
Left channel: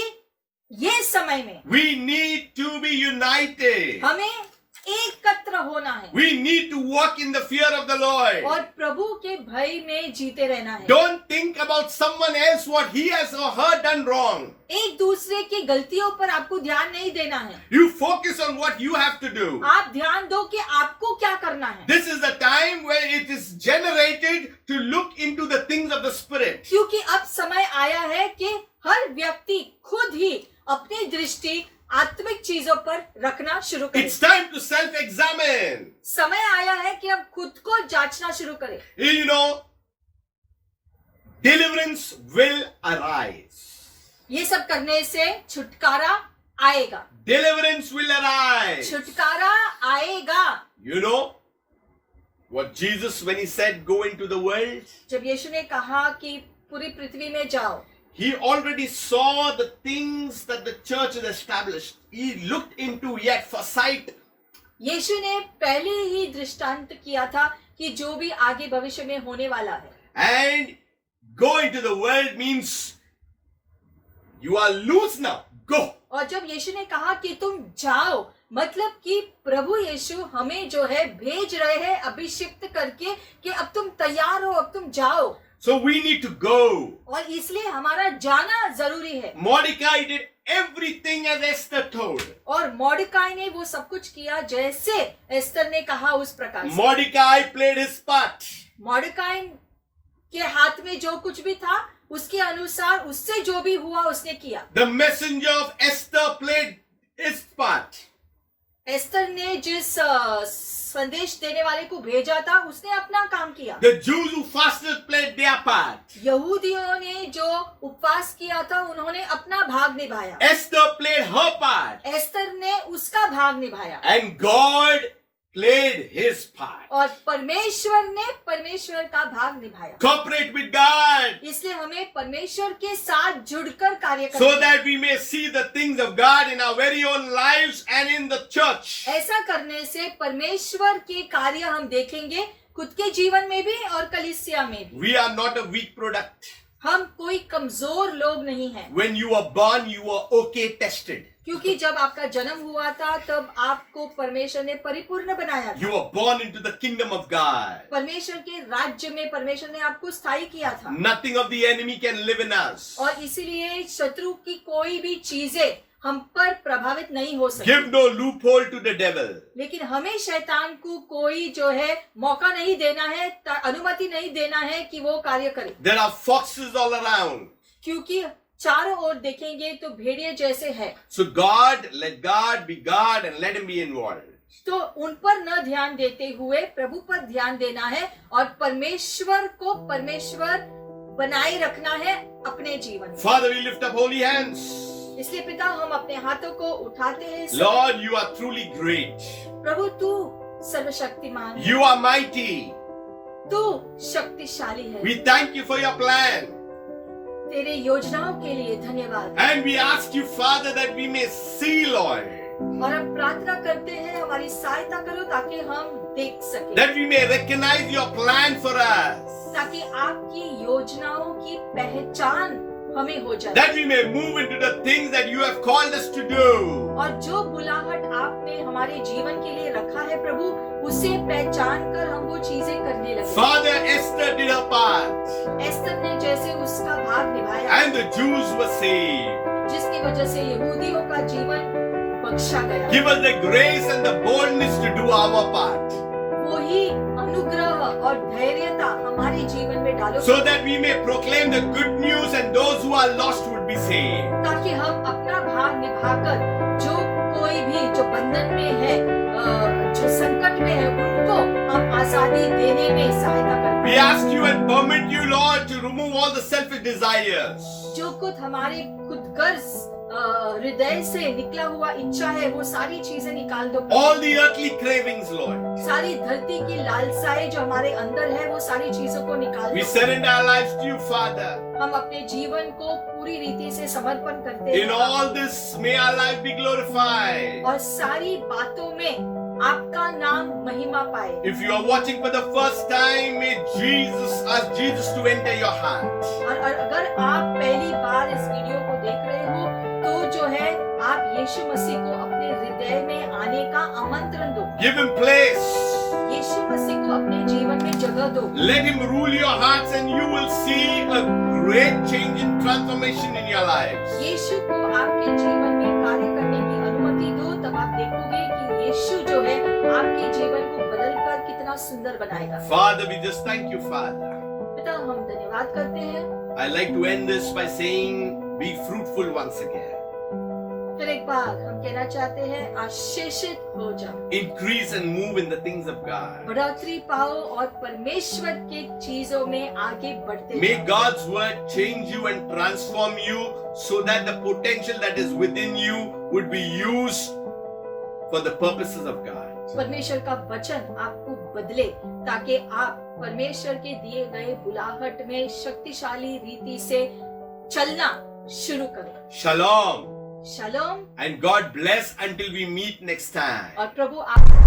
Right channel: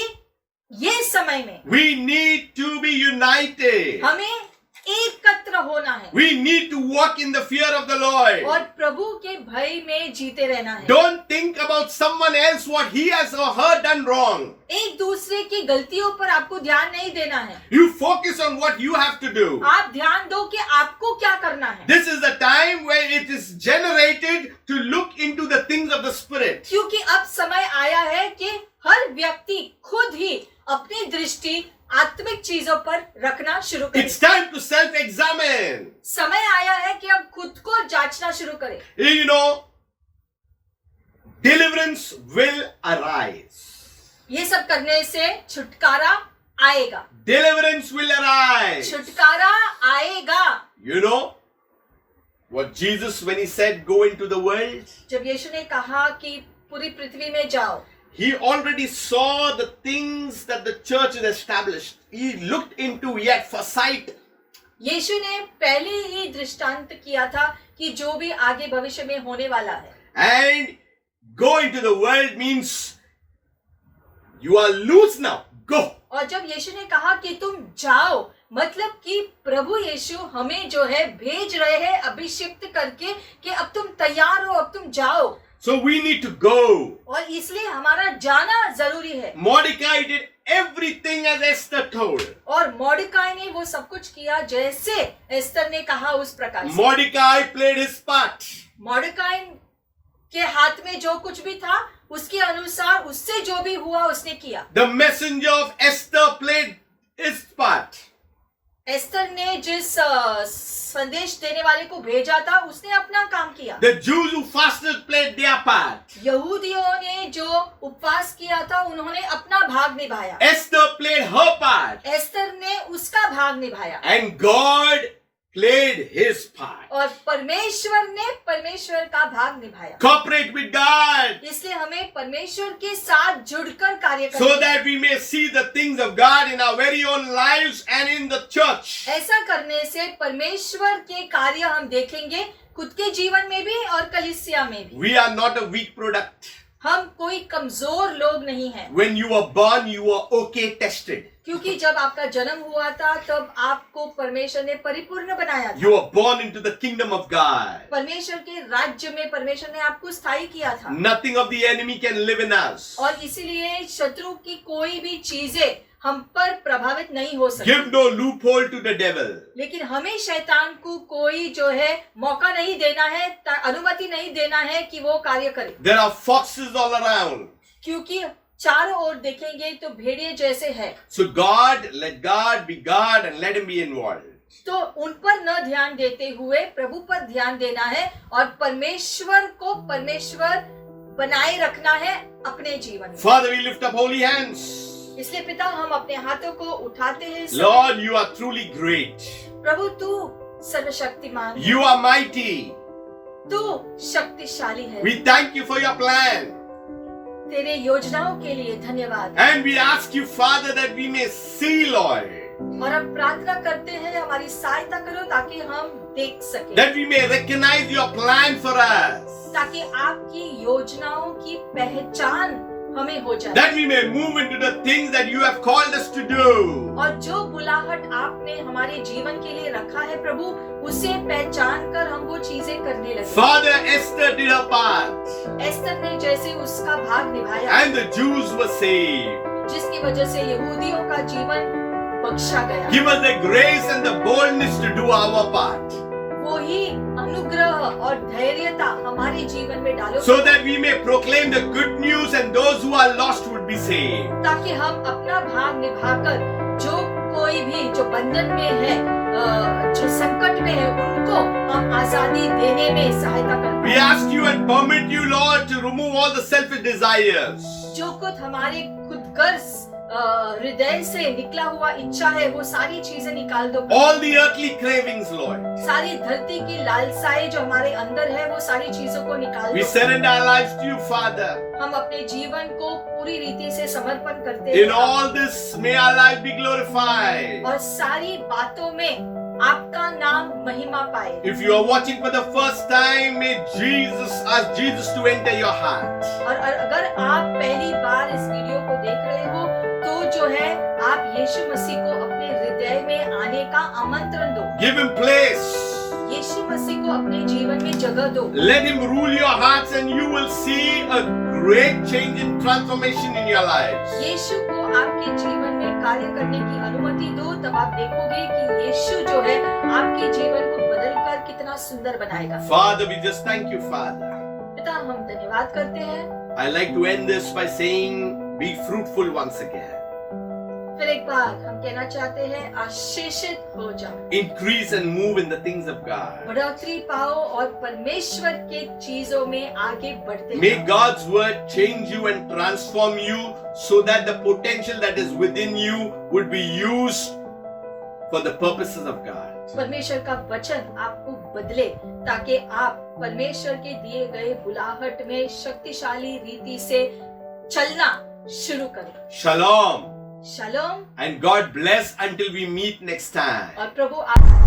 ये समय में we need to be united. हमें एकत्र होना है We need to walk in the fear of the Lord. और प्रभु के भय में जीते रहना है। Don't think about someone else what he has or her done wrong. एक दूसरे की गलतियों पर आपको ध्यान नहीं देना है। You focus on what you have to do. आप ध्यान दो कि आपको क्या करना है। This is the time where it is generated to look into the things of the Spirit. क्योंकि अब समय आया है कि हर व्यक्ति खुद ही अपनी दृष्टि आत्मिक चीजों पर रखना शुरू करे। It's time to self-examine. समय आया है कि अब खुद को जांचना शुरू करें। You know, deliverance will arise. ये सब करने से छुटकारा आएगा। Deliverance will arise. छुटकारा आएगा। You know what Jesus, when he said, go into the world, जब यीशु ने कहा कि पूरी पृथ्वी में जाओ, he already saw the things that the church had established. He looked into yet foresight. यीशु ने पहले ही दृष्टांत किया था कि जो भी आगे भविष्य में होने वाला है। And go into the world means you are loose now. Go. और जब यीशु ने कहा कि तुम जाओ, मतलब कि प्रभु यीशु हमें जो है भेज रहे हैं अभिषिक्त करके कि अब तुम तैयार हो, अब तुम जाओ। So we need to go. और इसलिए हमारा जाना जरूरी है। Mordecai did everything as Esther told. और मॉर्डकाई ने वो सब कुछ किया जैसे एस्तर ने कहा उस प्रकार से। Mordecai played his part. मॉर्डकाई के हाथ में जो कुछ भी था उसके अनुसार उससे जो भी हुआ उसने किया। The messenger of Esther played his part. Esther ने जिस संदेश देने वाले को भेजा था उसने अपना काम किया। The Jews who fasted played their part. यहूदियों ने जो उपवास किया था उन्होंने अपना भाग निभाया। Esther played her part. Esther ने उसका भाग निभाया। And God played his part. और परमेश्वर ने परमेश्वर का भाग निभाया। Cooperate with God इसलिए हमें परमेश्वर के साथ जुड़कर कार्य करना so है। that we may see the things of God in our very own lives and in the church. ऐसा करने से परमेश्वर के कार्य हम देखेंगे खुद के जीवन में भी और कलीसिया में भी। We are not a weak product. हम कोई कमजोर लोग नहीं हैं। When you were born, you were okay tested. क्योंकि जब आपका जन्म हुआ था तब आपको परमेश्वर ने परिपूर्ण बनाया था। You were born into the kingdom of God. परमेश्वर के राज्य में परमेश्वर ने आपको स्थायी किया था। Nothing of the enemy can live in us. और इसीलिए शत्रु की कोई भी चीजें हम पर प्रभावित नहीं हो सकती। Give no loophole to the devil. लेकिन हमें शैतान को कोई जो है मौका नहीं देना है, अनुमति नहीं देना है कि वो कार्य करे। There are foxes all around. क्योंकि चारों ओर देखेंगे तो भेड़िए जैसे है। So let God be God and let him be involved. तो उन पर न ध्यान देते हुए प्रभु पर ध्यान देना है और परमेश्वर को परमेश्वर बनाए रखना है अपने जीवन में। Father, we lift up holy hands. इसलिए पिता हम अपने हाथों को उठाते हैं। Lord, you are truly great. प्रभु तू सर्वशक्तिमान है। You are mighty. तू शक्तिशाली है। We thank you for your plan. तेरे योजनाओं के लिए धन्यवाद। And we ask you, Father, that we may see, Lord. और हम प्रार्थना करते हैं हमारी सहायता करो ताकि हम देख सकें। That we may recognize your plan for us. ताकि आपकी योजनाओं की पहचान हमें हो जाए। That we may move into the things that you have called us to do. और जो बुलाहट आपने हमारे जीवन के लिए रखा है प्रभु उसे पहचान कर हम वो चीजें करने लगे। Father, Esther did her part. Esther ने जैसे उसका भाग निभाया And the Jews were saved. जिसकी वजह से यहूदियों का जीवन बख्शा गया। Give us the grace and the boldness to do our part. वो ही अनुग्रह और धैर्यता हमारे जीवन में डालो So that we may proclaim the good news and those who are lost would be saved. ताकि हम अपना भाग निभाकर जो कोई भी जो बंधन में है, जो संकट में है उनको हम आजादी देने में सहायता करें। We ask you and permit you, Lord, to remove all the selfish desires. जो कुछ हमारे खुदगर्ज हृदय से निकला हुआ इच्छा है वो सारी चीजें निकाल दो। All the earthly cravings, Lord. सारी धरती की लालसाएं जो हमारे अंदर है वो सारी चीजों को निकाल We दो। surrender our lives to you, Father. हम अपने जीवन को पूरी रीति से समर्पण करते In हैं all this, may our life be glorified. और सारी बातों में आपका नाम महिमा पाए। If you are watching for the first time, may ask Jesus to enter your heart. और अगर आप पहली बार इस वीडियो को देख रहे हो तो जो है आप यीशु मसीह को अपने हृदय में आने का आमंत्रण दो। Give him place. यीशु मसीह को अपने जीवन में जगह दो। Let him rule your hearts and you will see a great change and transformation in your lives. यीशु को आपके जीवन में कार्य करने की अनुमति दो, तब आप देखोगे कि यीशु जो है आपके जीवन को बदलकर कितना सुंदर बनाएगा। Father, we just thank you, Father. पिता, हम धन्यवाद करते हैं। I like to end this by saying, be fruitful once again. फिर एक बार हम कहना चाहते हैं, आशीषित हो जाओ, Increase and move in the things of God. बढ़ोतरी पाओ और परमेश्वर के चीजों में आगे बढ़ते May जाओ। God's word change you and transform you so that the potential that is within you would be used for the purposes of God. परमेश्वर का वचन आपको बदले ताकि आप परमेश्वर के दिए गए बुलाहट में शक्तिशाली रीति से चलना शुरू करें। Shalom shalom and God bless until we meet next time. और प्रभु आप